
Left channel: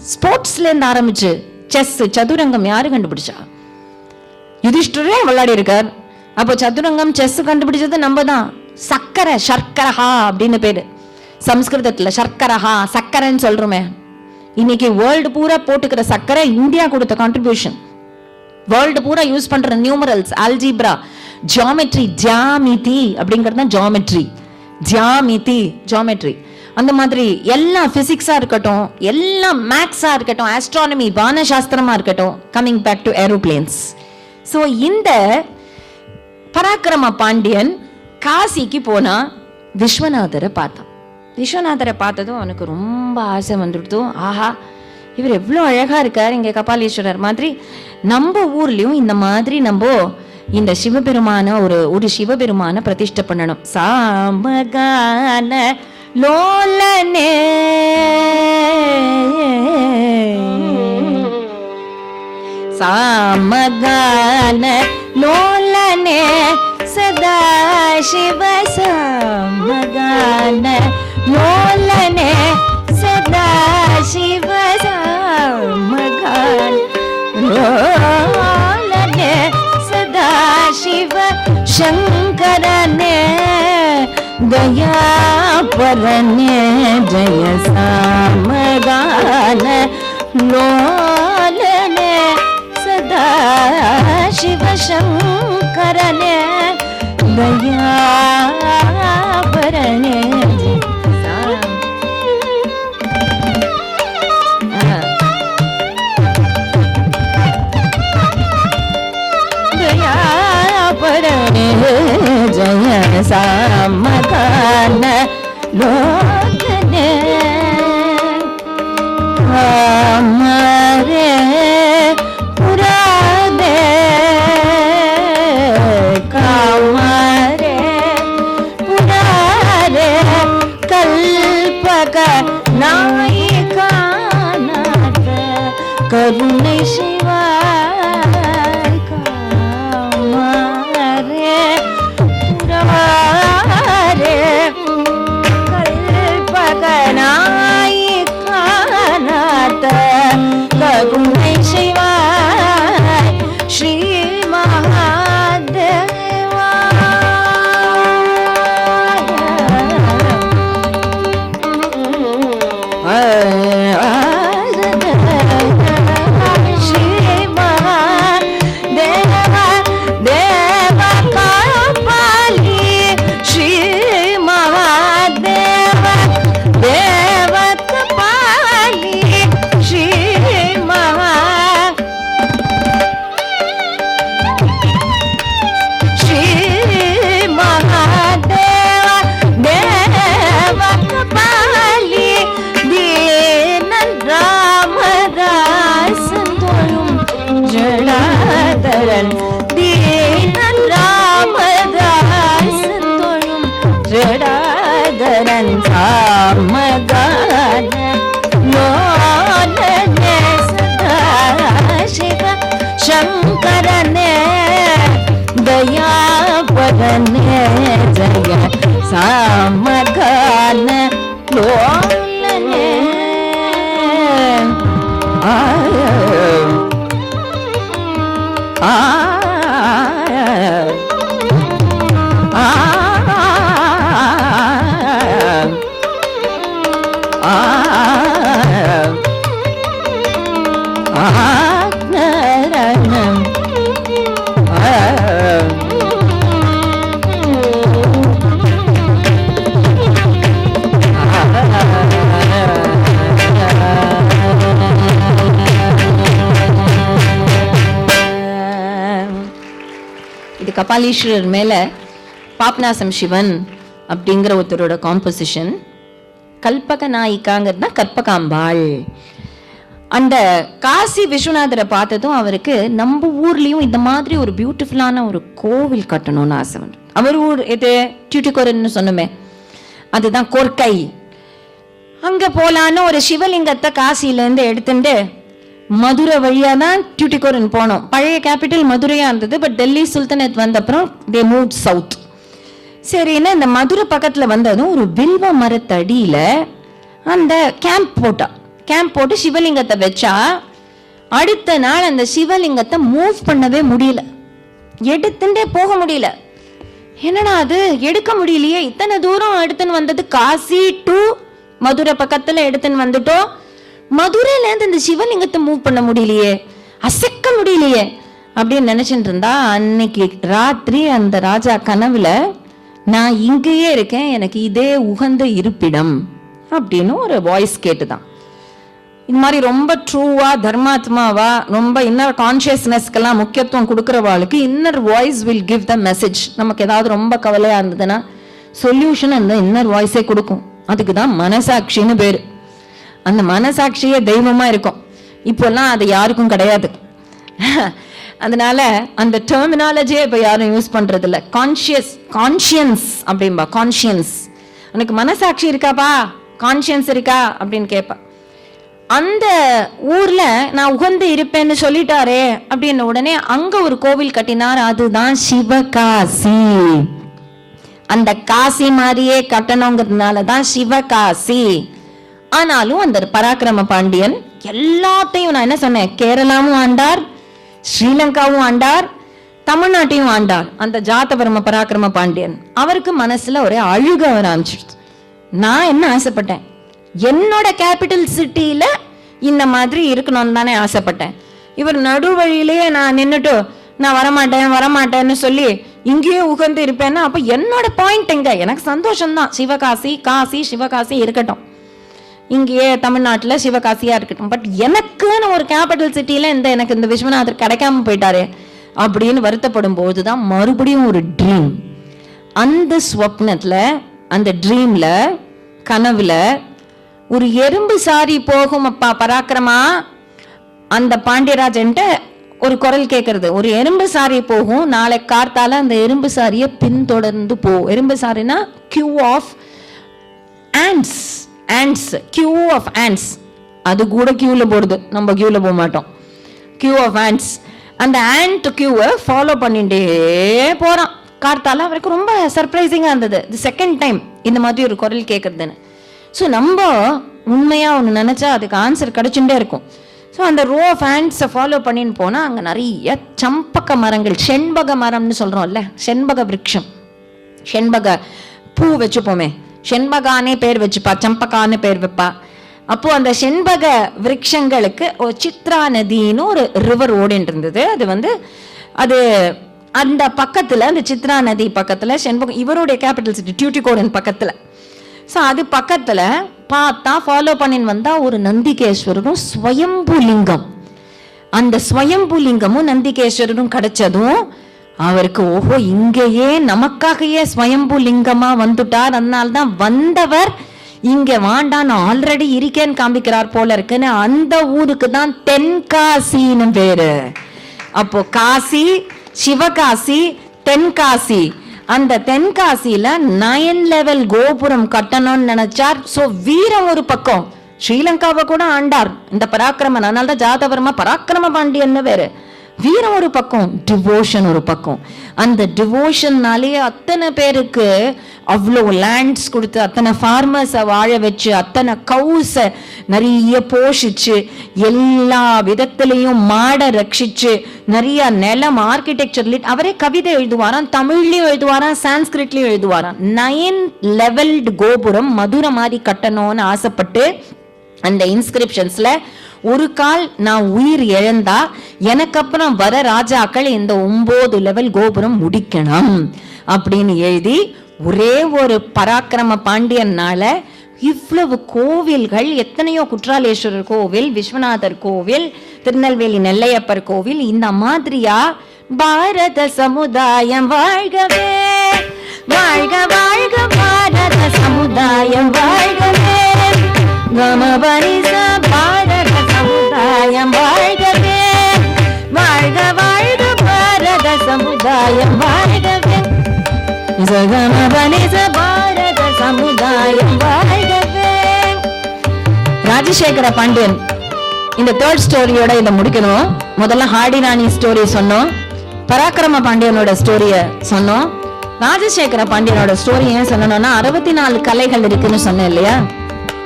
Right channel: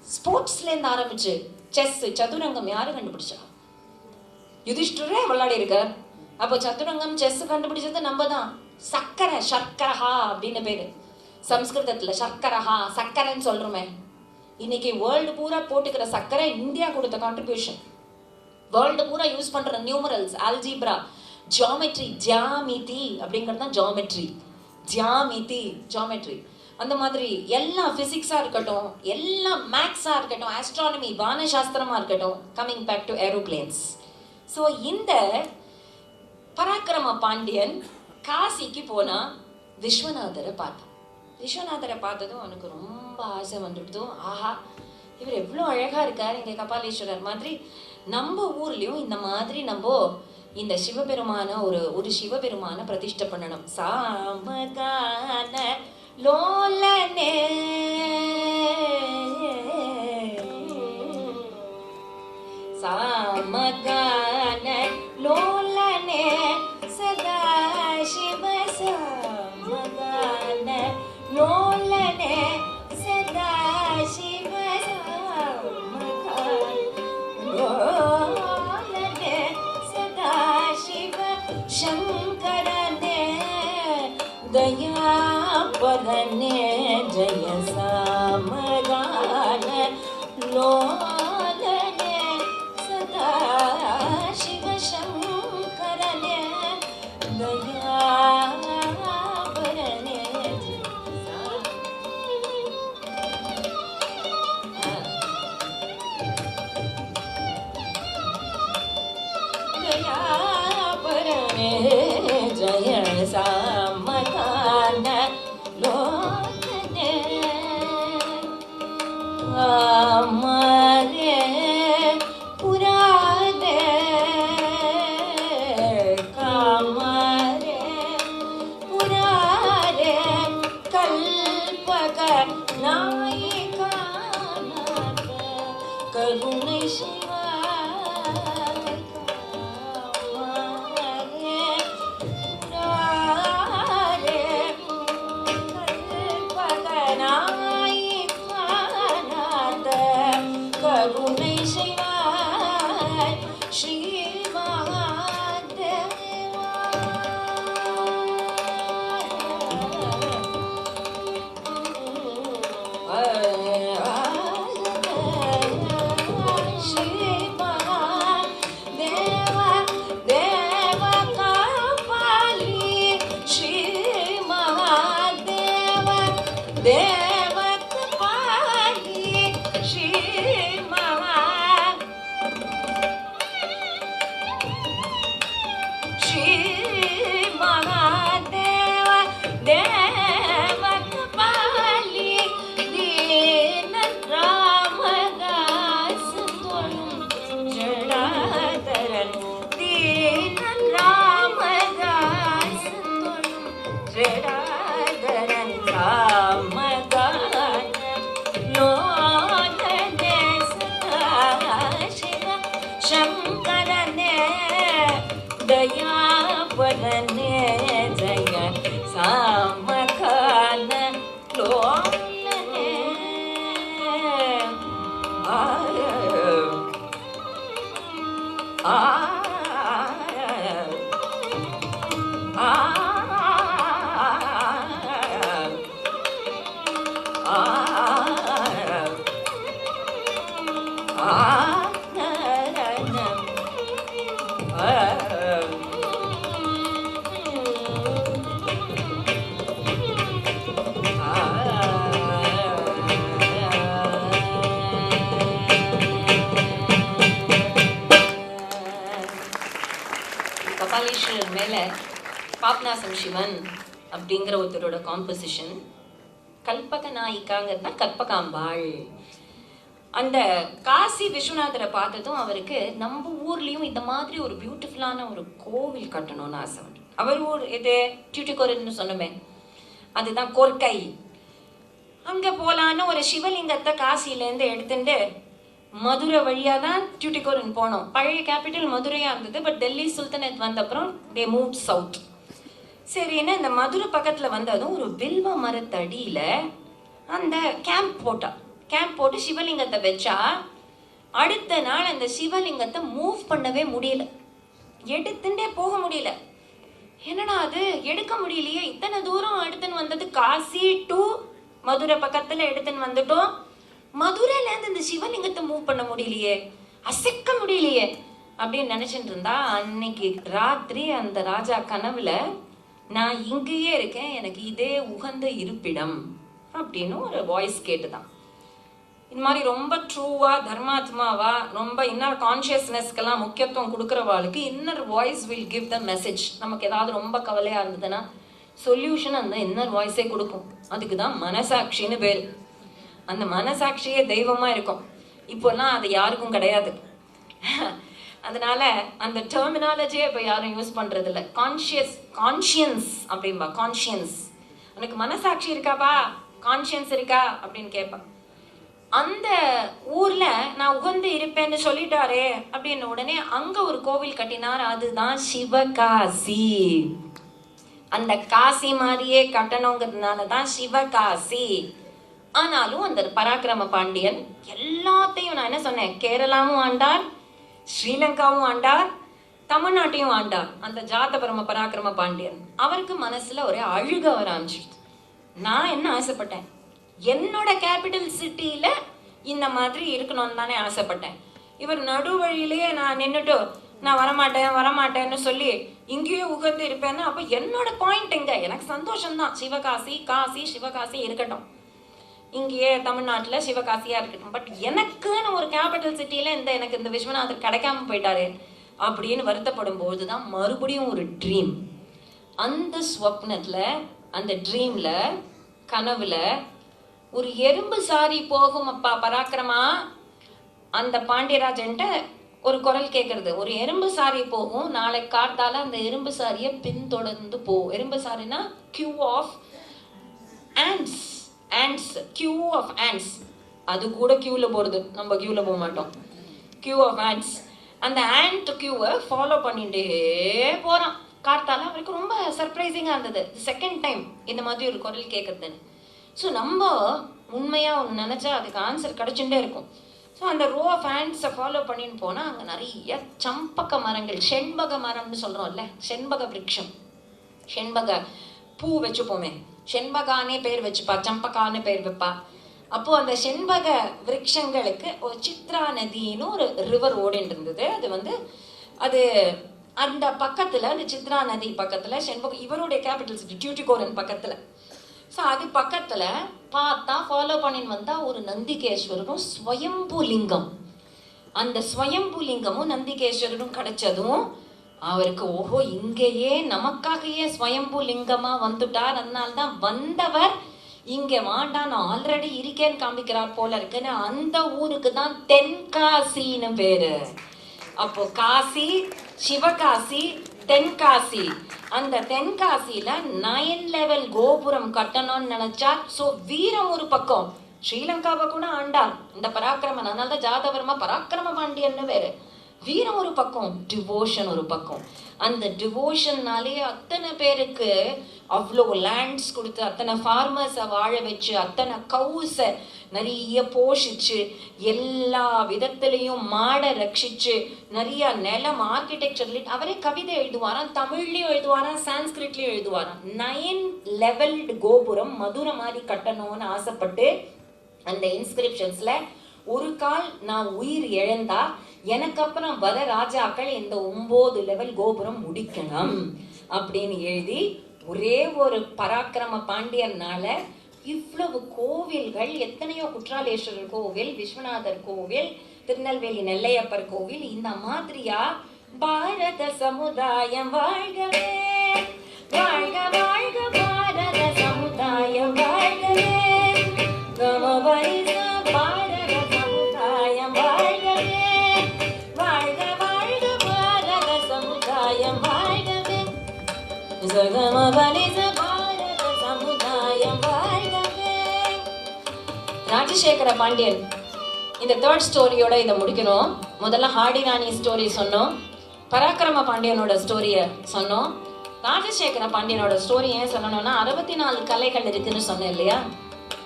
ஸ்போர்ட்ஸ்ல இருந்து ஆரம்பிச்சு செஸ், சதுரங்கம் யாரு கண்டுபிடிச்சா? யுதிஷ்டரே விளையாடி இருக்கார். அப்போ சதுரங்கம் செஸ் கண்டுபிடிச்சது நம்ம தான். சக்கரை, சர்க்கரஹா அப்படின்னு பேரு சம்ஸ்கிருதத்துல. சர்க்கரஹா, சக்கரைன்னு சொல்றோமே. இன்னைக்கு வேர்ல்டு பூரா போட்டுக்கிற சக்கரை இந்தியா கொடுத்த கான்ட்ரிபியூஷன். வேர்ல்டு பூரா யூஸ் பண்ற நியூமரல்ஸ், ஆல்ஜிப்ரா, ஜியாமெட்ரி, ஜியாமிதி அப்படிங்கிறது தான் ஜியாமெட்ரி. ஜியாமிதி, ஜியாமெட்ரி. அந்த மாதிரி எல்லாம் பிசிக்ஸா இருக்கட்டும், எல்லாம் மேக்ஸா இருக்கட்டும், ஆஸ்ட்ரானமி, வானசாஸ்திரமா இருக்கட்டும். Coming back to aeroplanes. So இந்த பராக்கிரம பாண்டியன் காசிக்கு போனா விஸ்வநாதரை பார்த்தான். விஸ்வநாதரை பார்த்ததும் அவனுக்கு ரொம்ப ஆசை வந்துடுத்தோம். ஆஹா, இவர் எவ்வளோ அழகா இருக்கார், இங்க கபாலீஸ்வரர் மாதிரி. நம்ம ஊர்லயும் இந்த மாதிரி நம்ம இந்த சிவபெருமான ஒரு சிவபெருமான பிரதிஷ்டை பண்ணணும். சாமகான லோலனே சாமகான லோலனே சதா சிவ சாமகான லோலனே சதா சிவ சாமகான லோலனே சதா சிவ சங்கரனே दया परने जय सामगान लोलने सदा शिव शंकरने दया परने दया परने जय सामगान लोलने हमारे पुराने कामारे पुरारे कल्पक नायिका नाट करुणे शिवा कामारे पुरारे कल्पक नायिका नाट करुणे शिवा श्री महादेवा श्री महादेवा देव कापाली श्री महादेव देव कपाली श्री महा श्री महादेव देव कपाली दीन रामदास तोरुम जड़ाधरन दीन रामदास तोरुम जड़ाधरन सामगान लोलने सदा शिव शंकरने दया परने जय सामगान लोलने இது கபாலீஸ்வரர் மேல பாப்நாசம் சிவன் அப்படிங்கிற ஒருத்தரோட காம்போசிஷன். கல்பக நாயிக்காங்கிறது கற்பகாம்பாள். அந்த காசி விஸ்வநாதரை பார்த்ததும் அவருக்கு நம்ம ஊர்லயும் இந்த மாதிரி ஒரு பியூட்டிஃபுல்லான ஒரு கோவில் கட்டணும்னு ஆசை வந்து. அவர் ஊர் இது டியூட்டிகோரன்னு சொன்னோமே, அதுதான் கொர்க்கை. அங்க போலான்னு ஒரு சிவலிங்கத்தை காசில இருந்து எடுத்துட்டு மதுரை வழியா தான் டியூட்டிகோரன் போனோம். பழைய கேபிட்டல் மதுரையா இருந்தது. பட் டெல்லி சுல்தானேட் வந்த அப்புறம் தே மூவ் சவுத். சரின்னா இந்த மதுரை பக்கத்துல வந்ததும் ஒரு வில்வ மரத்தடியில அந்த கேம்ப் போட்டா. கேம்ப் போட்டு சிவலிங்கத்தை வச்சா அடுத்த நாள் அந்த சிவலிங்கத்தை மூவ் பண்ணவே முடியல, எடுத்துட்டே போக முடியல. என்னடா அது, எடுக்க முடியலையே, இத்தனை தூரம் எடுத்துன்னு வந்தது, காசி டு மதுரை பக்கத்துல எடுத்துன்னு வந்துட்டோம், மதுரையில இருந்து இந்த சிவலிங்கத்தை மூவ் பண்ண முடியலையே, அசைக்க முடியலையே அப்படின்னு நினைச்சிட்டு இருந்தா, அன்னைக்கு ராத்திரி அந்த ராஜா கனவுல நான் இங்கேயே இருக்கேன், எனக்கு இதே உகந்த இருப்பிடம் அப்படின்னு ஒரு வாய்ஸ் கேட்டுதான். இது மாதிரி ரொம்ப ட்ரூவா தர்மாத்மாவா ரொம்ப இன்னர் கான்சியஸ்னஸ்க்கெல்லாம் முக்கியத்துவம் கொடுக்குறவாளுக்கு inner voice will give the message. நமக்கு ஏதாவது ரொம்ப கவலையா இருந்ததுன்னா சொல்யூஷன் அந்த இன்னர் வாய்ஸே கொடுக்கும். அதுக்கு தான் மனசாட்சின்னு பேரு. அந்த மனசாட்சியே தெய்வமா இருக்கும். இப்போல்லாம் அது யாருக்கும் கிடையாது. அதனால அந்த டெர்மினாலஜியே இப்ப யாரும் யூஸ் பண்றது இல்ல. கான்ஷியன்ஸ் அப்படின்பா. கான்ஷியன்ஸ், உனக்கு மனசாட்சி இருக்காப்பா, கான்ஷியன்ஸ் இருக்கா அப்படின்னு கேட்பா. அந்த ஊர்ல நான் உகந்து இருப்பேன்னு சொல்லிட்டாரே அப்படின்னு உடனே அங்க ஒரு கோவில் கட்டினார். அதுதான் சிவகாசி. அந்த காசி மாதிரியே கட்டணுங்கிறதுனாலதான் சிவகாசி. ஆனாலும் அந்த பராக்கிரம பாண்டியன் எல்லாத்தையும், நான் என்ன சொன்னேன், கேரளாவும் ஆண்டார், ஸ்ரீலங்காவும் ஆண்டார், தமிழ்நாட்டையும் ஆண்டார். அந்த ஜாத்தவர்ம பராக்கிரம பாண்டியன் அவருக்கு மனசுல ஒரே அழுக வர ஆரம்பிச்சிடுச்சு. நான் என்ன ஆசைப்பட்டேன், என்னோட கேபிட்டல் சிட்டியில இந்த மாதிரி இருக்கணும்னு தானே ஆசைப்பட்டேன். இவர் நடுவழியிலேயே நான் நின்னுட்டு நான் வரமாட்டேன்னு சொல்லி இங்கேயே உகந்து இருப்பேன்னா அப்ப என்னோட பாயிண்ட் எங்க? எனக்கு சந்தோஷம்தான், சிவகாசி, காசி சிவகாசி இருக்கட்டும், இங்கேயே தமிழ்நாட்டுல சிவகாசியா இருக்கட்டும். பட் எனக்குன்னு ஒரு கேபிட்டல் சிட்டியில எனக்கு இந்த விஸ்வநாதர் கிடைக்காம போயிட்டாரு அப்படின்னு வருத்தப்படும் போதுதான் மறுபடியும் ஒரு ட்ரீம். அந்த ஸ்வப்னத்துல, அந்த ட்ரீம்ல, கனவுல ஒரு எறும்பு சாரி போகும் அப்பா பராக்கிரமா. அந்த பாண்டியராஜன்ட்ட ஒரு குரல் கேட்கறது, ஒரு எறும்பு சாரி போகும், நாளை கார்த்தால அந்த எறும்பு சாரியை பின்தொடர்ந்து போ. எறும்பு சாரினா Q of ants, ants, Q of ants. அது கூட கியூல போடுது, நம்ம கியூல போக மாட்டோம். Q of ants. அந்த ஆண்ட் கியூவை ஃபாலோ பண்ணிட்டே போறான். கார்த்தால அவருக்கு ரொம்ப சர்ப்ரைசிங்கா இருந்தது, இது செகண்ட் டைம் இந்த மாதிரி ஒரு குரல் கேட்கறதுன்னு. ஸோ நம்ம உண்மையா ஒன்று நினைச்சா அதுக்கு ஆன்சர் கிடைச்சுட்டே இருக்கும். ஸோ அந்த ரோ ஆஃப் ஹேண்ட்ஸை ஃபாலோ பண்ணின்னு போனால் அங்கே நிறைய சம்பக மரங்கள், செண்பக மரம்னு சொல்கிறோம்ல, செண்பக விருட்சம், செண்பக பூ வச்சுப்போமே, செண்பகானே பேர் வச்சுப்பா, சம்பகான்னு பேர் வைப்பா. அப்போ அந்த செண்பக விருட்சங்களுக்கு ஒரு சித்ரா நதின்னு ஒரு ரிவர் ஓடின்னு இருந்தது. அது அந்த பக்கத்துல, அந்த சித்ரா நதி பக்கத்துல செண்பகம், இவருடைய கேபிட்டல் சிட்டி டியூட்டிகோடன் பக்கத்துல. ஸோ அது பக்கத்துல பார்த்தா ஃபாலோ பண்ணின்னு வந்தா ஒரு நந்திகேஸ்வரரும் ஸ்வயம்புலிங்கம். அந்த ஸ்வயம்புலிங்கமும் நந்திகேஸ்வரரும் கிடைச்சதும் அவருக்கு ஓஹோ, இங்கேயே நமக்காகவே ஸ்வயம்புலிங்கமா வந்துட்டார், அதனால்தான் வந்தவர் இங்க வாண்டான் ஆல்ரெடி இருக்கேன்னு காமிக்கிறார் போல இருக்குன்னு அந்த ஊருக்கு தான் தென்காசின்னு பேரு. அப்போ காசி, சிவகாசி, தென்காசி. அந்த தென்காசியில 9 லெவல் கோபுரம் கட்டணும்னு நினைச்சார். சோ வீரம் ஒரு பக்கம், ஸ்ரீலங்காவை கூட ஆண்டார் இந்த பராக்கிரமன், அதனால்தான் ஜாதவர்மா பராக்கிரம பாண்டியன்னு வேறு. வீரம் ஒரு பக்கம், டிவோஷன் ஒரு பக்கம். அந்த டிவோஷன்னாலேயே அத்தனை பேருக்கு அவ்வளோ லேண்ட்ஸ் கொடுத்து, அத்தனை ஃபார்மர்ஸை வாழ வச்சு, அத்தனை கவுஸை நிறைய போஷிச்சு, எல்லா விதத்திலையும் மாட ரட்சிச்சு, நிறைய நிலம், ஆர்கிடெக்சர், அவரே கவிதை எழுதுவாராம், தமிழ்லயும் எழுதுவாராம், சான்ஸ்கிரிட்லயும் எழுதுவாராம். 9 லெவல்டு கோபுரம் மதுரை மாதிரி கட்டணும்னு ஆசைப்பட்டு அந்த இன்ஸ்கிரிப்ஷன்ஸ்ல ஒரு கால் நான் உயிர் இழந்தா எனக்கு அப்புறம் வர ராஜாக்கள் இந்த 9 லெவல் கோபுரம் முடிக்கணும் அப்படின்னு எழுதி, ஒரே ஒரு பராக்கிரம பாண்டியனால இவ்வளவு கோவில்கள், எத்தனையோ குற்றாலேஸ்வரர் கோவில், விஸ்வநாதர் கோவில், திருநெல்வேலி நெல்லையப்பர் கோவில், இந்த மாதிரியா பாரத சமுதாயம் வாழ்கவே, வாழ்க வாழ்க பாரத சமுதாயம் வாழ்கவே, பாரத சமுதாயம் வாழ்கவே, வாழ்க வாழ்க பாரத சமுதாயம் வாழ்கவே, பாரத சமுதாயம் வாழ்கவே. ராஜசேகர பாண்டியன் இந்த தேர்ட் ஸ்டோரியோட இதை முடிக்கணும். முதல்ல ஹார்டி ராணி ஸ்டோரி சொன்னோம், பராக்கிரம பாண்டியனோட ஸ்டோரிய சொன்னோம். ராஜசேகர பாண்டியனோட ஸ்டோரி ஏன் சொல்லணும்னா 64 கலைகள் இருக்குன்னு சொன்னேன் இல்லையா?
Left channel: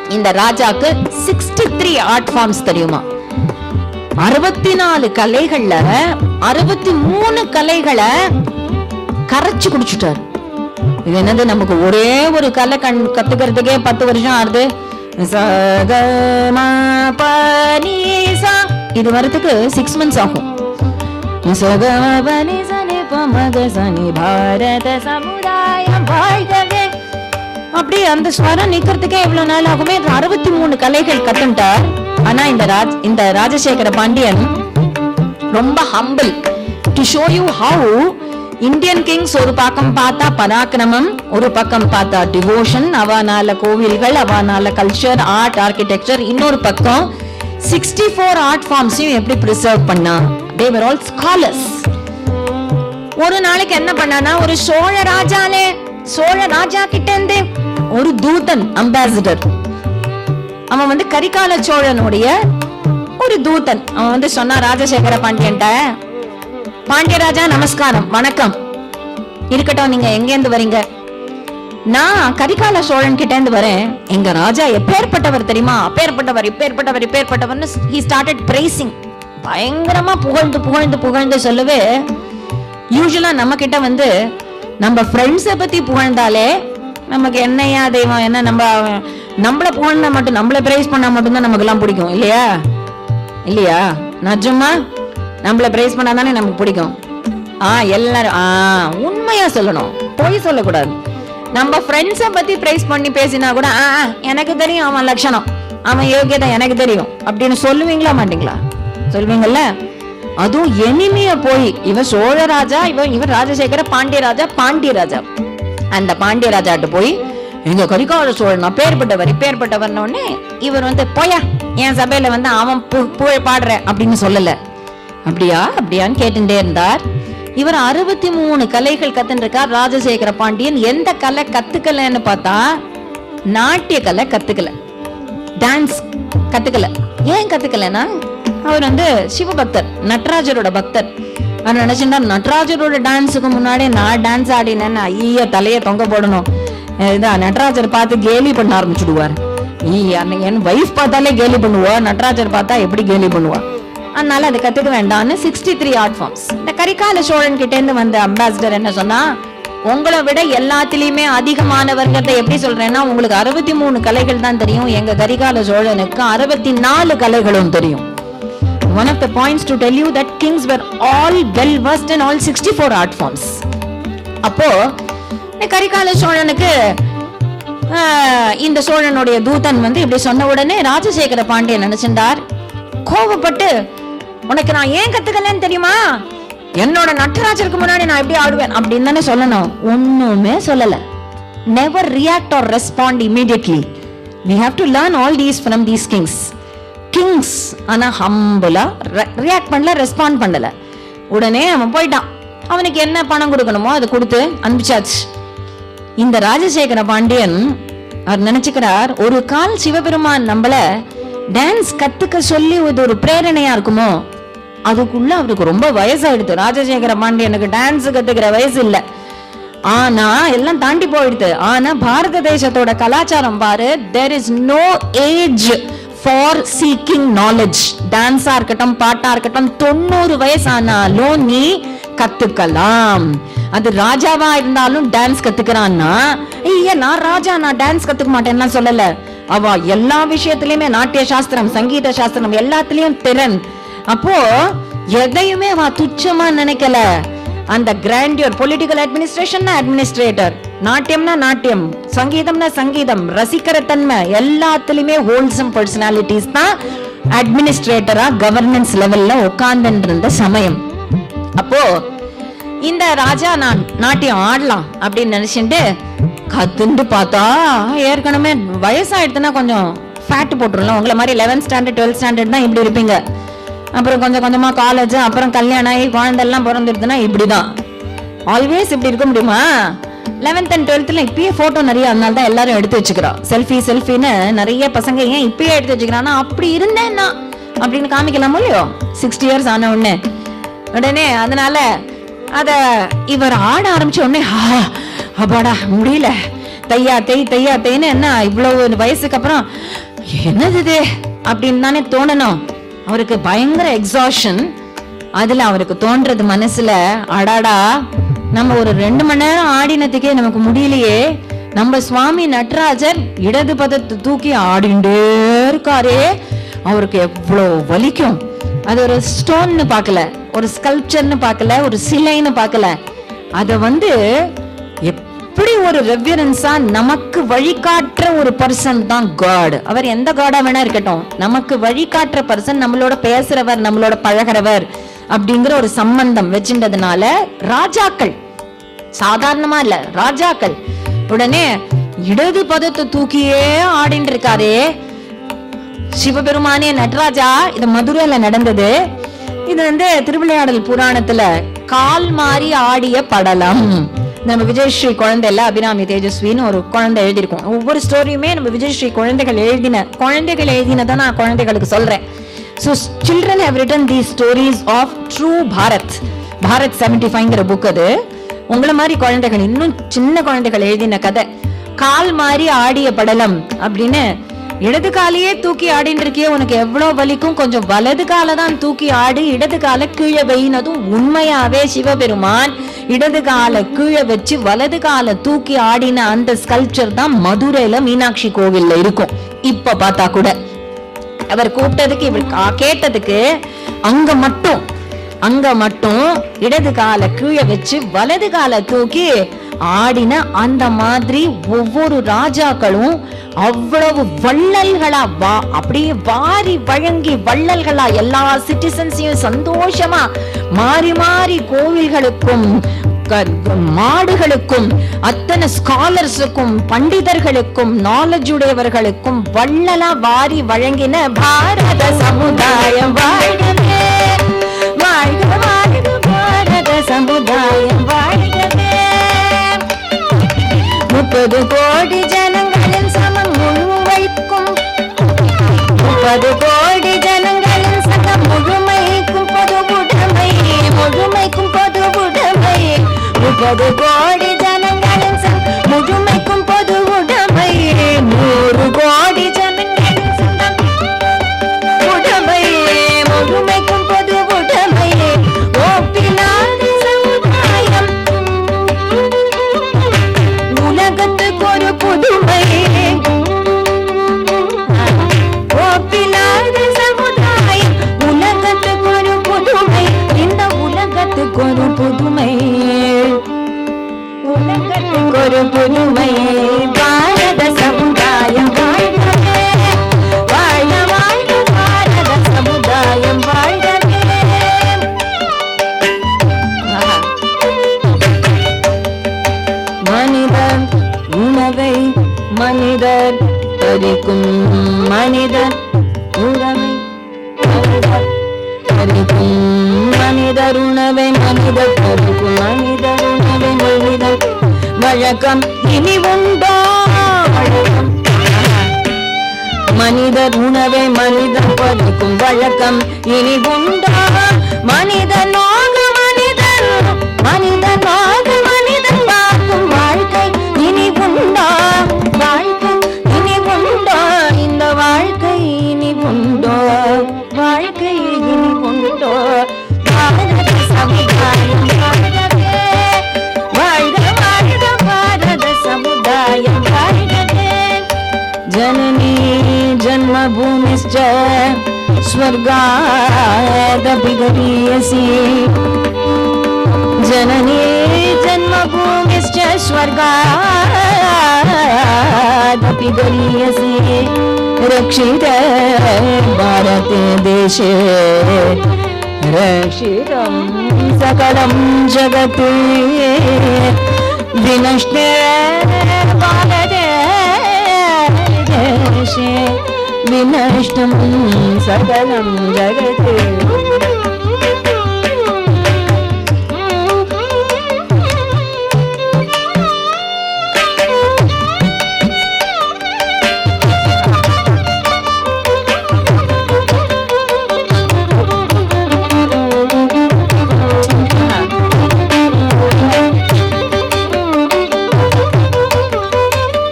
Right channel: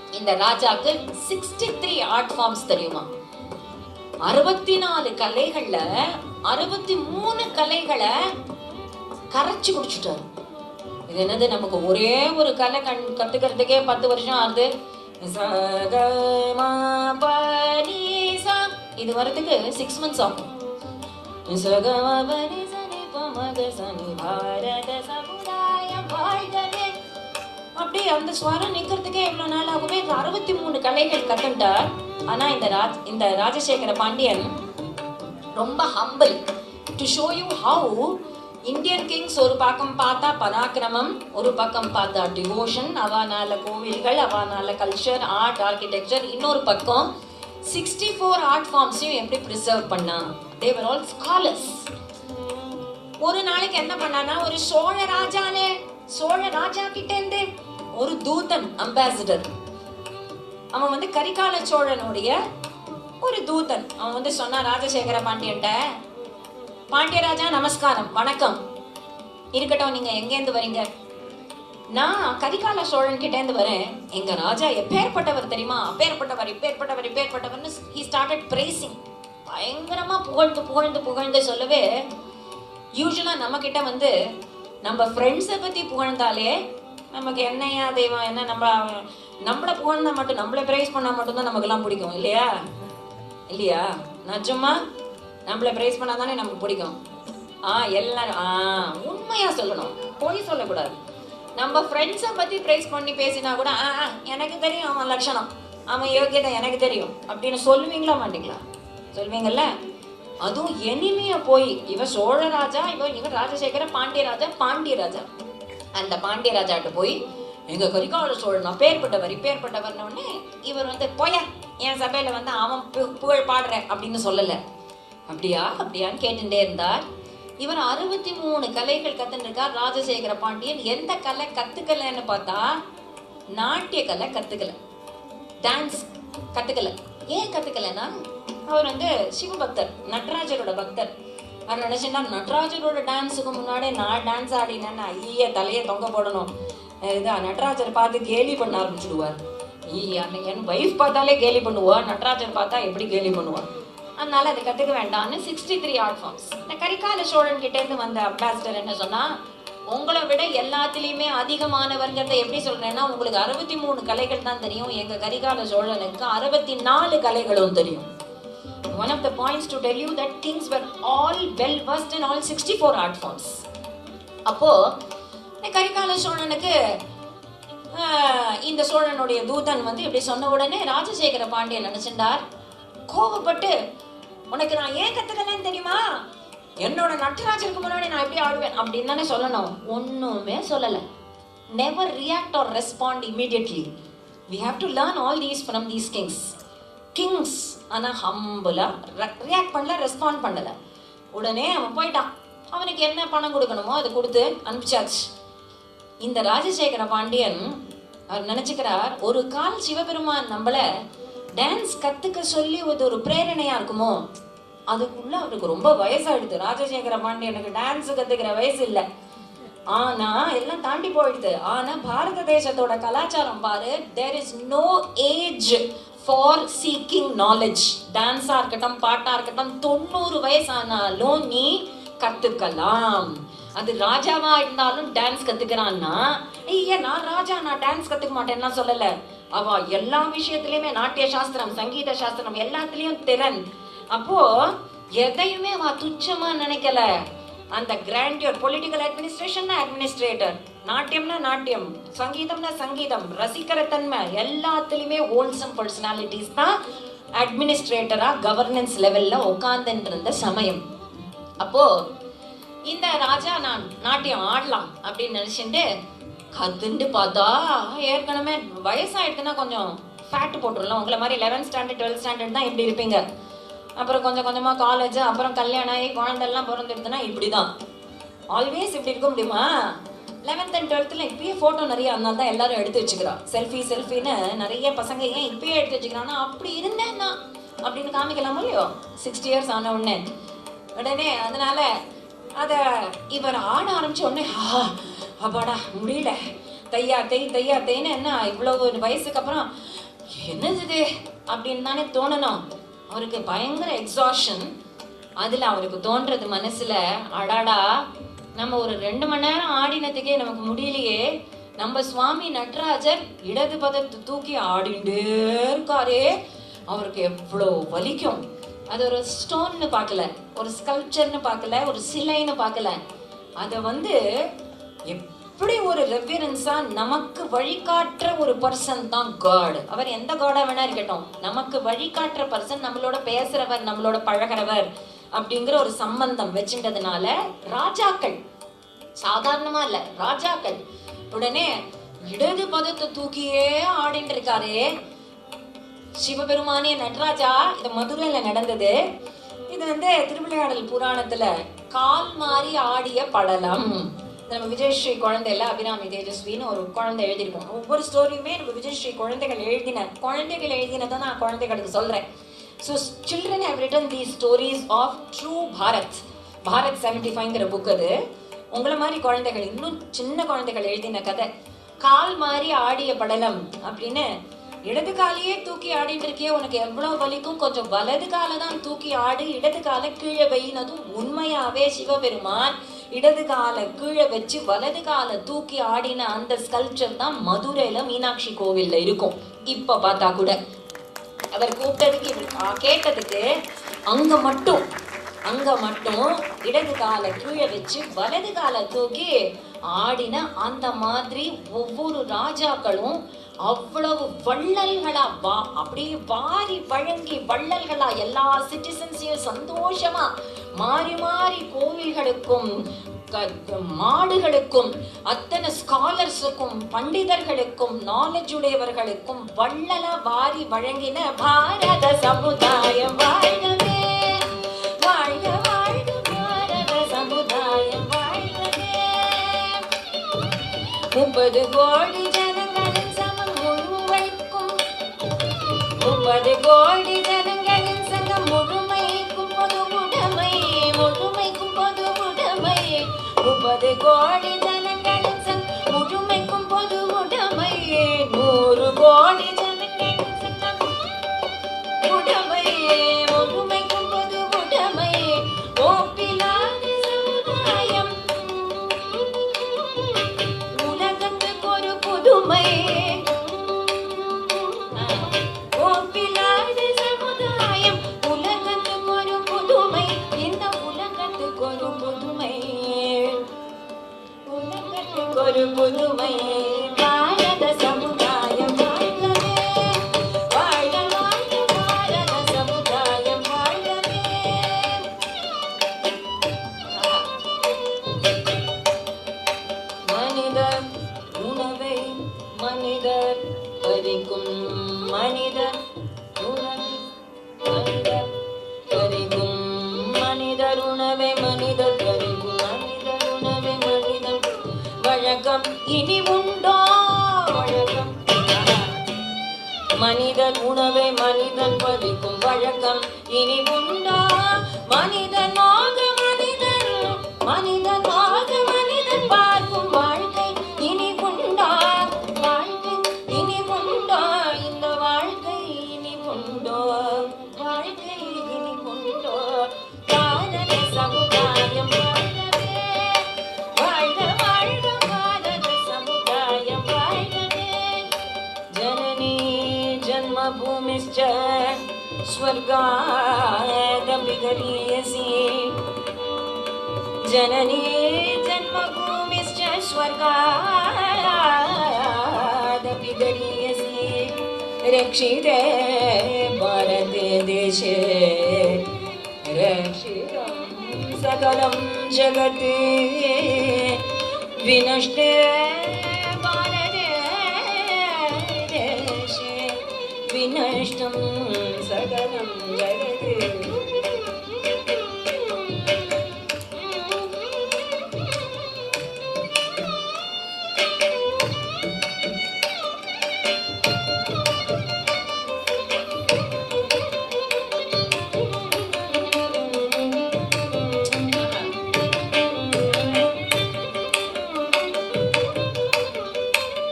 இந்த ராஜாக்கு 63 ஆர்ட் ஃபார்ம்ஸ் தெரியுமா? 64 கலைகள்ல 63 கலைகளை கரைச்சு குடிச்சுட்டாரு. இது என்னது, நமக்கு ஒரே ஒரு கலை கத்துக்கிறதுக்கே 10 வருஷம் ஆறுது. இது வரதுக்கு 6 months ஆகும். அப்படி அந்த ஸ்வரம் நிக்கிறதுக்கே எவ்வளவு நாள் ஆகுமே. 63 கலைகள் கத்துட்டார். ஆனா இந்த ராஜசேகர பாண்டியன் ரொம்ப humble. To show you how Indian Kings ஒரு பக்கம் பார்த்தா பராக்கிரமம், ஒரு பக்கம் பார்த்தா டிவோஷன், அவனால கோவில்கள், அவனால கல்ச்சர், ஆர்ட், ஆர்கிடெக்சர், இன்னொரு பக்கம் 64 ஆர்ட் ஃபார்ம்ஸையும் எப்படி பிரிசர்வ் பண்ணா. they were all scholars. ஒரு நாளைக்கு என்ன பண்ணானா, ஒரு சோழ ராஜா கிட்ட இருந்து ஒரு தூதன், அம்பாசிடர், அவன் வந்து கரிகால சோழனுடைய ஒரு தூதன், அவன் வந்து சொன்னா ராஜசேகர பாண்டியன்ட்ட, பாண்டியராஜா நமஸ்காரம், வணக்கம், இருக்கட்டும், நீங்க எங்க இருந்து வரீங்க? நான் கரிகால சோழன் கிட்ட இருந்து வரேன். எங்க ராஜா எப்பேற்பட்டவர் தெரியுமா? அப்பேற்பட்டவர்னு he started praising. பயங்கரமா புகழ்ந்து சொல்லவே, யூசுவலா நம்ம கிட்ட வந்து நம்ம ஃப்ரெண்ட்ஸை பத்தி புகழ்ந்தாலே நமக்கு என்னையா தெய்வம், என்ன நம்மள புகழ்னா மட்டும், நம்மள பிரைஸ் பண்ணா மட்டும்தான் நமக்கு எல்லாம் பிடிக்கும், இல்லையா? நிஜமா நம்மள பிரைஸ் பண்ணாதானே நமக்கு பிடிக்கும். எல்லாரும் உண்மையா சொல்லணும், பொய் சொல்லக்கூடாது. நம்ம ஃப்ரெண்ட்ஸை பத்தி பிரைஸ் பண்ணி பேசினா கூட எனக்கு தெரியும் அவன் லட்சணம், அவன் யோகியதை எனக்கு தெரியும் அப்படின்னு சொல்லுவீங்களா மாட்டீங்களா? சொல்லுவீங்கல்ல. அதுவும் எனிமைய போய் இவன் சோழராஜா, இவன் ராஜசேகர பாண்டியராஜா, அந்த பாண்டியராஜாட்ட போய் எங்க கரிகால சோழன் இப்பேற்பட்டவர் உடனே இவர் வந்து போயா என் சபையில வந்து அவன் புகழ் பாடுற அப்படின்னு சொல்லல. அப்படியான்னு கேட்டுட்டே இருந்தார். இவர் 63 கலைகள் கத்துருக்கார் ராஜசேகர பாண்டியன். எந்த கலை கத்துக்கலன்னு பார்த்தா நாட்டிய கலை கத்துக்கல, டான்ஸ் கத்துக்கல. ஏன் கத்துக்கலன்னா, அவர் வந்து சிவபக்தர், நடராஜரோட பக்தர். அவர் நினைச்சுட்டா நடராஜரோட டான்ஸுக்கு முன்னாடி நான் டான்ஸ் ஆடினேன்னு ஐய தலைய தொங்க போடணும். நடராஜர் பார்த்து கேலி பண்ண ஆரம்பிச்சுடுவார். என் வைஃப் பார்த்தாலே கேலி பண்ணுவா, நடராஜர் பார்த்தா எப்படி கேலி பண்ணுவா. அதனால அது கத்துக்க வேண்டாம்னு 63 ஆர்ட் ஃபார்ம்ஸ். இந்த கரிகால சோழன் கிட்ட இருந்து வந்த அம்பாசிடர் என்ன சொன்னா, உங்களை விட எல்லாத்திலயுமே அதிகமான வர்க்கத்தை எப்படி சொல்றேன்னா, உங்களுக்கு 63 கலைகள் தான் தெரியும், எங்க கரிகால சோழனுக்கு 64 கலைகளும் தெரியும். One of the points to tell you that kings were all well versed in all 64 art forms. அப்போ கரிகால சோழனுக்கு இந்த சோழனுடைய தூதன் வந்து இப்படி சொன்ன உடனே ராஜசேகர பாண்டியன் நினைச்சிருந்தார், கோபப்பட்டு, உனக்கு நான் ஏன் கத்துக்கலன்னு தெரியுமா? என்னோட நடராஜருக்கு முன்னாடி நான் எப்படி ஆடுவேன் அப்படின்னு தானே சொல்லணும். ஒண்ணுமே சொல்லல. Never react or respond immediately. We have to learn all these from these kings. Kings ஆனா ஹம்பிளா ரியாக்ட் பண்ணல, ரெஸ்பாண்ட் பண்ணல. உடனே அவன் போயிட்டான். அவனுக்கு என்ன பணம் கொடுக்கணுமோ அதை கொடுத்து அனுப்பிச்சாச்சு. இந்த ராஜசேகர பாண்டியன் அவர் நினைச்சுக்கிறார், ஒரு கால் சிவபெருமான் நம்மள டான்ஸ் கத்துக்க சொல்லி ஒரு பிரேரணையா இருக்குமோ, அதுக்குள்ள அவருக்கு ரொம்ப வயசாயிடுது. ராஜசேகர பாண்டியனுக்கு டான்ஸ் கத்துக்கிற வயசு இல்ல, ஆனா எல்லாம் தாண்டி போயிடுது. ஆனா பாரத தேசத்தோட கலாச்சாரம் பாரு, there is no age for seeking knowledge. டான்ஸா இருக்கட்டும், பாட்டா இருக்கட்டும், 90 வயசானாலும் நீ கத்துக்கலாம். அது ராஜாவா இருந்தாலும் டான்ஸ் கத்துக்கிறான்னா, ஐயா நான் ராஜா, நான் டான்ஸ் கத்துக்க மாட்டேன்னா சொல்லல. அவ எல்லா விஷயத்திலயுமே நாட்டிய சாஸ்திரம், சங்கீத சாஸ்திரம் எல்லாத்திலயும் திறன். அப்போ எதையுமே அவ துச்சமா நினைக்கல. அந்த கிராண்டியர், பொலிட்டிக்கல் அட்மினிஸ்ட்ரேஷன்னா அட்மினிஸ்ட்ரேட்டர், நாட்டியம்னா நாட்டியம், சங்கீதம்னா சங்கீதம், ரசிக்கிற தன்மை எல்லாத்திலுமே ஹோல்சம் பர்சனாலிட்டிஸ் தான் அட்மினிஸ்ட்ரேட்டரா கவர்னன்ஸ் லெவல்ல உட்கார்ந்து இருந்த சமயம். அப்போ இந்த ராஜா நான் நாட்டியம் ஆடலாம் அப்படின்னு நினைச்சுட்டு கத்துண்டு பார்த்தா, ஏற்கனவே வயசாயிடுதுன்னா கொஞ்சம் ஃபேட் போட்டுருலாம். உங்களை மாதிரி 11th standard 12th standard தான் இப்படி இருப்பீங்க. அப்புறம் கொஞ்சம் கொஞ்சமா காலேஜ், அப்புறம் கல்யாணம் ஆகி குழந்தை எல்லாம் பிறந்துடுதுன்னா இப்படிதான். ஆல்வேஸ் இப்படி இருக்க முடியுமா? 11th and 12th இப்பயே போட்டோ நிறைய, அதனால தான் எல்லாரும் எடுத்து வச்சுக்கிறோம். செல்ஃபின்னு நிறைய பசங்க ஏன் இப்பயே எடுத்து வச்சுக்கிறான்னா, அப்படி இருந்தேன்னா அப்படின்னு காமிக்கலாமோ இல்லையோ 60 years ஆன உடனே. அதனால அத இவர் ஆட ஆரம்பிச்ச உடனே, அப்பாடா முடியல, தையா தேய்ன்னு என்ன இவ்வளவு வயசுக்கு அப்புறம் என்னது இது அப்படின்னு தானே தோணணும். அவருக்கு பயங்கர எக்ஸாஷன். அதுல அவருக்கு தோன்றது மனசுல, அடாடா நம்ம ஒரு 2 மணி நேரம் ஆடினதுக்கே நமக்கு முடியலையே, நம்ம சுவாமி நடராஜர் இடது பதத்தை தூக்கி ஆடிண்டே இருக்காரே, அவருக்கு எவ்வளவு வலிக்கும். அது ஒரு ஸ்டோன்னு பார்க்கல, ஒரு ஸ்கல்ப்சர்னு பார்க்கல, ஒரு சிலைன்னு பார்க்கல. அத எப்படி ஒரு ரெவரன்ஸா நமக்கு வழிகாட்டுற ஒரு பர்சன் தான் காட். அவர் எந்த காடா வேணா இருக்கட்டும், நமக்கு வழிகாட்டுற பர்சன், நம்மளோட பேசுறவர், நம்மளோட பழகிறவர் அப்படிங்கிற ஒரு சம்பந்தம் வச்சுட்டதுனால ராஜாக்கள், சாதாரணமா இல்ல ராஜாக்கள், உடனே இடது பதத்தை தூக்கியே ஆடிட்டு இருக்காரே சிவபெருமானே நடராஜா. இது மதுரையில நடந்தது. இது திருவிளையாடல் புராணத்துல கால் மாறி ஆடிய படலம். நம்ம விஜயஸ்ரீ குழந்தை இல்ல, அபிராமி தேஜஸ்வின்னு ஒரு குழந்தை எழுதியிருக்கோம். ஒவ்வொரு ஸ்டோரியுமே நம்ம விஜயஸ்ரீ குழந்தைகள் எழுதினதான் நான் குழந்தைகளுக்கு சொல்றேன். So children have written these stories of true Bharat. Bharat 75ங்கிற book அது. உங்களை மாதிரி குழந்தைகள், இன்னும் சின்ன குழந்தைகள் எழுதின கதை. கால் மாறி ஆடிய படலம் அப்படின்னு, இடது காலையே தூக்கி ஆடின்னு இருக்கியே, உனக்கு எவ்வளவு வலிக்கும், கொஞ்சம் வலது காலை தான் தூக்கி ஆடு, இடது காலை கீழே வைனதும் உண்மையாவே சிவபெருமான் இடது காலை கீழே வச்சு வலது காலை தூக்கி ஆடின அந்த ஸ்கல்ப்சர் தான் மதுரையில மீனாட்சி கோவில்ல இருக்கும். இப்ப பார்த்தா கூட அவர் கூப்பிட்டதுக்கு இவர் கேட்டதுக்கு அங்க மட்டும் இடது காலை கீழே வச்சு வலது காலை தூக்கி ஆடின அந்த மாதிரி ஒவ்வொரு ராஜாக்களும் அவ்வளவு வள்ளல்களா அப்படியே வாரி வழங்கி வள்ளல்களா எல்லா சிட்டிசன்ஸையும் சந்தோஷமா மாறி மாறி கோவில்களுக்கும் மாடுகளுக்கும் அத்தனை ஸ்காலர்ஸுக்கும் பண்டிதர்களுக்கும் நாலேஜ் உடையவர்களுக்கும் வள்ளலா வாரி வழங்கின பாரத சமுதாயம் வாழ்கவே, வாழ்க வாழ்க பாரத சமுதாயம் வாழ்கவே. 30 கோடி ஜனங்களின் சமம் முழுமைக்கும், 30 கோடி ஜனங்களின் சமம் முழுமைக்கும் பொது உடைமை, முழுமைக்கும் பொது உடைமை, 30 கோடி ஜனங்களின் சமம் முழுமைக்கும் பொது உடைமை, 100 கோடி ஜனங்களின் சமம் உடைமை, முழுமைக்கும் பொது உடைமை, ஒப்பிலாத சமுதாயம் உலகத்துக்கு ஒரு புதுமை, ஒப்பிலாத சமுதாயம் உலகத்துக்கு ஒரு புதுமை, இந்த உலகத்துக்கு ஒரு புதுமை, உலகத்துக்கு ஒரு புதுமை, பாரத சமுதாயம் வாழ்கவே, வாழ்க வாழ்க பாரத சமுதாயம் வாழ்கவே. மனிதன் உணவை மனிதர் பறிக்கும், மனிதர் உணவை பறிக்கும், மனிதர் உணவை மனிதர் பறிக்கும், மனிதர் உணவை மனிதர் வழக்கம் இனி உண்டோ வழக்கம், மனிதர் உணவை மனிதர் பறிக்கும் வழக்கம் இனி உண்டோ, மனிதனாக மனிதன், மனிதனாக மனிதன் பார்க்கும் வாழ்க்கை இனி உண்டோ, வாழ்க்கை இனி உண்டோ, இந்த வாழ்க்கை இனி உண்டோ, வாழ்க்கை இனி உண்டோ, பாரத சமுதாயம் வாழ்கவே, வாழ்க வாழ்க பாரத சமுதாயம் வாழ்கவே. ஜனனி ஜன்மபூமிश्च स्वर्गादपि गरीयसी, जननी जन्मभूमिश्च स्वर्गादपि गरीयसी, रक्षिते भारते देशे रक्षितं सकलं जगत्, विनष्टे भारते देशे विनष्टं सकलं जगत्.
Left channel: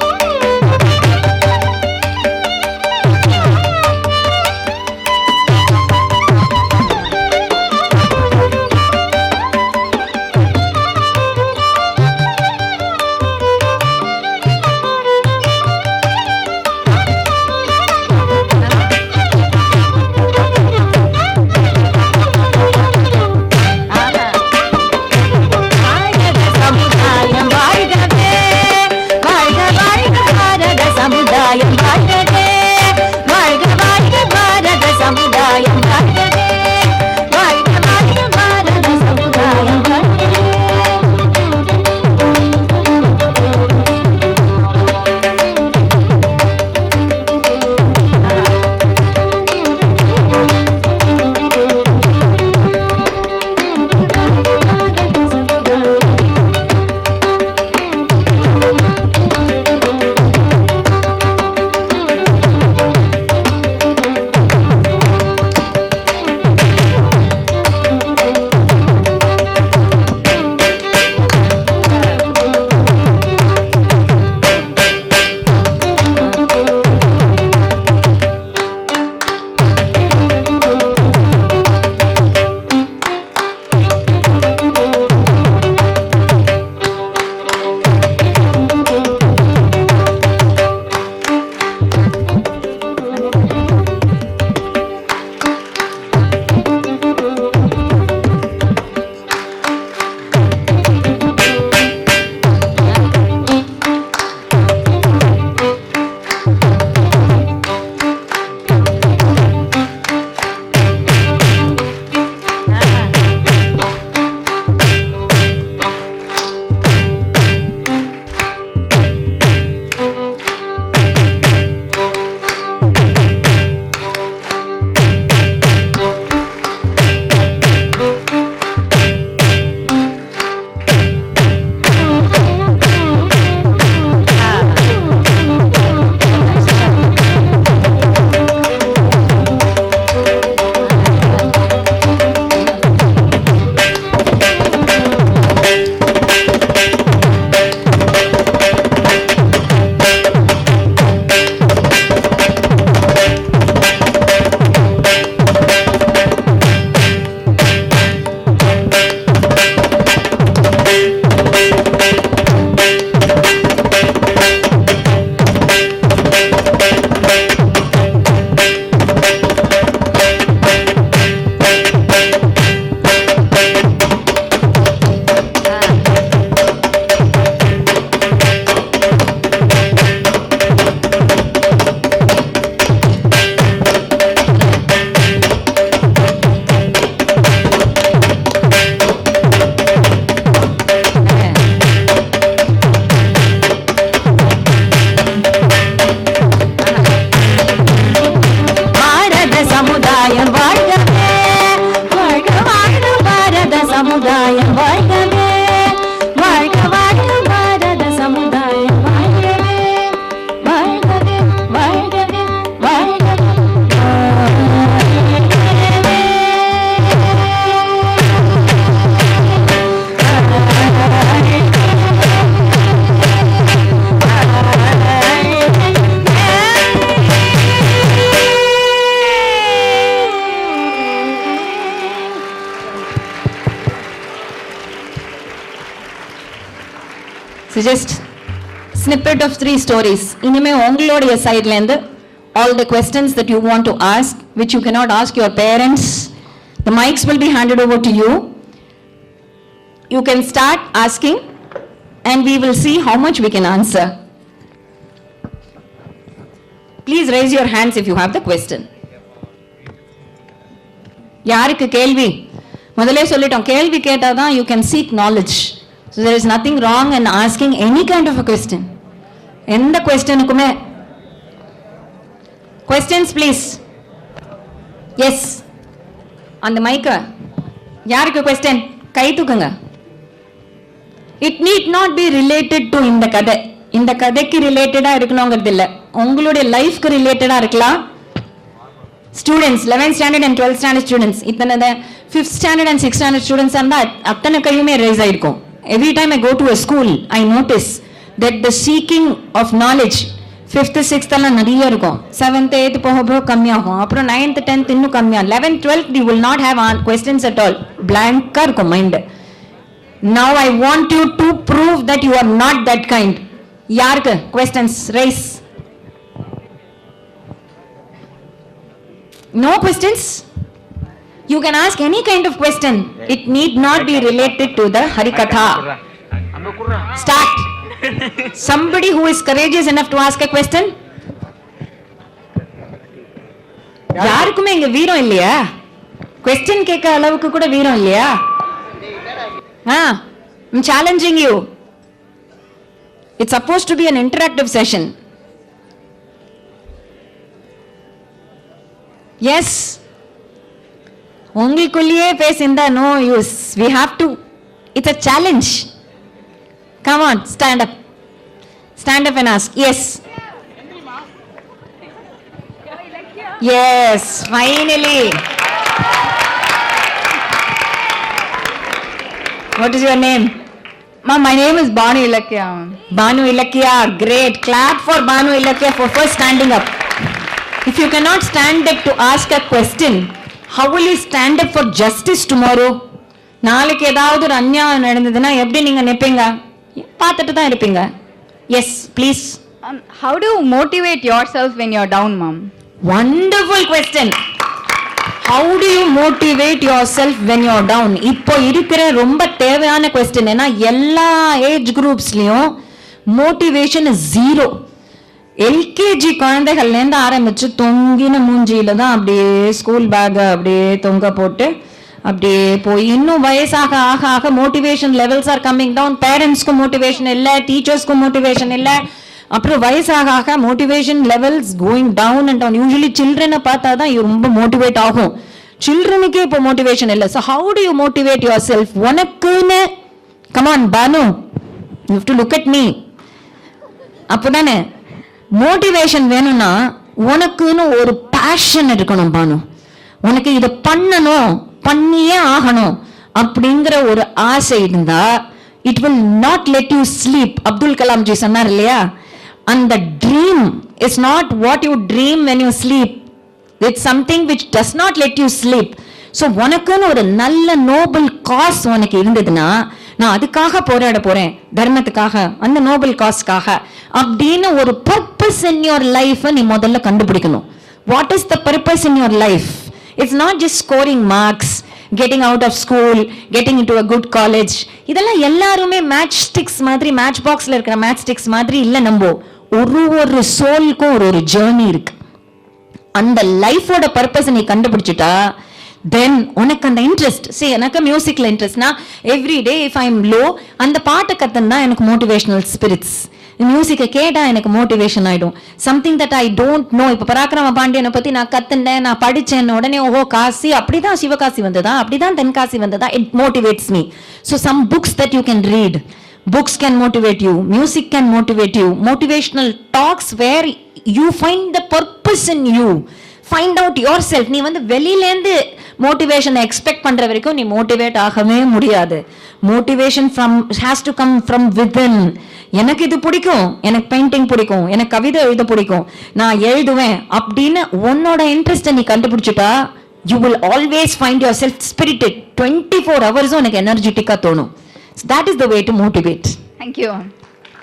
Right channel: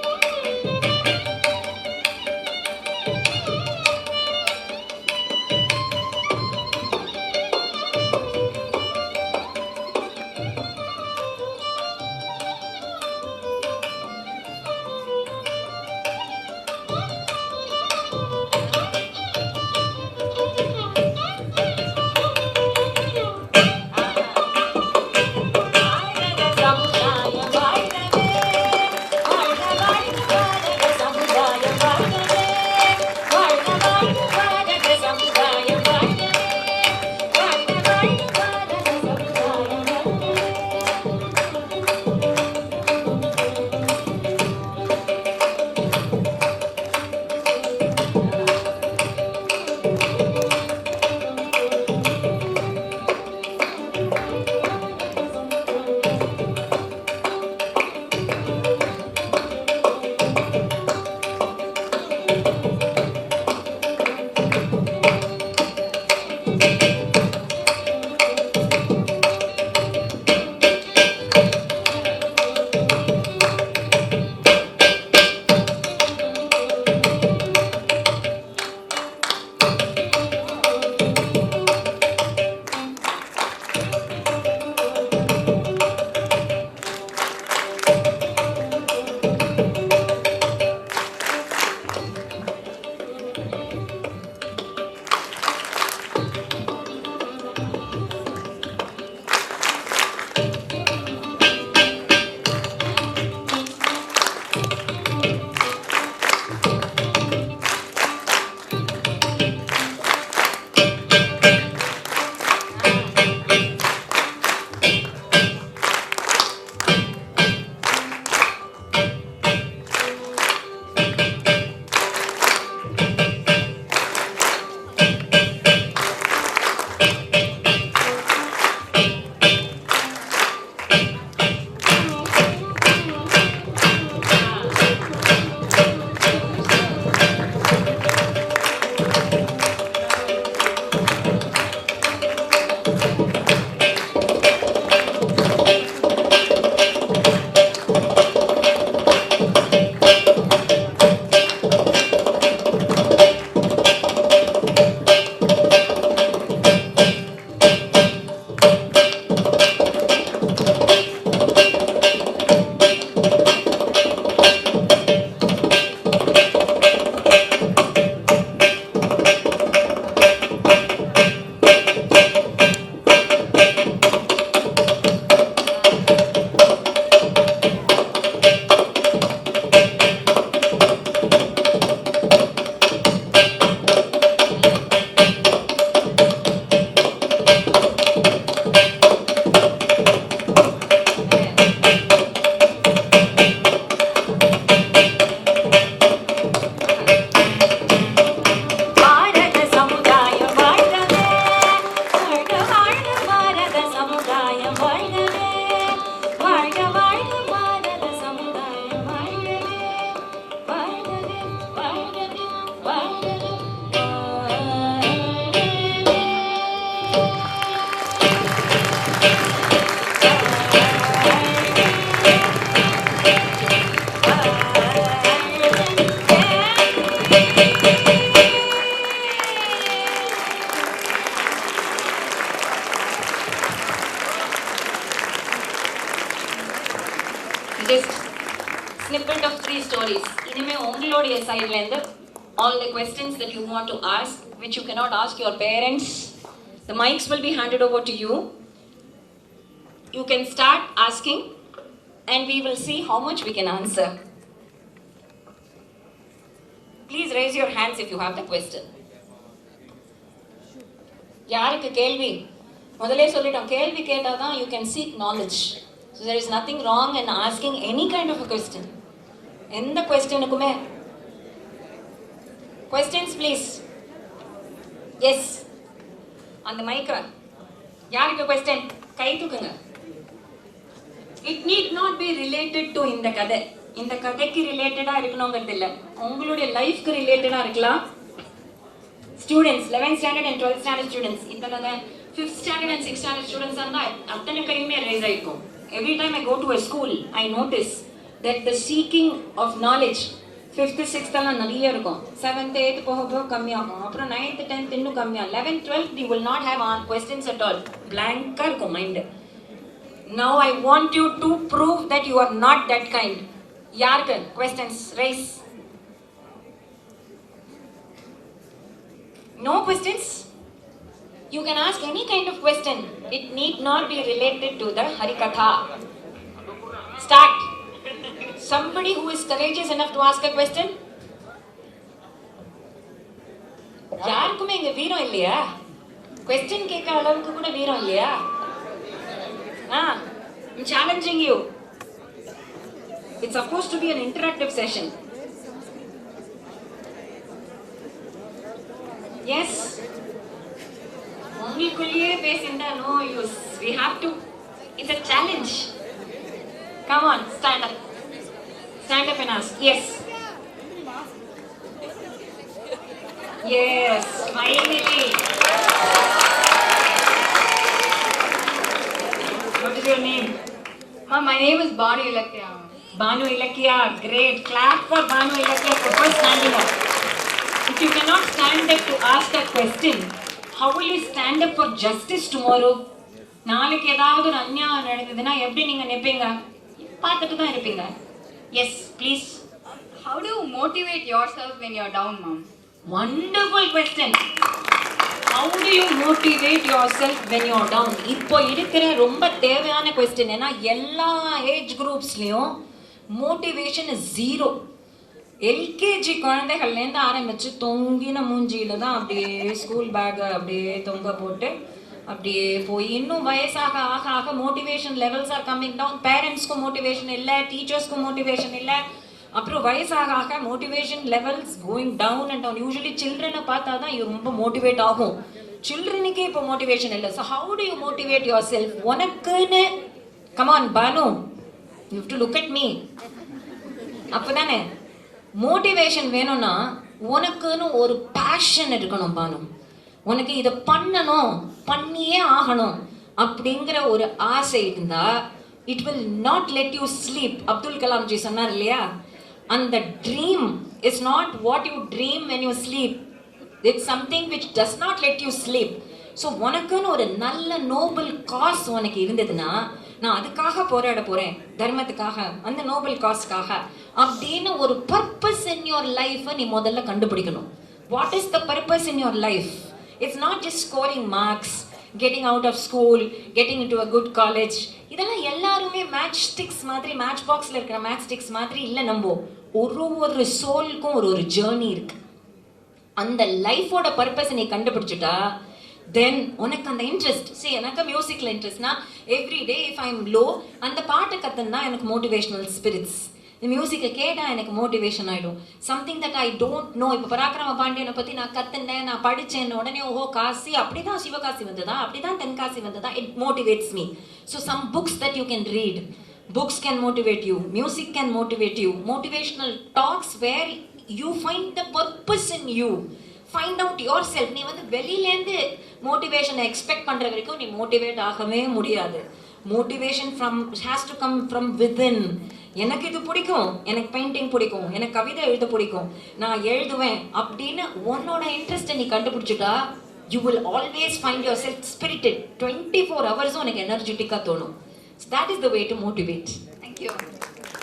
So just snippet of 3 stories. இனிமே உங்களுடைய சைடுல இருந்து all the questions that you want to ask, which you cannot ask your parents, the mics will be handed over to you. You can start asking and we will see how much we can answer. Please raise your hands if you have the question. யாருக்கு கேள்வி? முதல்ல சொல்லிட்டோம், கேள்வி கேட்டாதான் you can seek knowledge. So there is nothing wrong in asking any kind of a question. எந்த questionக்குமே. Questions please. Yes. அந்த மைக்க யாருக்கு question? கை தூக்குங்க. It need not be related to இந்த கதை. இந்த கதைக்கு ரிலேட்டடா இருக்கணுங்கிறது இல்ல, உங்களுடைய லைஃப்க்கு ரிலேட்டடா இருக்கலாம். Students 11th standard and 12th standard students, இத்தனை 5th standard and 6th standard students இருந்தா அத்தனை கையுமே ரைஸ் ஆயிருக்கும். Every time I go to a school, I notice that the seeking of knowledge 5th 6th எல்லாம் நிறைய இருக்கும். 7th 8th போக கம்மியாகும். அப்புறம் 9th 10th இன்னும் கம்மியாகும். 11th 12th you will not have questions at all. Blank இருக்கும் mind. Now I want you to prove that you are not that kind. யாருக்கு questions? Raise. No questions? You can ask any kind of question. It need not be related to the Harikatha. Start. Somebody who is courageous enough to ask a question? யாருக்குமே இங்க வீரம் இல்லையா? Question கேட்க அளவுக்கு கூட வீரம் இல்லையா? I'm challenging you. It's supposed to be an interactive session. Yes. உங்களுக்குள்ளேயே பேசிந்தா no use. We have to. It's a challenge. Come on, stand up. Stand up and ask. Yes. Yes, finally. What is your name? Ma'am, my name is Banu Ilakya. Banu Ilakya, great. Clap for Banu Ilakya for first standing up. If you cannot stand up to ask a question, how will you stand up for justice tomorrow? நாளைக்கு ஏதாவது ஒரு அநியாயம் நடந்ததுன்னா எப்படி நீங்க நிப்பீங்க? பார்த்துட்டு தான் இருப்பீங்க. Yes, please. How do you motivate yourself when you're down, ma'am? Wonderful question. How do you motivate yourself when you're down? இப்போ இருக்கிற ரொம்ப தேவையான கொஸ்டின். ஏன்னா எல்லா ஏஜ் குரூப்ஸ்லயும் மோட்டிவேஷன் இஸ் 0. எல்கேஜி குழந்தைகள்ல இருந்து ஆரம்பிச்சு தொங்கின மூஞ்சியில தான் அப்படியே ஸ்கூல் பேக் அப்படியே தொங்க போட்டு அப்படியே போய் இன்னும் வயசாக ஆக ஆக motivation levels are coming down. பேரண்ட்ஸ்க்கும் motivation இல்லை, டீச்சர்ஸ்க்கும் மோட்டிவேஷன் இல்லை. அப்புறம் வயசாக ஆக motivation levels going down and down. Usually சில்ட்ரனை பார்த்தா தான் ரொம்ப மோட்டிவேட் ஆகும். சில்ட்ரனுக்கே இப்போ மோட்டிவேஷன் இல்லை. So how to you motivate your self? உனக்குன்னு come on Banu, you have to look at me. அப்போதானே motivation வேணும்னா உனக்குன்னு ஒரு பேஷன் இருக்கணும் பானு. உனக்கு இதை பண்ணணும், பண்ணியே ஆகணும் அப்படிங்கிற ஒரு ஆசை இருந்தா it will not let you sleep. Abdul Kalam G சொன்னார் இல்லையா, and the dream is not what you dream when you sleep. It's something which does not let you sleep. So உனக்குன்னு ஒரு நல்ல நோபல் காஸ் உனக்கு இருந்ததுன்னா, நான் அதுக்காக போராட போறேன், தர்மத்துக்காக, அந்த நோபல் காஸ்க்காக அப்படின்னு ஒரு பர்பஸ் இன் யுவர் லைஃப் நீ முதல்ல கண்டுபிடிக்கணும். What is the purpose in your life? It's not just scoring marks, getting out of school, getting into a good college. இதெல்லாம் எல்லாருமே மேட்ச் ஸ்டிக்ஸ் மாதிரி, மேட்ச் பாக்ஸ்ல இருக்கிற மேட்ச் ஸ்டிக்ஸ் மாதிரி இல்ல. நம்ம ஒரு சோல்க்கும் ஒரு ஜேர்னி இருக்கு. அந்த லைஃபோட பர்பஸ் நீ கண்டுபிடிச்சிட்டா தென் உனக்கு அந்த இன்ட்ரெஸ்ட். சரி, எனக்கு மியூசிக்ல இன்ட்ரெஸ்ட்னா every day if I am low அந்த பாட்டை கத்துனா எனக்கு மோட்டிவேஷனல் ஸ்பிரிட்ஸ். மியூசிக்கை கேட்டா எனக்கு மோட்டிவேஷன் ஆயிடும். Something that I don't know. இப்போ பராக்கிரம பாண்டியனை பத்தி நான் கத்துனேன், நான் படிச்சேன், உடனே ஓஹோ காசி அப்படிதான் சிவகாசி வந்ததா, அப்படிதான் தென்காசி வந்ததா, it motivates me. So some books that you can read. Books can motivate you, music can motivate you, motivational talks where you find the purpose in you, find out yourself. நீ வந்து வெளியிலேருந்து மோட்டிவேஷனை எக்ஸ்பெக்ட் பண்ற வரைக்கும் நீ motivate ஆகவே முடியாது. Motivation has to come from within. எனக்கு இது பிடிக்கும், எனக்கு பெயிண்டிங் பிடிக்கும், எனக்கு கவிதை எழுத பிடிக்கும், நான் எழுதுவேன் அப்படின்னு உன்னோட இன்ட்ரெஸ்ட்டை நீ கண்டுபிடிச்சிட்டா you will always find yourself spirited. 24 hours உனக்கு எனர்ஜெட்டிக்கா தோணும். So that is the way to motivate. Thank you.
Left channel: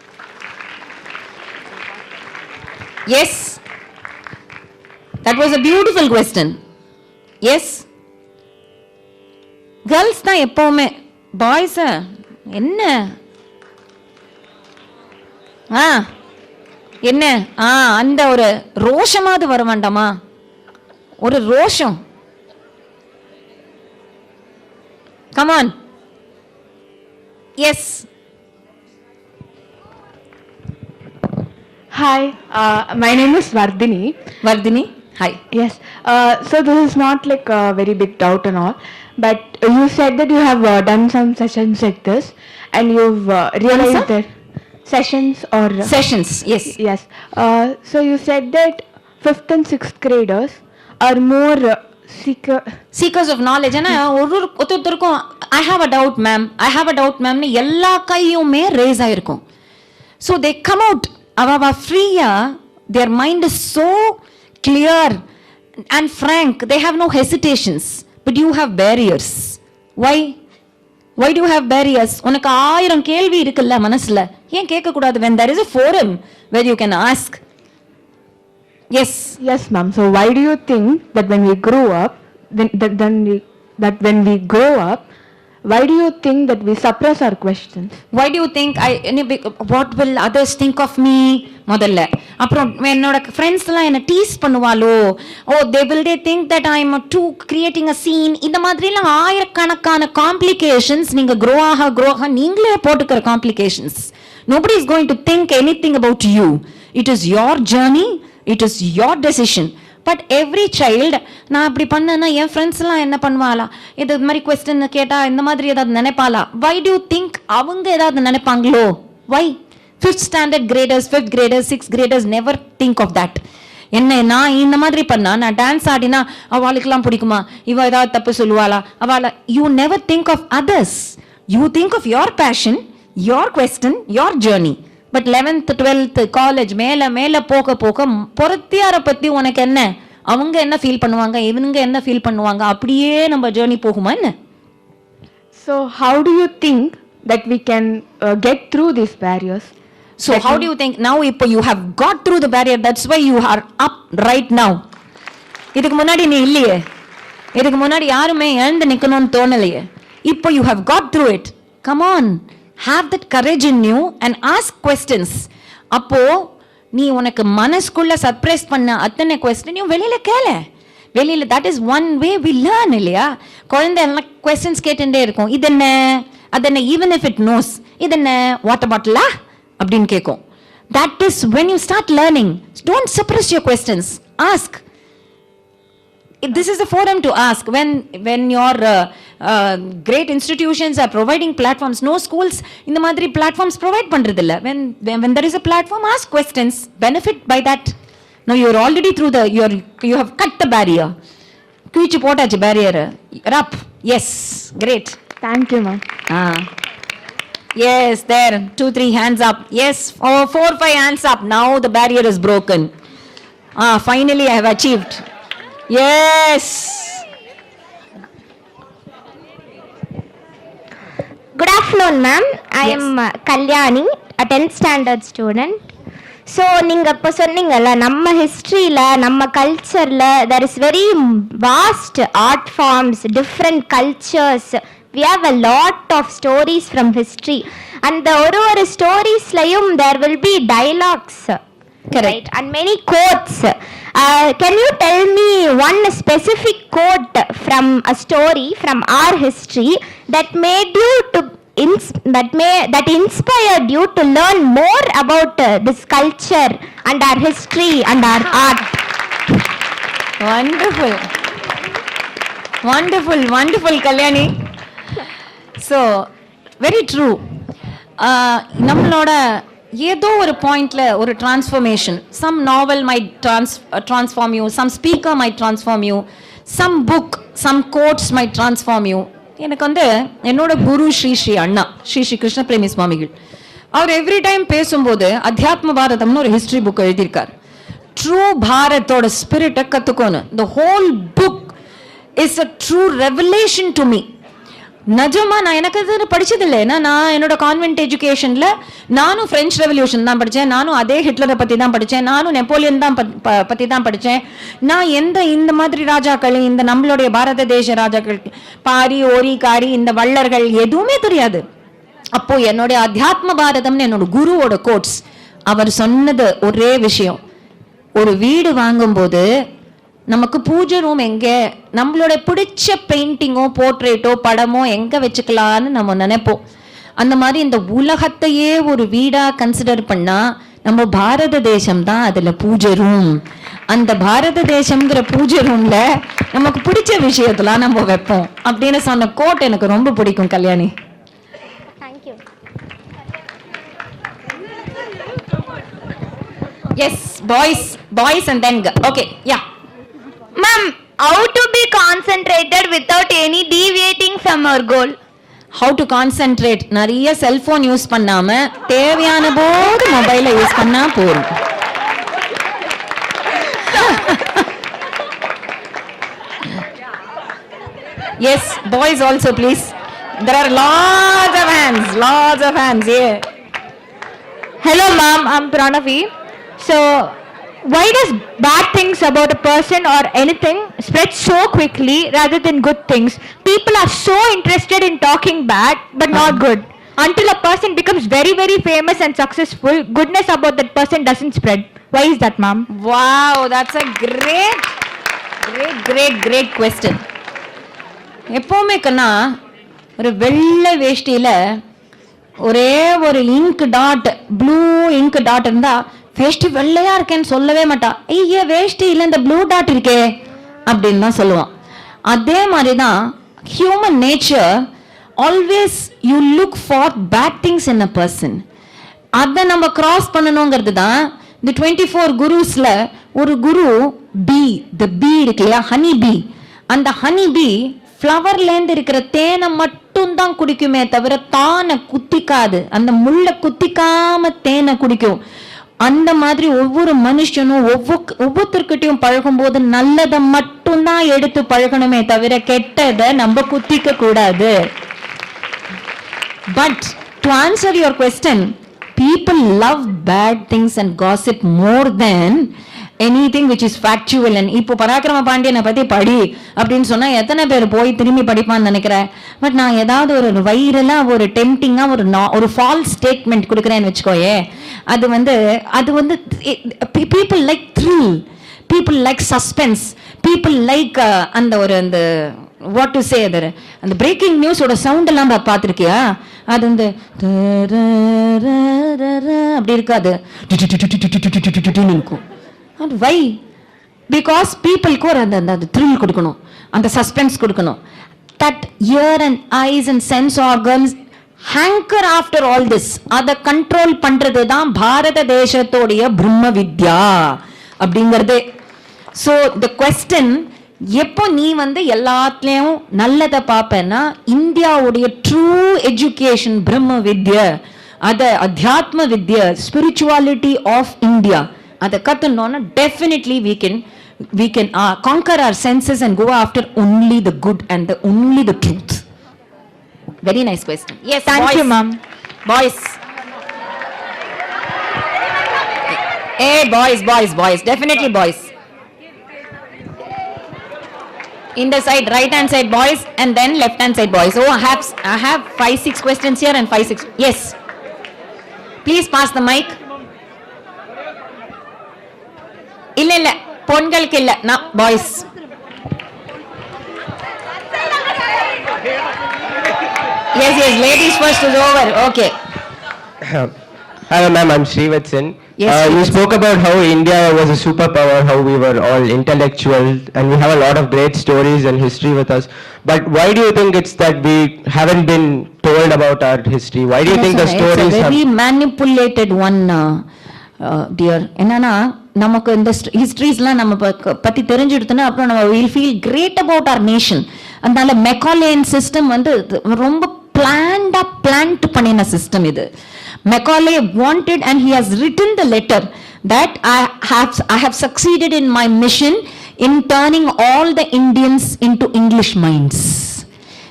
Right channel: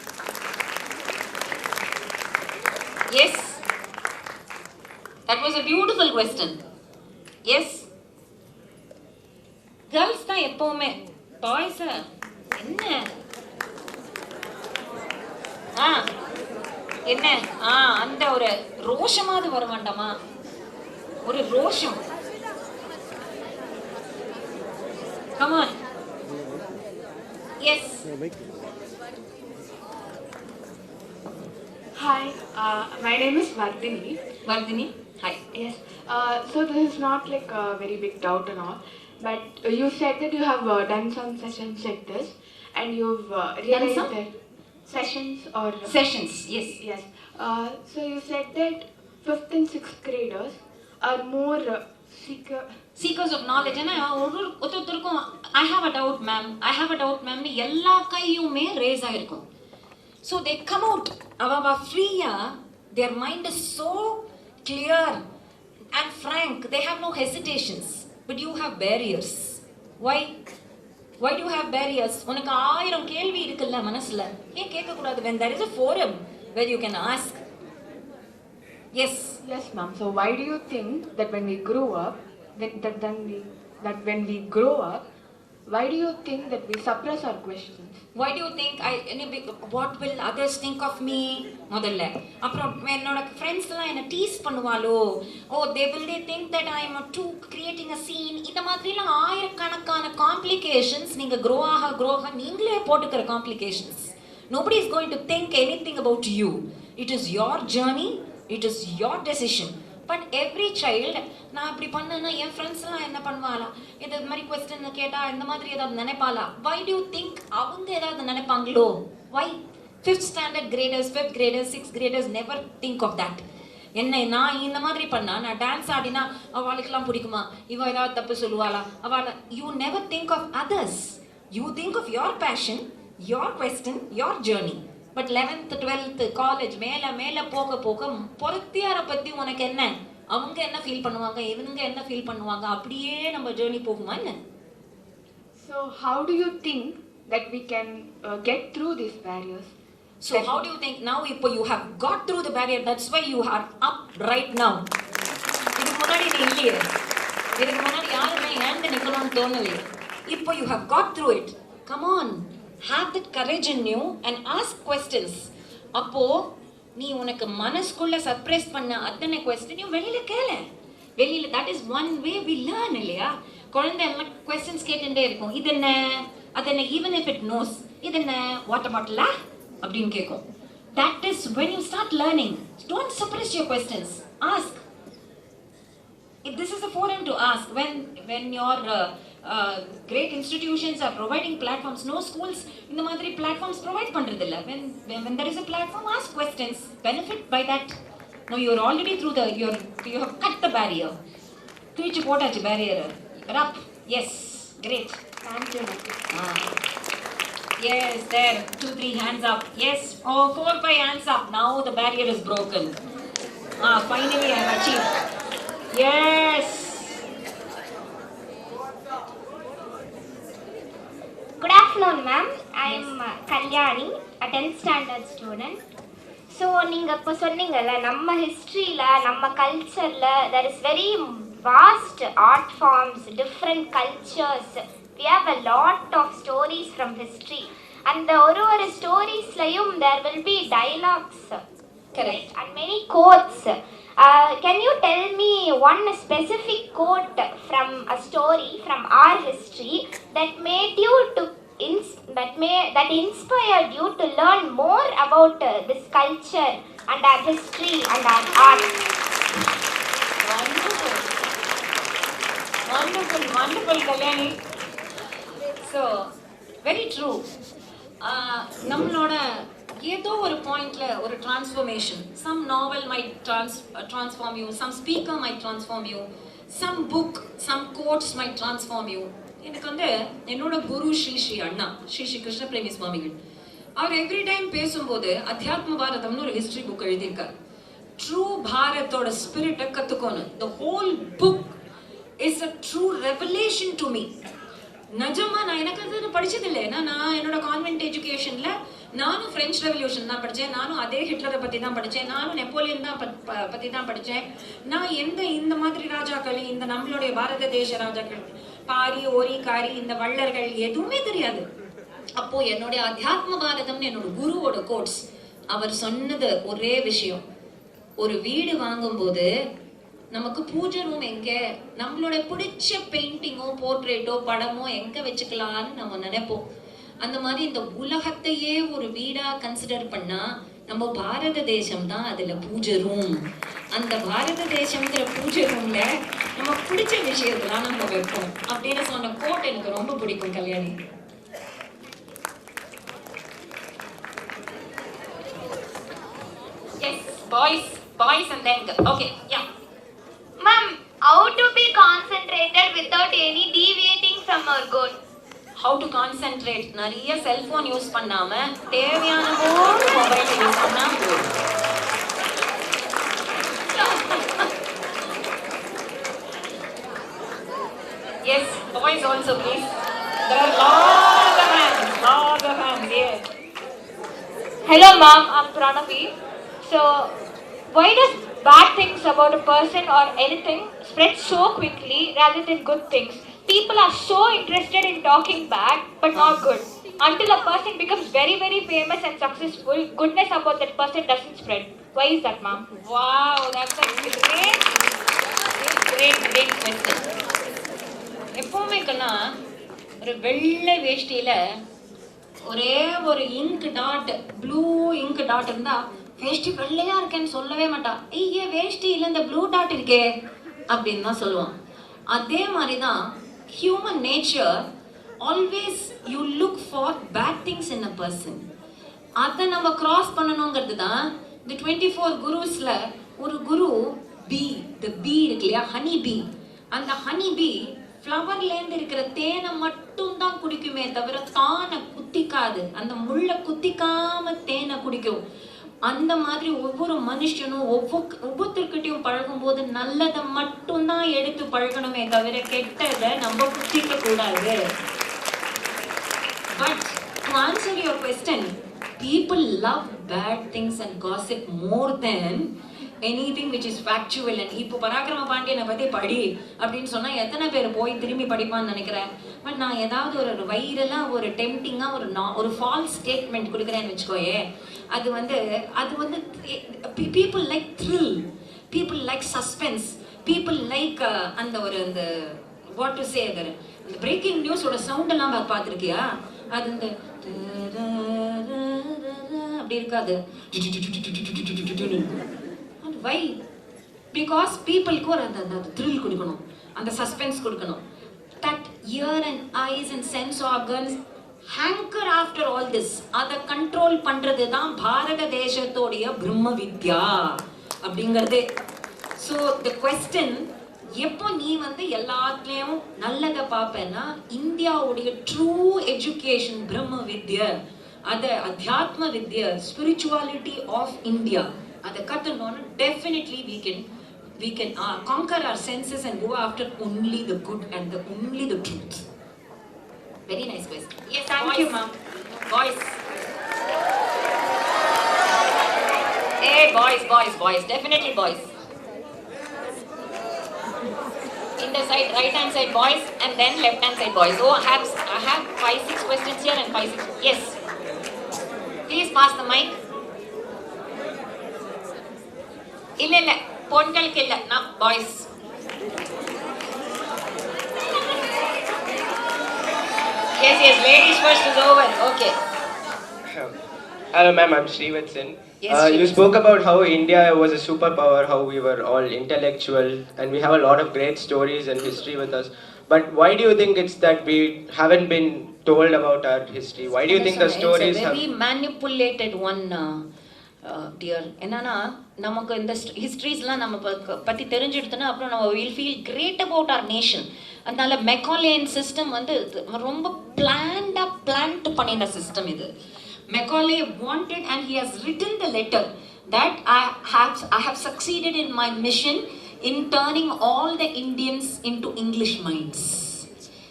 Yes. That was a beautiful question. Yes. Girls தான் எப்பவுமே, பாய்ஸ் என்ன என்ன அந்த ஒரு ரோஷமாவது வர வேண்டாமா? ஒரு ரோஷம். Come on. Yes. Hi, my name is Vardhini. Vardhini, hi. Yes, so this is not like a very big doubt and all, but you said that you have done some sessions like this and you've realized that sessions or Sessions, yes. yes. So you said that 5th and 6th graders are more Seekers of knowledge. ஏன்னா ஒருத்தருக்கும் I have a doubt ma'am னு எல்லா கையுமே race ஆயிருக்கும். So they come out அவ ஃப்ரீயா, their mind is so clear and frank, they have no hesitations, but you have barriers. Why do you have barriers? உனக்கு 1000 கேள்வி இருக்குல்ல மனசுல, ஏன் கேட்க கூடாது when there is a forum where you can ask? Yes ma'am. So why do you think that when we grow up, when we grow up, why do you think that we suppress our questions? Why do you think what will others think of me? முதல்ல அப்புறம் என்னோட friends எல்லாம் என்ன tease பண்ணுவாளோ, they think that I am too creating a scene. இந்த மாதிரி எல்லாம் ஆயிரக்கணக்கான complications நீங்க grow ஆக நீங்களே போட்டுக்கிற complications. Nobody is going to think anything about you. It is your journey, it is your decision. But every child, நான் அப்படி பண்ணேன்னா என் ஃப்ரெண்ட்ஸ் எல்லாம் என்ன பண்ணுவாளா, இது மாதிரி கொஸ்டின் கேட்டா இந்த மாதிரி ஏதாவது நினைப்பாளா? Why do you think அவங்க ஏதாவது நினைப்பாங்களோ? Why? 5th standard graders, 5th graders, 6th graders never think of that. என்ன நான் இந்த மாதிரி பண்ணா, நான் டான்ஸ் ஆடினா அவளுக்கெல்லாம் பிடிக்குமா, இவ ஏதாவது தப்பு சொல்லுவாளா அவளை? You never think of others. You think of your passion, your question, your journey. But 11th 12th college மேல போக பொறுத்தியார பத்தி உனக்கு என்ன, அவங்க என்ன ஃபீல் பண்ணுவாங்க, இவனுங்க என்ன ஃபீல் பண்ணுவாங்க, அப்படியே நம்ம ஜர்னி போகுமா என்ன? So how do you think that we can get through these barriers? So how do you think now இப்போ you have got through the barrier, that's why you are up right now. இதுக்கு முன்னாடி நீ இல்லையே, இதுக்கு முன்னாடி யாருமே எழுந்து நிக்கணும்னு தோணலையே, இப்போ you have got through it. Come on, have that courage in you and ask questions. அப்போ நீ உனக்கு மனசுக்குள்ள சர்ப்ரைஸ் பண்ண அத்தனை கொஸ்டினையும் வெளியில வெளியில that is one way we learn இல்லையா? குழந்தை எல்லாம் questions கேட்டுட்டே இருக்கும், இது என்ன அது என்ன, even if it knows இது என்ன வாட்டர் பாட்டிலா அப்படின்னு கேட்கும். That is when you start learning. Don't suppress your questions, ask. This is the forum to ask. When your great institutions are providing platforms, no schools இந்த மாதிரி platforms provide பண்றதில்ல. When there is a platform, ask questions, benefit by that. Now you are already through you have cut the barrier. கிழிச்சு போட்டாச்சு barrier. You're up. Yes, great. Thank you ma'am. Yes, there 2-3 hands up. Yes, 4-5 hands up. Now the barrier is broken. Finally I have achieved. Yes. Good afternoon, ma'am. I am Kalyani, a 10th standard student. So, நீங்க இப்ப சொன்னீங்கல்ல, நம்ம ஹிஸ்டரியில, நம்ம கல்ச்சர்ல, there is very vast art forms, different cultures. We have a lot of stories from history. And ஒரு storiesலையும் there will be dialogues. Correct. And many quotes. Can you tell me one specific quote from a story from our history that made you to that inspired you to learn more about this culture and our history and our art? Wonderful Kalyani. So very true. நம்மளோட ஏதோ ஒரு பாயிண்ட்ல ஒரு transformation, some novel might transform you, some speaker might transform you, some book, some quotes might transform you. எனக்கு என்னோட குரு ஸ்ரீ அண்ணா ஸ்ரீ கிருஷ்ண பிரேமி சுவாமிகள், அவர் every time பேசும்போது அத்தியாத்ம பாரதம்னு ஒரு ஹிஸ்டரி புக் எழுதியிருக்கார். True பாரத்தோட ஸ்பிரிட்டை கத்துக்கோன்னு. The whole book is a true revelation to me. நிஜமா நான் எனக்கு அது படிச்சது இல்லை. ஏன்னா நான் என்னோட கான்வென்ட் எஜுகேஷன்ல நானும் பிரெஞ்சு ரெவல்யூஷன் தான் படித்தேன், நானும் அதே ஹிட்லரை பற்றி தான் படித்தேன், நானும் நெப்போலியன் தான் பற்றி தான் படித்தேன். நான் இந்த மாதிரி ராஜாக்கள், இந்த நம்மளுடைய பாரத தேச ராஜாக்கள், பாரி ஓரி காரி இந்த வள்ளர்கள் எதுவுமே தெரியாது. அப்போ என்னுடைய அத்தியாத்ம பாரதம்னு என்னோட குருவோட கோட்ஸ், அவர் சொன்னது ஒரே விஷயம், ஒரு வீடு வாங்கும்போது நமக்கு பூஜை ரூம் எங்க, நம்மளோட பிடிச்ச பெயிண்டிங்கோ போர்ட்ரேட்டோ படமோ எங்க வச்சுக்கலான்னு நம்ம நினைப்போம். அந்த மாதிரி இந்த உலகத்தையே ஒரு வீடா கன்சிடர் பண்ணா நம்ம பாரத தேசம் தான் அதுல பூஜை ரூம். அந்த பாரத தேசம்ங்கிற பூஜை ரூம்ல நமக்கு பிடிச்ச விஷயத்தெல்லாம் நம்ம வைப்போம் அப்படின்னு சொன்ன கோட் எனக்கு ரொம்ப பிடிக்கும் Kalyani. Yes, boys and then girl. Okay, yeah. Ma'am, how to be concentrated without any deviating from our goal? How to concentrate? நிறைய செல்போன் யூஸ் பண்ணாம தேவையான போது மொபைலை யூஸ் பண்ணா போதும். Yes, boys also please. There are lots of hands. Yeah. Hello, ma'am. I'm Pranavi. So, why does bad things about a person or anything spread so quickly rather than good things? People are so interested in talking bad but not good. Until a person becomes very, very famous and successful, goodness about that person doesn't spread. Why is that, ma'am? Wow, that's a great question. எப்பவுமே கண்ணா ஒரு வெள்ளை வேஷ்டியில ஒரே ஒரு ink dot, blue ink dot இருந்தா வேஷ்டி வெள்ளையா இருக்கேன்னு சொல்லவே மாட்டா. ஐயா வேஷ்டி இல்லை இந்த ப்ளூ டாட் இருக்கே அப்படின்னு தான் சொல்லுவான். அதே மாதிரிதான் human nature, always you look for bad things in a person. அதை நம்ம கிராஸ் பண்ணணுங்கிறது தான் இந்த 24 குருஸ்ல ஒரு குரு பீ, த பீ இருக்கு இல்லையா, ஹனி பீ. அந்த ஹனி பீ ஃப்ளவர்லேருந்து இருக்கிற தேனை மட்டும்தான் குடிக்குமே தவிர தானை குத்திக்காது, அந்த முள்ளை குத்திக்காம தேனை குடிக்கும். அந்த மாதிரி ஒவ்வொரு மனுஷனும் ஒவ்வொருத்தர்கிட்டையும் பழகும் போது நல்லதை மட்டும்தான் எடுத்து பழகணுமே தவிர கெட்டதை நம்ம குத்திக்க கூடாது. But to answer your question, people love bad things and gossip more than anything which is factual. And இப்போ பராக்கிரம பாண்டியனை பத்தி படி அப்படின்னு சொன்னா எத்தனை பேர் போய் திரும்பி படிப்பான்னு நினைக்கிறேன். பட் நான் ஏதாவது ஒரு வைரலா ஒரு டெம்டிங்கா ஒரு ஃபால்ஸ் ஸ்டேட்மெண்ட் கொடுக்குறேன்னு வச்சுக்கோயே, அது வந்து people like thrill, people like suspense, people like அந்த ஒரு அந்த what to say there, அந்த பிரேக்கிங் நியூஸோட சவுண்ட் எல்லாம் பார்த்துருக்கியா, அது வந்து அப்படி இருக்காது, இருக்கும். Why? Because people-க்கு ஒரு அந்த thrill கொடுக்கணும், அந்த suspense கொடுக்கணும். That ear and eyes and sense organs hanker after all this. அதை கண்ட்ரோல் பண்றது தான் பாரத தேசத்தோடைய பிரம்ம வித்யா அப்படிங்கிறது. So the question, எப்போ நீ வந்து எல்லாத்துலயும் நல்லதை பார்ப்பேன்னா, இந்தியாவுடைய ட்ரூ எஜுகேஷன் பிரம்ம வித்யா, அத அத்தியாத்ம வித்யா, ஸ்பிரிச்சுவாலிட்டி ஆஃப் இந்தியா, அதை கத்துனோம்னா definitely we can conquer our senses and go after only the good and only the truth. Very nice question. Yes, Thank you, ma'am. Boys. Hey, boys. Definitely boys. In the side, right hand side boys, and then left hand side boys. Oh, I have 5-6 questions here and 5-6. Yes. Please pass the mic. இல்ல பொண்களுக்கு இல்ல, நான் boys. Yes, ladies first is over. Okay. Hello ma'am, I'm Srivatsan. Yes, You spoke about how India was a superpower, how we were all intellectual, and we have a lot of great stories and history with us. But why do you think it's that we haven't been told about our history? Why do you think the stories have... It's a very manipulated one, dear. என்னன்னா நமக்கு இந்த ஹிஸ்டரிஸ்லாம் நம்ம பத்தி தெரிஞ்சுடுதுன்னா அப்புறம் நம்ம will feel great about our nation. அதனால மெக்காலேயன் system வந்து ரொம்ப பிளான்ட் பண்ணின சிஸ்டம் இது. Macaulay wanted, and he has written the letter that I have succeeded in my mission in turning all the Indians into English minds.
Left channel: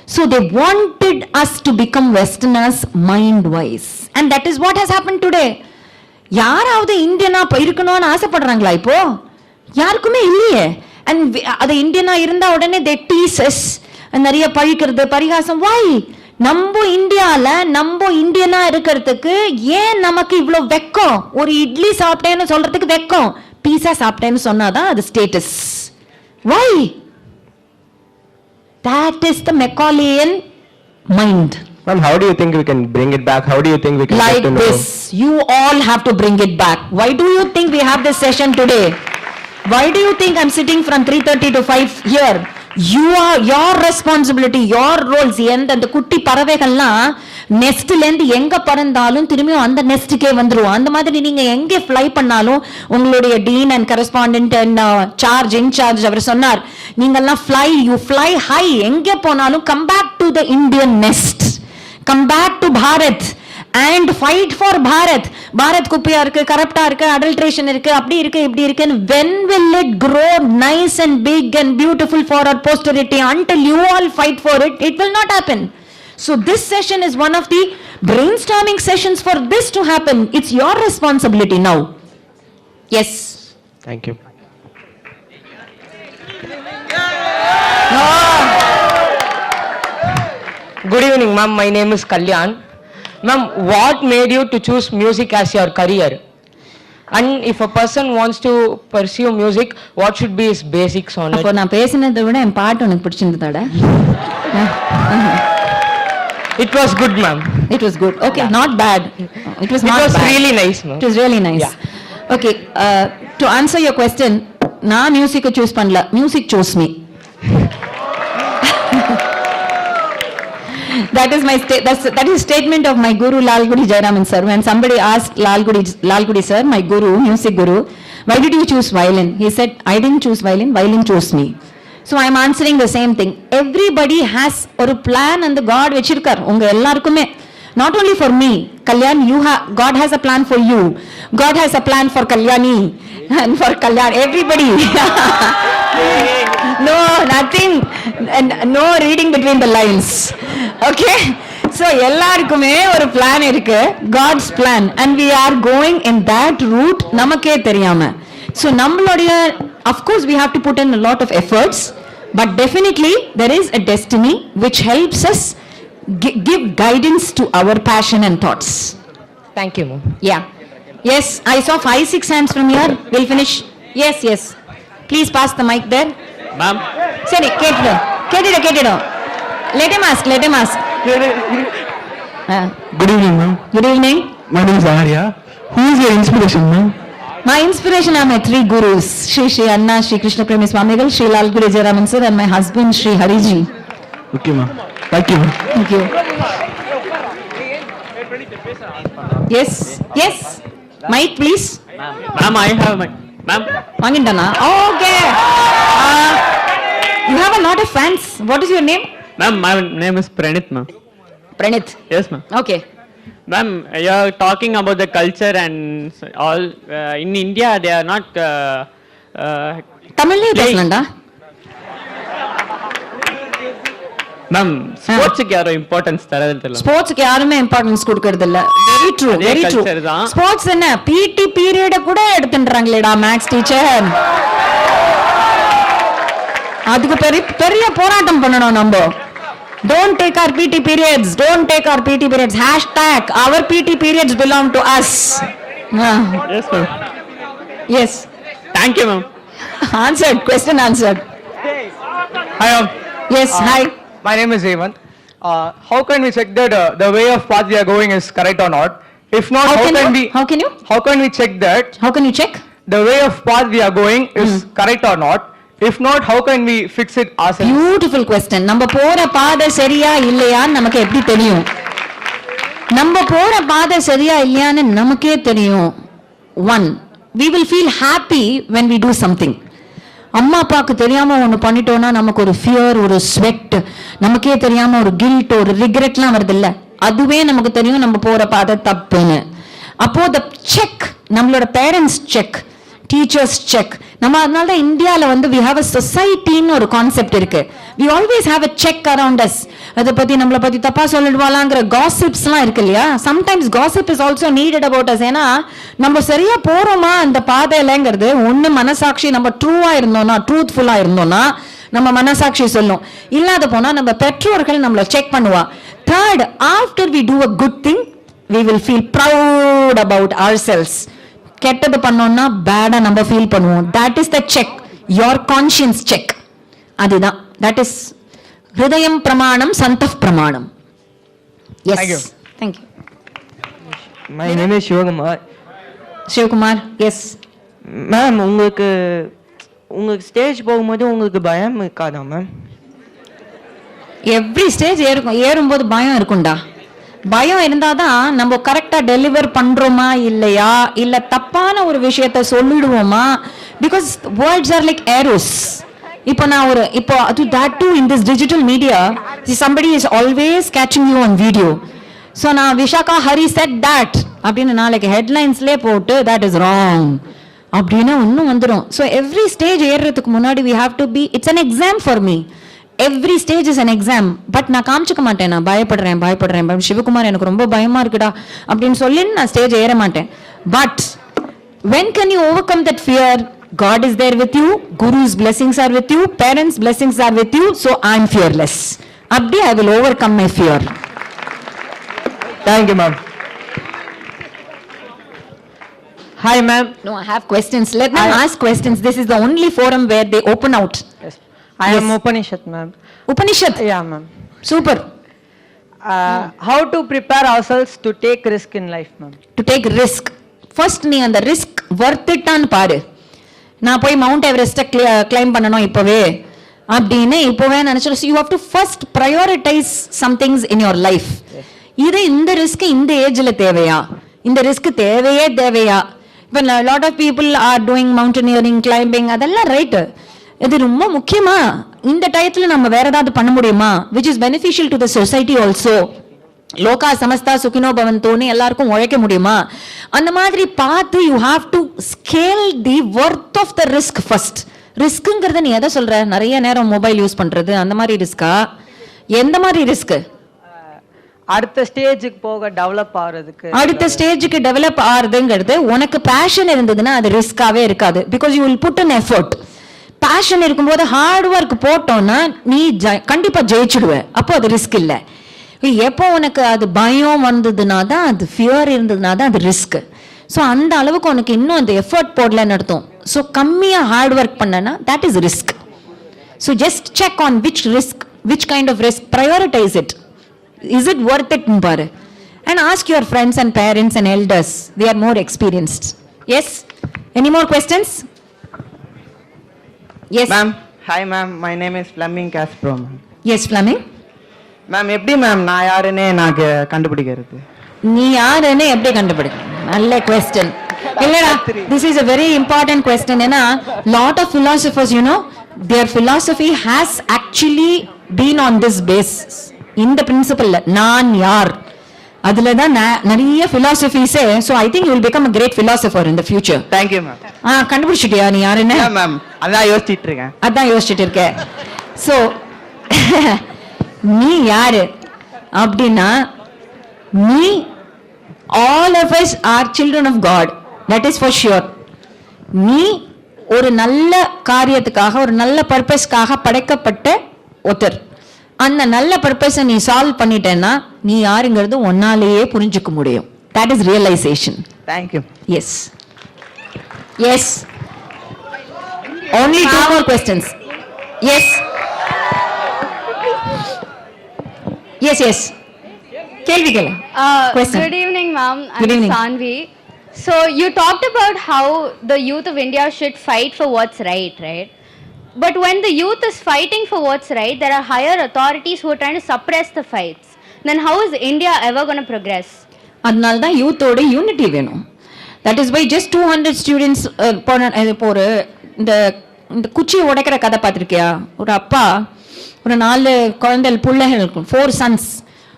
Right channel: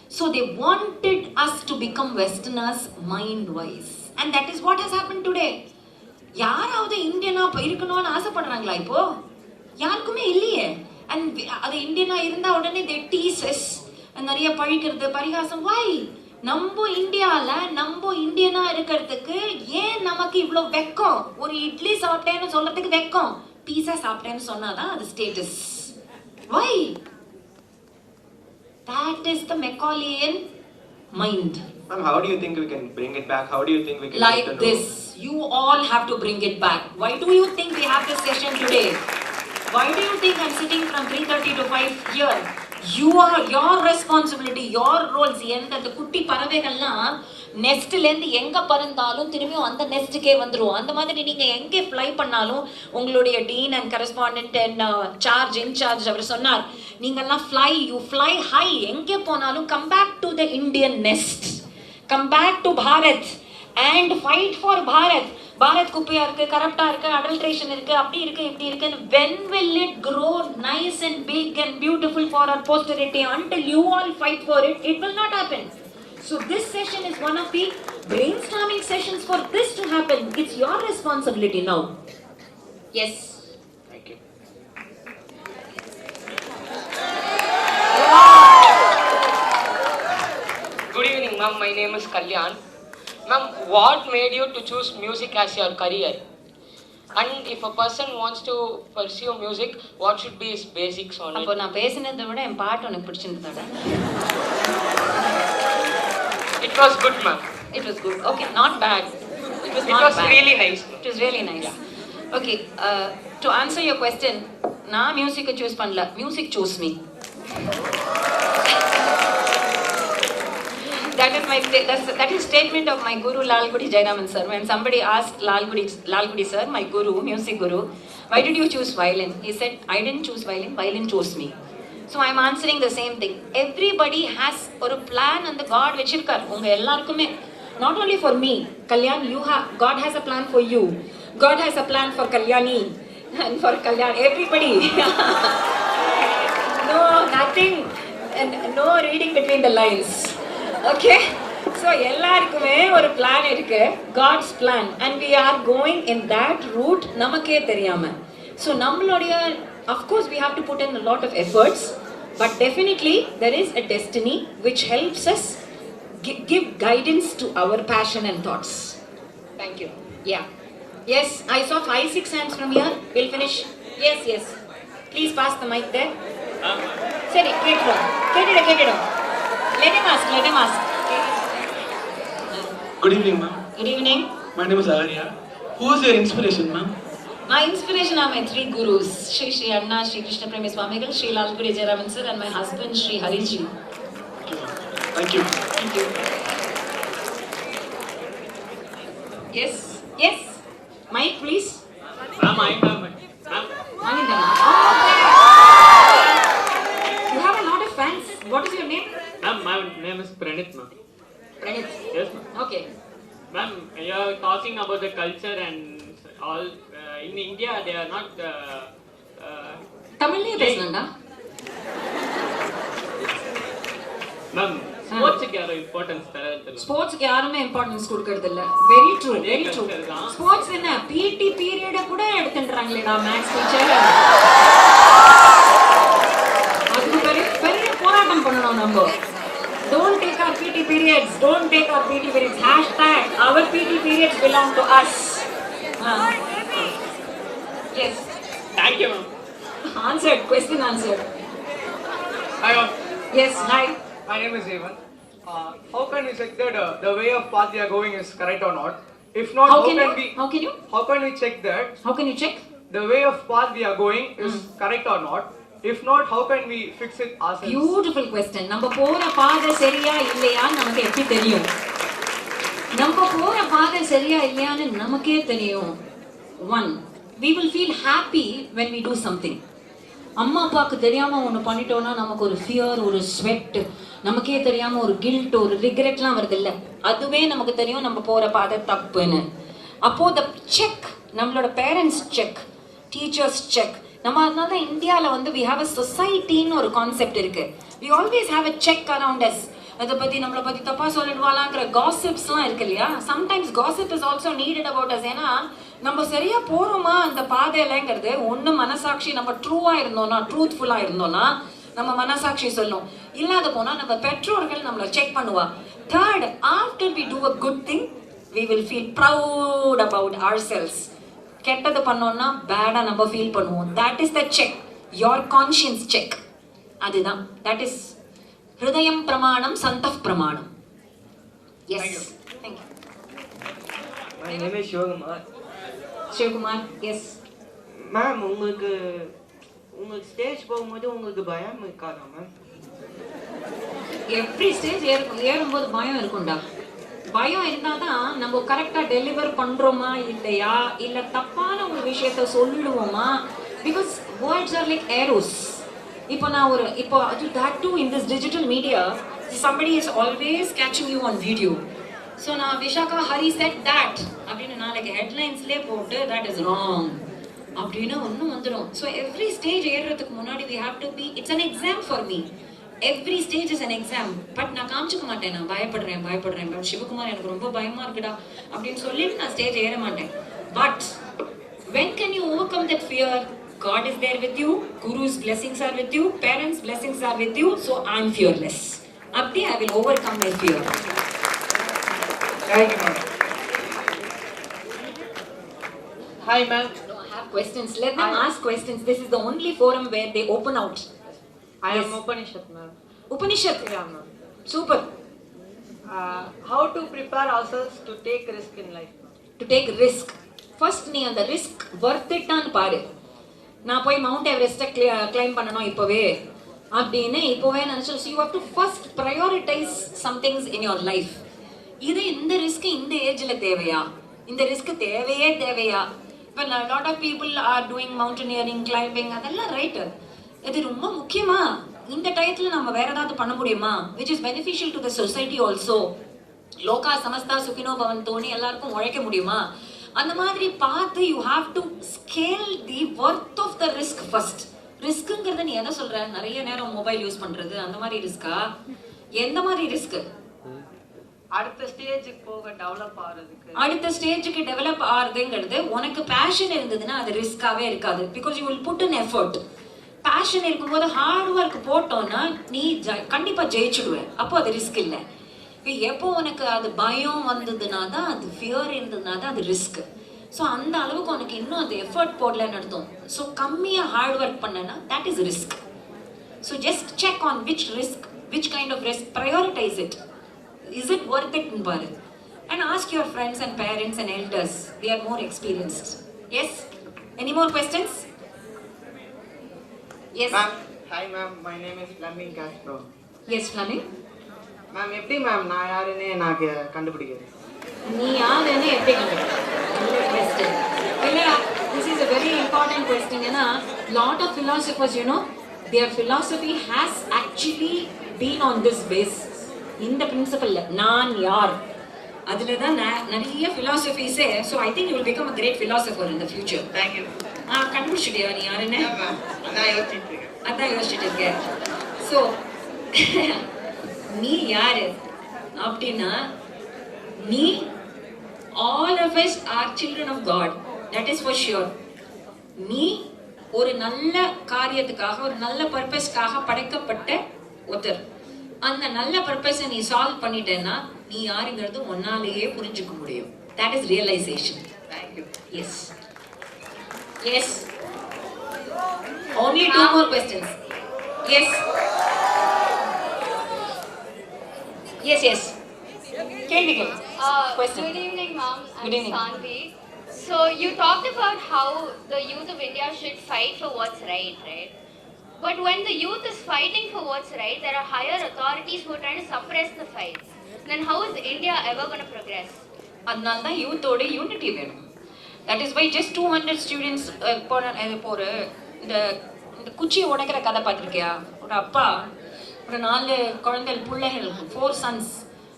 So they wanted us to become Westerners mind-wise. And that is what has happened today. யாராவது இந்தியனா இருக்கணும்னு ஆசைப்படுறாங்களா இப்போ? யாருக்குமே இல்லையே. And அது இந்தியனா இருந்தா உடனே they tease us. நிறைய பழிக்கிறது பரிகாசம். Why? நம்ம இந்தியால நம்ம இந்தியனா இருக்கிறதுக்கு ஏன் நமக்கு இவ்ளோ வெக்கம்? ஒரு இட்லி சாப்பிட்டேன்னு சொல்றதுக்கு வெக்கம். பீஸா சாப்பிட்டேன்னு சொன்னாதான் அது status. Why? That is the Macaulayan mind. Ma'am, how do you think we can bring it back? How do you think we can Like get to know? this. You all have to bring it back. Why do you think we have this session today? Why do you think I'm sitting from 3:30 to 5 here? Your responsibility, your roles. அந்த குட்டி பறவைகள்லாம் நெஸ்ட்ல இருந்து எங்க பறந்தாலும் திரும்பியும் அந்த நெஸ்டுக்கே வந்துருவோம். அந்த மாதிரி நீங்க எங்க ஃப்ளை பண்ணாலும் உங்களுடைய dean and correspondent and charge incharge அவர் சொன்னார், நீங்கெல்லாம் யூ ஃப்ளை ஹை. எங்க போனாலும் come back to the Indian next, come back to Bharat and fight for Bharat. Bharat குப்பையா இருக்கு, கரப்டா இருக்கு, adulteration இருக்கு, அப்படி இருக்கு, இப்படி இருக்கு. When will it grow nice and big and beautiful for our posterity? Until you all fight for it, it will not happen. So this session is one of the brainstorming sessions for this to happen. It's your responsibility now. Yes. Thank you. Good evening, ma'am. My name is Kalyan. Ma'am, what made you to choose music as your career? And if a person wants to pursue music, what should be his basics on it? அப்போ நான் பேசினதை விட என் பாட்டு உனக்கு பிடிச்சிருந்ததாடா? It was good, ma'am. It was good. Okay, not bad. It was really nice, ma'am. It was really nice. Yeah. Okay, to answer your question, நான் மியூசிக்கை choose பண்ணல, music choose me. That is statement of my guru Lalgudi Jayaraman sir. When somebody asked Lalgudi sir, my guru, music guru, why did you choose violin? He said, I didn't choose violin chose me. So I am answering the same thing. Everybody has a plan and the God vechirkar unga ellarkume. Not only for me, Kalyan, God has a plan for you. God has a plan for Kalyani and for Kalyan, everybody. No, nothing, no reading between the lines. Okay, so எல்லாருக்குமே ஒரு plan இருக்கு, God's plan, and we are going in that route நமக்கே தெரியாம. So நம்மளுடைய, of course we have to put in a lot of efforts, but definitely there is a destiny which helps us give guidance to our passion and thoughts. Thank you, ma'am. Yeah. Yes, I saw 5-6 hands from here. We'll finish. Yes. Please pass the mic there. Ma'am. Sorry, கேட்டிடும். Let him ask. Good evening, ma'am. Good evening. My name is Arya. Who is your inspiration, ma'am? My inspiration are my 3 gurus, Shri Anna, Shri Krishna Premi Swamigal, Shri Lalgudi Jayaraman sir, and my husband, Shri Hariji. Okay, ma'am. Thank you. Thank you. Yes. Mic, please. Ma'am, I have my... Ma'am. Wangindana. Okay. You have a lot of fans. What is your name? Ma'am, my name is Pranit, ma'am. Pranit. Yes, ma'am. Okay. Ma'am, you are talking about the culture and all. In India, they are not... தமிழ்லயே பேசலாம்டா. Ma'am, ஸ்போர்ட்ஸ்க்கு யாரோ importance தரது தெரியல. ஸ்போர்ட்ஸ்க்கு யாருமே importance கொடுக்கிறது இல்ல. Very true. Sports என்ன PT period கூட எடுத்துன்றாங்களேடா maths teacher. அதுக்கு பெரிய போராட்டம் பண்ணணும் நம்ம. Don't take our PT periods. Hashtag our PT periods belong to us. Yes, ma'am. Yes. Thank you, ma'am. Answered. Question answered. Hi, ma'am. Yes, hi. My name is Evan. How can we check that the way of path we are going is correct or not? If not, how can we check that? How can you check? The way of path we are going is correct or not? If not, how can we fix it ourselves? Beautiful question. நம்ம போற பாதை சரியா இல்லையான்னு நமக்கு எப்படி தெரியும்? நம்ம போற பாதை சரியா இல்லையான்னு நமக்கே தெரியும். 1, we will feel happy when we do something. அம்மா அப்பாவுக்கு தெரியாம ஒன்று பண்ணிட்டோம்னா நமக்கு ஒரு ஃபியர், ஒரு ஸ்வெட், நமக்கே தெரியாம ஒரு கில்ட், ஒரு ரிக்ரெட்லாம் வருது இல்ல, அதுவே நமக்கு தெரியும் நம்ம போற பாதை தப்புன்னு. அப்போ த செக், நம்மளோட பேரண்ட்ஸ் செக், டீச்சர்ஸ் செக். நம்ம அதனால தான் இந்தியாவில் we have a society ன்னு ஒரு கான்செப்ட் இருக்கு. we always have a check around us. அதை பத்தி நம்மளை பத்தி தப்பா சொல்லிடுவாளாங்கிற காசிப்ஸ்லாம் இருக்கு இல்லையா? Sometimes gossip is also needed about us. ஏன்னா நம்ம சரியா போறோமா அந்த பாதையிலங்கிறது ஒண்ணு மனசாட்சி, நம்ம ட்ரூவா இருந்தோம்னா, ட்ரூத்ஃபுல்லா இருந்தோம்னா நம்ம மனசாட்சி சொல்லும். இல்லாத போனா நம்ம பெற்றோர்கள் நம்மளை செக் பண்ணுவா. Third, after we do a good thing, we will feel proud about ourselves. கெட்டது பண்ணோம்னா பேடா நம்ம ஃபீல் பண்ணுவோம். That is the check, your conscience check. அதுதான், that is ஹிருதயம் பிரமாணம், சந்தப் பிரமாணம். Yes. Thank you. My name is Shivakumar. Shivakumar, yes. Ma'am, உங்களுக்கு stage போகும்போது உங்களுக்கு பயம் இருக்காதா மேம்? எவ்ரி ஸ்டேஜ் ஏறும்போது பயம் இருக்கும்டா. பயம் இருந்தாதான் நம்ம கரெக்டா டெலிவர் பண்றோமா இல்லையா, இல்ல தப்பான ஒரு விஷயத்த சொல்லிடுவோமா. Because words R like arrows. இப்போ நான் இப்போ that too in this digital media, somebody is always catching you on video. So நான் Vishaka Hari said that அப்படின்னு நாளைக்கு ஹெட்லைன்ஸ்லேயே போட்டு that is wrong அப்படின்னு ஒன்றும் வந்துடும். ஸோ எவ்ரி ஸ்டேஜ் ஏறுறதுக்கு முன்னாடி we have to be, it's an exam for me. Every stage is an exam. But நான் காமிச்சிக்க மாட்டேன் நான் பயப்படுறேன் சிவகுமார் எனக்கு ரொம்ப பயமா இருக்குடா அப்படின்னு சொல்லி நான் ஸ்டேஜ் ஏற மாட்டேன். But when can you overcome that fear? God is there with you, Guru's blessings are with you, parents' blessings are with you, so I'm fearless. Abdi, I will overcome my fear. Thank you, ma'am. Hi, ma'am. No, I have questions. Let them ask questions. This is the only forum where they open out. Yes. I am Upanishad, ma'am. Upanishad? Yeah, ma'am. Super. How to prepare ourselves to take risk in life, ma'am? To take risk. First, நீ அந்த risk worth it ஆன்னு பாரு. நான் போய் mount எவரெஸ்ட்டை claim பண்ணணும் இப்போவே அப்படின்னு இப்போவே நினைச்சோம். You have to first prioritise some things in your life. இது இந்த ரிஸ்க் இந்த ஏஜ்ல தேவையா, இந்த ரிஸ்க் தேவையா? இப்போ lot of people are doing mountaineering, climbing, அதெல்லாம் ரைட்டு. இது ரொம்ப முக்கியமா? இந்த டயத்துல நம்ம வேற ஏதாவது பண்ண முடியுமா which is beneficial to the society also? லோகா சமஸ்தா சுகினோ பவந்தோன்னு எல்லாருக்கும் உழைக்க முடியுமா? அந்த மாதிரி பார்த்து you have to scale the Worth of the risk first. ரிஸ்க்குங்கிறத நீ எதை சொல்ற? நிறைய நேரம் மொபைல் யூஸ் பண்றது அந்த மாதிரி ரிஸ்கா? எந்த மாதிரி ரிஸ்க்? அடுத்த ஸ்டேஜுக்கு போக டெவலப் ஆகிறதுக்கு. அடுத்த ஸ்டேஜுக்கு டெவலப் ஆகிறதுங்கிறது உனக்கு பேஷன் இருந்ததுன்னா அது ரிஸ்காவே இருக்காது. Because you will put an effort. Fashion இருக்கும்போது ஹார்ட் ஒர்க் போட்டோம்னா நீ கண்டிப்பா ஜெயிச்சுடுவ. அப்போ அது ரிஸ்க் இல்லை. எப்போ உனக்கு அது பயம் வந்ததுனா தான், அது ஃபியர் இருந்ததுனா தான் அது ரிஸ்க். ஸோ அந்த அளவுக்கு உனக்கு இன்னும் அந்த எஃபர்ட் போடலன்னு அர்த்தம். ஸோ கம்மியாக ஹார்ட் ஒர்க் பண்ணனா that is risk. So just check on which kind of risk, prioritise it. Is it worth இட்னு பாரு. And ask your friends and parents and elders, they are more experienced. S, any more questions? Yes ma'am. Hi ma'am, my name is Fleming காஸ்ப்ரோ. S Fleming. Ma'am, எப்படி ma'am நான் யாருன்னு எனக்கு கண்டுபிடிக்கிறது? நீ யாருன்னு எப்படி கண்டுபிடிக்கிறது? நல்ல கொஸ்டின் இல்லடா. This is a very important question. ஏன்னா lot of philosophers, you know, their philosophy has actually been on this basis. இந்த பிரின்சிபல்ல நான் யார், அதுல தான் நிறைய philosophies. So I think you will become a great philosopher in the future. Thank you ma'am. கண்டுபிடிச்சிட்டியா நீ யாருன்னு? Ma'am, அதான் யோசிச்சிட்டு இருக்கேன். So நீ யாரு அப்படின்னா, நீ all of us are children of God, that is for sure. நீ ஒரு நல்ல காரியத்துக்காக, ஒரு நல்ல பர்பஸ்க்காக படைக்கப்பட்ட ஒருத்தர். அந்த நல்ல பர்பஸை நீ சால்வ் பண்ணிட்டேன்னா நீ யாருங்கிறது ஒன்னாலேயே புரிஞ்சுக்க முடியும். that is realization. Thank you. Yes. Yes. Only two more questions. Yes. Yes. Kelvi. Good evening, ma'am. I'm Sanvi. So you talked about how the youth of India should fight for what's right? But when the youth is fighting for what's right, there are higher authorities who are trying to suppress the fights. Then how is India ever going to progress? அதனால தான் யூத்தோட unity வேணும். That is why just 200 students போற இந்த குச்சி உடைக்கிற கதை பார்த்திருக்கியா? ஒரு அப்பா ஒரு 4 குழந்தைகள் பிள்ளைகள் இருக்கும், 4 sons.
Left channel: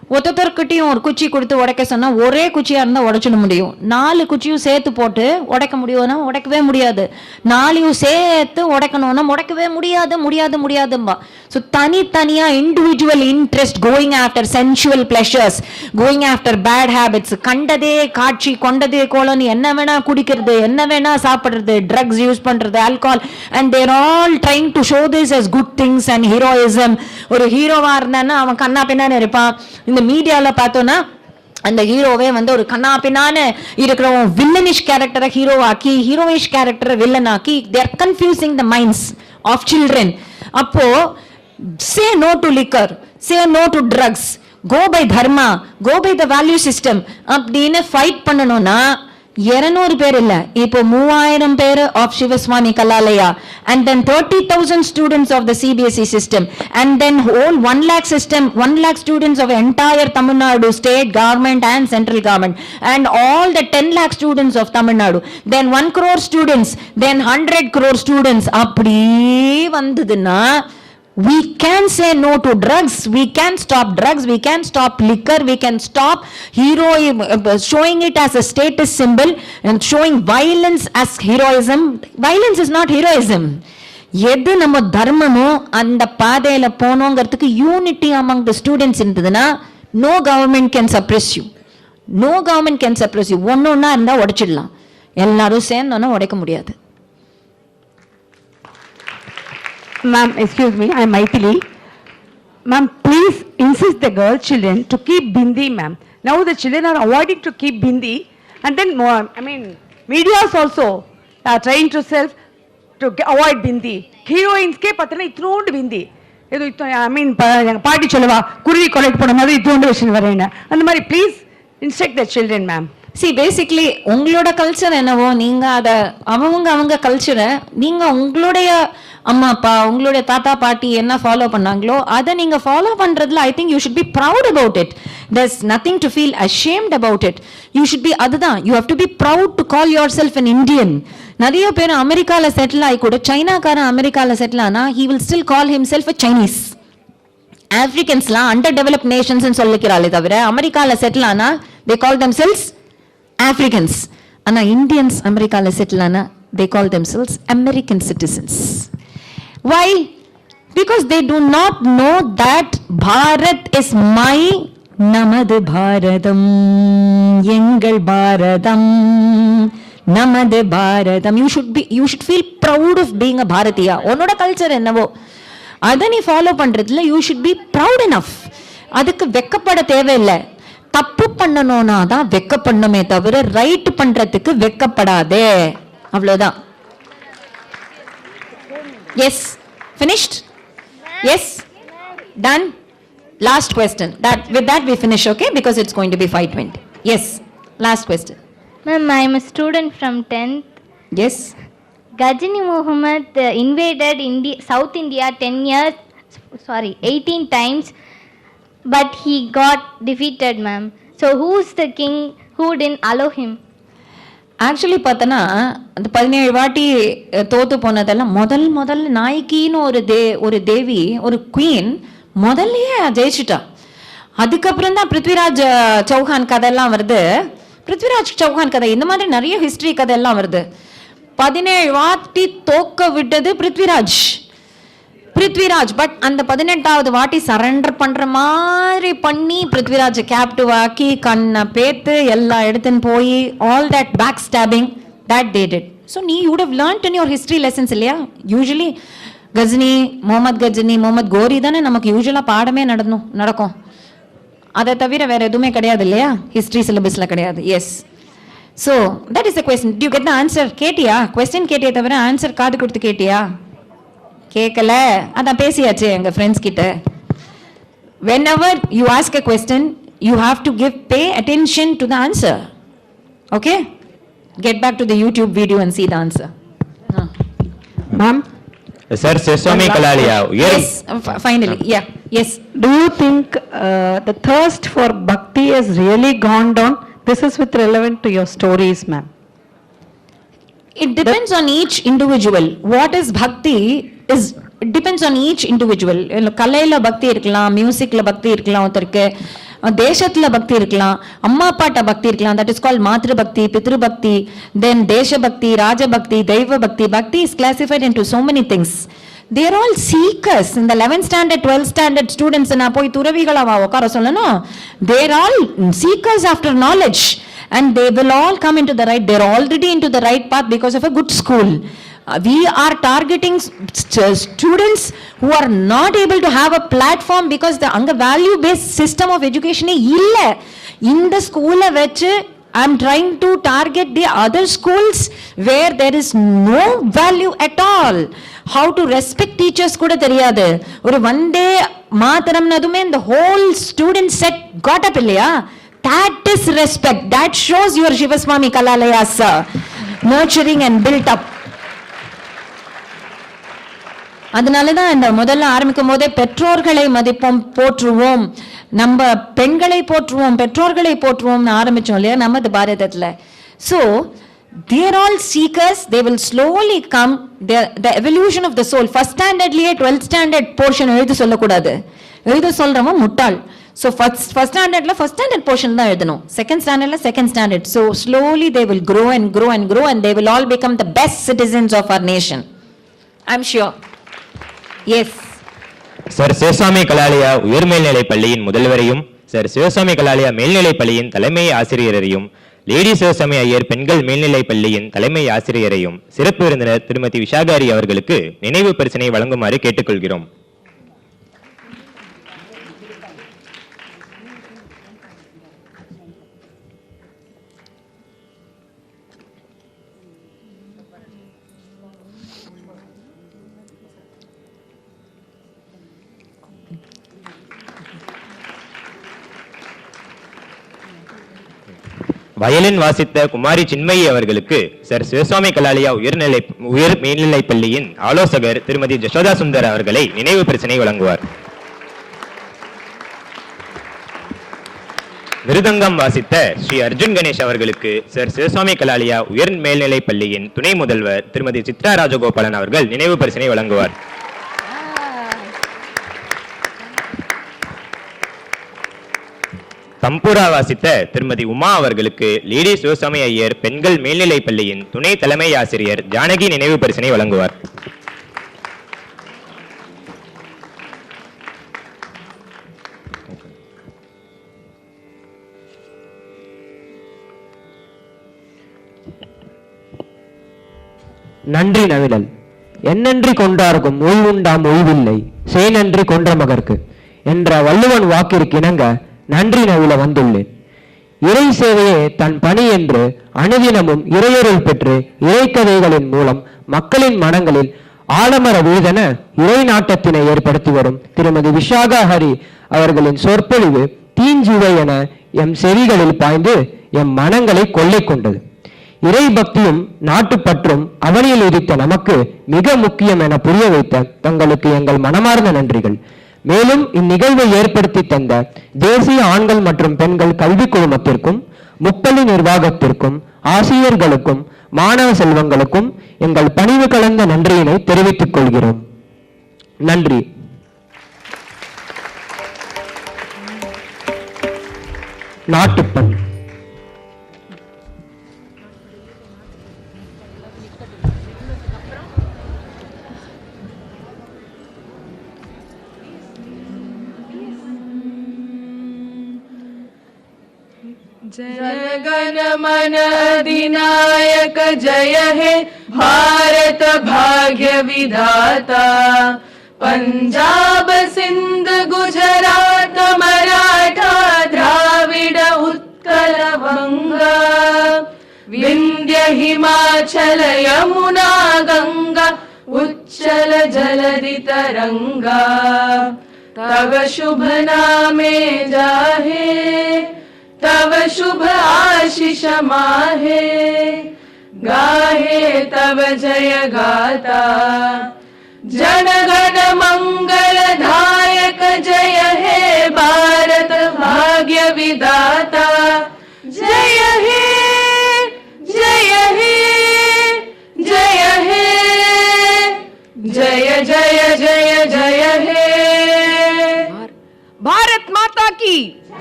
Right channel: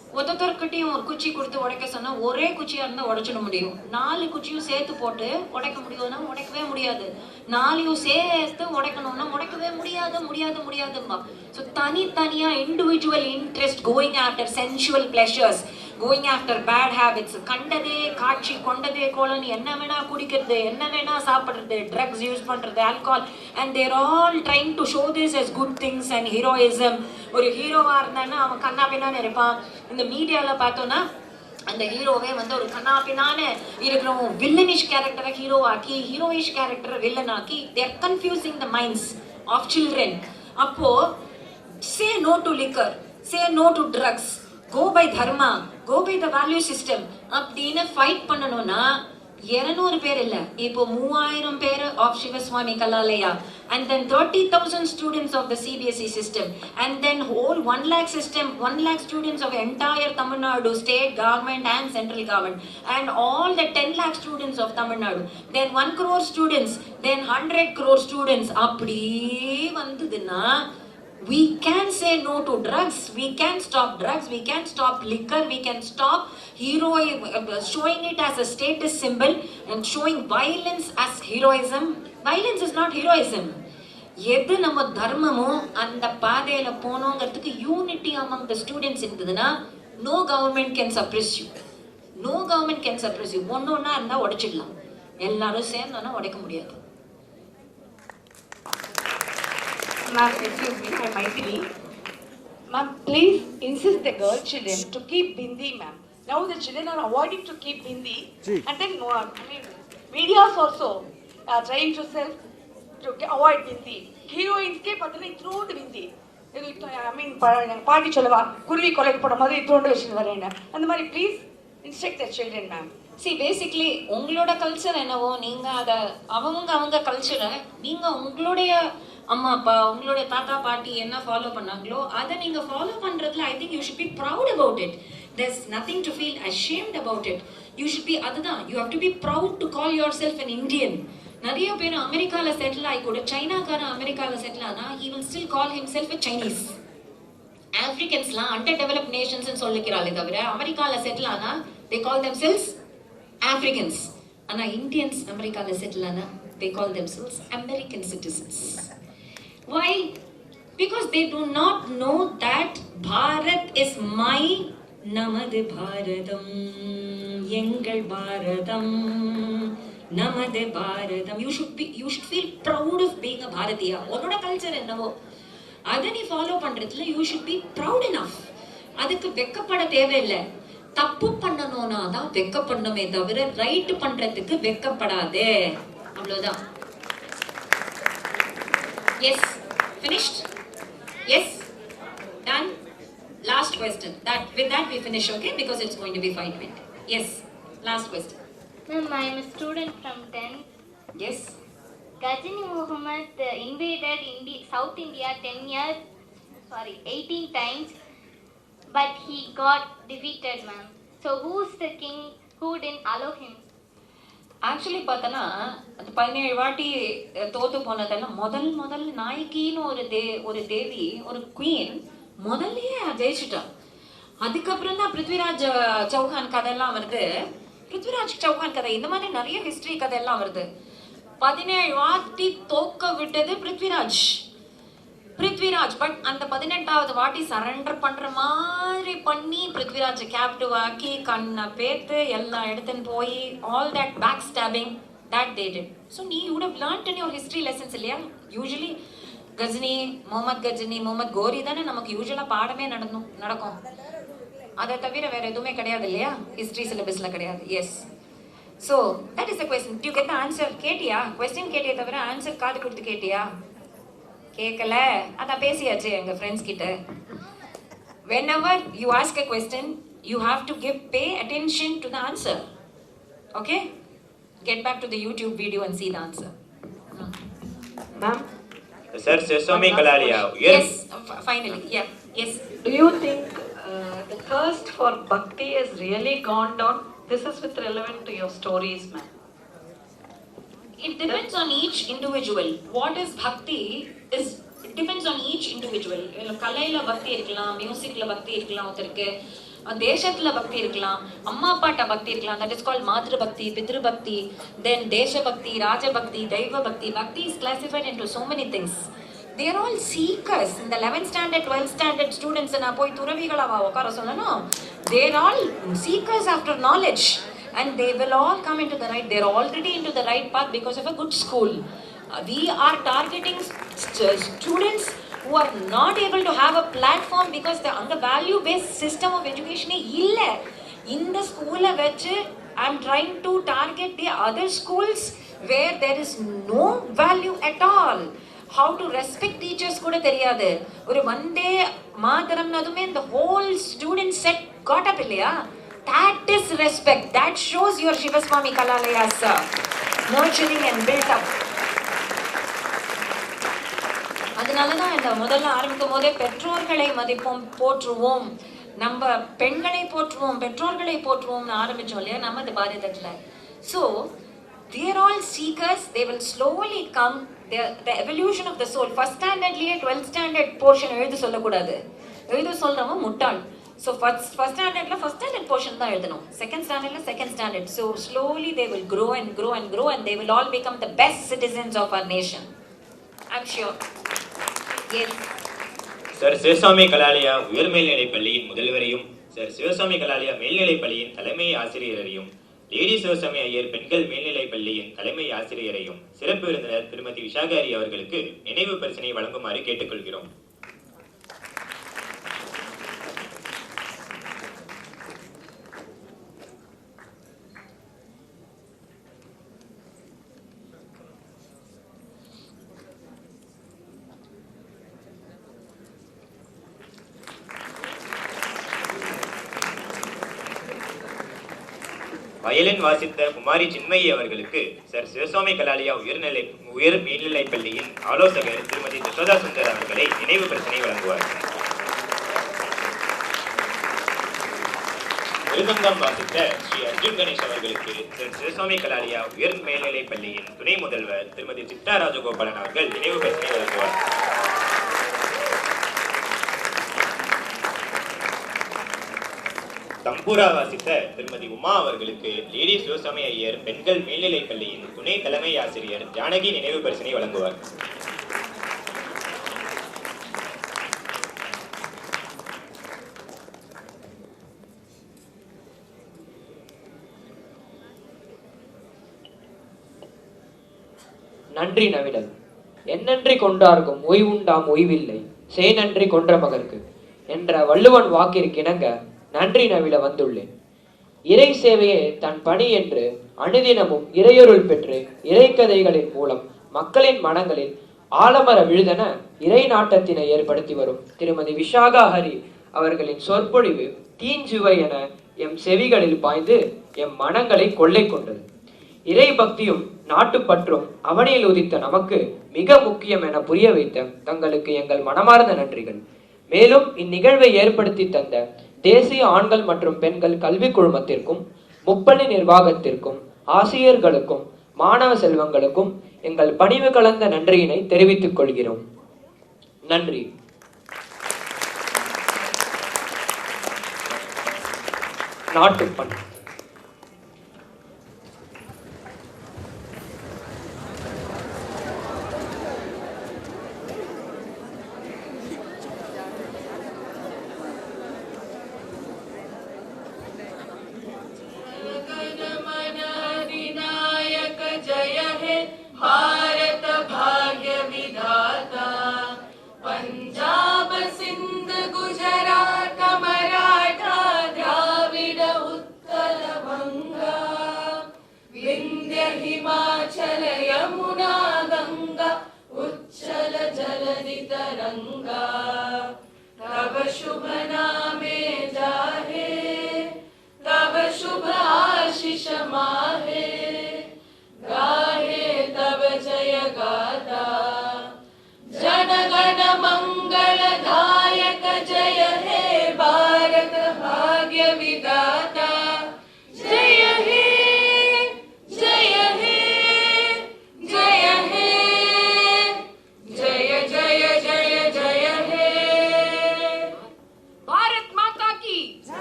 ஒருத்தர்கிட்டையும் ஒரு குச்சி கொடுத்து உடைக்க சொன்னா ஒரே குச்சியா இருந்தா உடைச்சிட முடியும். 4 குச்சியும் சேர்த்து போட்டு உடைக்க முடியும்னா உடைக்கவே முடியாது. 4 சேர்த்து உடைக்கணும்னா உடைக்கவே முடியாதும்பா. ஸோ தனித்தனியா individual interest, going after sensual pleasures, going after bad habits, கண்டதே காட்சி கொண்டதே கோலன்னு என்ன வேணா குடிக்கிறது, என்ன வேணா சாப்பிடுறது, ட்ரக்ஸ் யூஸ் பண்றது, alcohol, and there all trying to show this as good things and heroism. ஒரு ஹீரோவா இருந்தான்னா அவன் கண்ணா பின்னான்னு இருப்பான். இந்த மீடியால பார்த்தோம்னா அந்த ஹீரோவே வந்து ஒரு கண்ணா பின்னான்னு இருக்கிறவன் வில்லனிஷ் கேரக்டரை ஹீரோவாக்கி, ஹீரோயிஷ் கேரக்டரை வில்லனாக்கி, they are confusing the minds of children. அப்போ say no to liquor, say no to drugs, go by dharma, go by the value system அப்படின்னு ஃபைட் பண்ணணும்னா 200 பேர் இல்ல, இப்போ 3000 பேர் of Shivaswami Kalalaya, and then 30,000 students of the CBSE system, and then whole 1 lakh system, 1 lakh students of entire Tamil Nadu state government and central government, and all the 10 lakh students of Tamil Nadu, then 1 crore students, then 100 crore students. அப்படி வந்ததுன்னா we can say no to drugs, we can stop drugs, we can stop liquor, we can stop showing it as a status symbol and showing violence as heroism. Violence is not heroism. எது நம்ம தர்மமோ அந்த பாதையில போனோங்கிறதுக்கு unity among the students இருந்ததுன்னா no government can suppress you, no government can suppress you. ஒன்னொன்னா இருந்தா உடைச்சிடலாம், எல்லாரும் சேர்ந்தோன்னா உடைக்க முடியாது. Ma'am, excuse me, I am Maithili. Ma'am, please insist the girl children to keep bindi, ma'am. Now the children are avoiding to keep bindi, and then more, I mean, medias also are trying to avoid bindi. Heroines ke pathana ithnondu bindi. Edu I mean, party cholava kurvi collect பண்ண மாதிரி ithnondu விஷயம் வரேனா. அந்த மாதிரி please instruct the children, ma'am. See, basically உங்களோட culture என்னவோ நீங்க அத அவங்க கல்ச்சரை நீங்க உங்களுடைய அம்மா அப்பா உங்களுடைய தாத்தா பாட்டி என்ன ஃபாலோ பண்ணாங்களோ அதை நீங்க ஃபாலோ பண்றதுல I think you should be proud about it. There's nothing to feel ashamed about it. You should be அதுதான், you have to be proud to call yourself an Indian. நிறைய பேர் அமெரிக்கால செட்டில் ஆகி கூட சைனாக்காரன் அமெரிக்கால செட்டில் ஆனா he will still call himself a Chinese. ஆப்பிரிக்கன்ஸ்லாம் under developed Nations சொல்லிக்கிறாளே தவிர அமெரிக்கால செட்டில் ஆனா they call themselves Africans. ஆனா இந்தியன்ஸ் அமெரிக்கால செட்டில் ஆனா they call themselves American citizens. Why? Because they do not know that Bharat is my Namadu Bharatam, Yengal Bharatam, Namadu Bharatam. You should feel proud of being a Bharatiya. Onoda culture ennavo adha nee follow pandradhula you should be proud enough. adukku வெக்கப்பட தேவையில்லை. தப்பு பண்ணணும்னா தான் வெக்கப்படணுமே தவிர right பண்றதுக்கு வெக்கப்படாதே, அவ்வளவுதான். Yes, finished? Yes, done. Last question. With that we finish, okay? Because it's going to be 5:20. Yes, last question. Ma'am, I am a student from 10th. Yes. Ghazani Muhammad invaded South India 18 times, but he got defeated, ma'am. So who's the king who didn't allow him? Actually பார்த்தனா அந்த 17 வாட்டி தோத்து போனதெல்லாம் முதல் நாயகின்னு ஒரு தேவி ஒரு queen முதல்லயே ஜெயிச்சுட்டா. அதுக்கப்புறம் தான் பிருத்விராஜ் சௌஹான் கதையெல்லாம் வருது. பிருத்விராஜ் சௌஹான் கதை இந்த மாதிரி நிறைய ஹிஸ்டரி கதையெல்லாம் வருது. 17 வாட்டி தோக்க விட்டது பிருத்விராஜ். பட் அந்த 18வது வாட்டி சரண்டர் பண்ற மாதிரி பண்ணி பிருத்விராஜ் கேப்டிவ் ஆக்கி கண்ணை பேத்து எல்லாம் எடுத்துன்னு போய் all that back stabbing that they did. So you would have learnt in your history lessons இல்லையா? யூஸ்வலி கஜினி முகமது கோரி தானே நமக்கு யூஸ்வலா பாடமே நடக்கும். அதை தவிர வேற எதுவுமே கிடையாது இல்லையா? ஹிஸ்டரி சிலபஸ்ல கிடையாது. S. So that is the question. Do you get the answer? கேட்டியா? கொஸ்டின் கேட்டியே தவிர ஆன்சர் காது கொடுத்து கேட்டியா? கேட்கல, அதான் பேசியாச்சு எங்க ஃப்ரெண்ட்ஸ் கிட்ட. Whenever you ask a question, you have to pay attention to the answer. Okay? Get back to the YouTube video and see the answer. Ma'am? Sir, Swami Kalalaya. Yes, finally. Yeah. Yes. Do you think the thirst for bhakti has really gone down? This is with relevant to your stories, ma'am. It depends on each individual. What is bhakti it depends on each individual. கலையில பக்தி இருக்கலாம், மியூசிக்ல பக்தி இருக்கலாம் ஒருத்தருக்கு, தேசத்துல பக்தி இருக்கலாம், அம்மா அப்பாட்ட பக்தி இருக்கலாம். தட் இஸ் கால்ட் மாத்ரு பக்தி, பித்ரு பக்தி, தென் தேச பக்தி, ராஜ பக்தி, தெய்வ பக்தி. பக்தி is classified into so many things. They are all seekers. இந்த 11th standard 12th standard students நான் போய் துறவிகளா உட்கார சொல்லணும். They are all seekers after knowledge and they will all come into the right. They are already into the right path because of a good school. We are targeting students who are not able to have a platform because the anga value based system of education illa. In the school vechu I am trying to target the other schools where there is no value at all. How to respect teachers kuda theriyadu. Oru one day maatharam nadume the whole student set got up illaya. That is respect. That shows your Shivaswami Kalalayas nurturing and built up. அதனால தான் இந்த முதல்ல ஆரம்பிக்கும் போதே பெற்றோர்களை மதிப்போம், போற்றுவோம், நம்ம பெண்களை போற்றுவோம், பெற்றோர்களை போற்றுவோம்னு ஆரம்பிச்சோம் இல்லையா நமது பாரதத்துல. So they are all seekers. They will slowly come. The evolution of the soul. First standardலயே 12th standard portion எழுத சொல்லக்கூடாது. எழுத சொல்றவன் முட்டாள். So first standardல first standard portion தான் எழுதணும். Second standardல second standard. So slowly they will grow and grow and grow and they will all become the best citizens of our nation. I'm sure. Yes. Sir Sivasamy Kalalaya உயர்மேல்நிலை பள்ளியின் முதல்வரையும் sir Sivasamy Kalalaya மேல்நிலை பள்ளியின் தலைமை ஆசிரியரையும் lady Sivasamy Iyer பெண்கள் மேல்நிலை பள்ளியின் தலைமை ஆசிரியரையும் சிறப்பு விருந்தினர் திருமதி விஷாகா ஹரி அவர்களுக்கு நினைவு பரிசினை வழங்குமாறு கேட்டுக்கொள்கிறோம். வயலின் வாசித்த குமாரி சின்மயி அவர்களுக்கு சார் சிவசாமி கலாலயா உயர் மேல்நிலை பள்ளியின் ஆலோசகர் திருமதி ஜசோதா சுந்தர் அவர்களை நினைவு பரிசினை வழங்குவார். மிருதங்கம் வாசித்த ஸ்ரீ அர்ஜுன் கணேஷ் அவர்களுக்கு சார் சிவசாமி கலாலயா உயர் மேல்நிலை பள்ளியின் துணை முதல்வர் திருமதி சித்ரா ராஜகோபாலன் அவர்கள் நினைவு பரிசினை வழங்குவார். தம்பூரா வாசித்த திருமதி உமா அவர்களுக்கு லேடி சிவசாமி ஐயர் பெண்கள் மேல்நிலை பள்ளியின் துணை தலைமை ஆசிரியர் ஜானகி நினைவு பரிசினை வழங்குவார். நன்றி நவிழல் என்னன்றி கொண்டார்க்கும் ஓய்வுண்டாம் ஓய்வில்லை செய் நன்றி கொன்ற மகற்கு என்ற வள்ளுவன் வாக்கிற்கு இணங்க நன்றி நவில வந்துள்ளேன். இறை சேவையே தன் பணி என்று அனுதினமும் இறையருள் பெற்று இறைக்கதைகளின் மூலம் மக்களின் மனங்களில் ஆலமர வீதென இறை நாட்டத்தினை ஏற்படுத்தி வரும் திருமதி விஷாகா ஹரி அவர்களின் சொற்பொழிவு தீஞ்சுவை என எம் செவிகளில் பாய்ந்து எம் மனங்களை கொள்ளை கொண்டது. இறை பக்தியும் நாட்டுப்பற்றும் அவனில் உதித்த நமக்கு மிக முக்கியம் என புரிய வைத்த தங்களுக்கு எங்கள் மனமார்ந்த நன்றிகள். மேலும் இந்நிகழ்வை ஏற்படுத்தி தந்த தேசிய ஆண்கள் மற்றும் பெண்கள் கல்வி குழுமத்திற்கும் முப்பள்ளி நிர்வாகத்திற்கும் ஆசிரியர்களுக்கும் மாணவ செல்வங்களுக்கும் எங்கள் பணிவு கலந்த நன்றியினை தெரிவித்துக் கொள்கிறோம். நன்றி. நாட்டுப்பண். जनगण मन अधिनायक जय हे भारत भाग्य विधाता पंजाब सिंध गुजरात मराठा द्राविड उत्कल बंगा विंध्य हिमाचल यमुना गंगा उच्चल जलधि तरंगा तव शुभ नामे जाहे तव शुभ आशीष माहे गाहे तव जय गाता जनगण मंगल दायक जय हे भारत भाग्य विधाता जय हे जय हे जय हे जय जय जय जय हे भारत माता की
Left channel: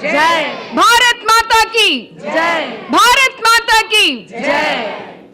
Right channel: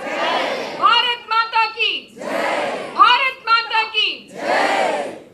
जय। भारत माता की जय। भारत माता की जय।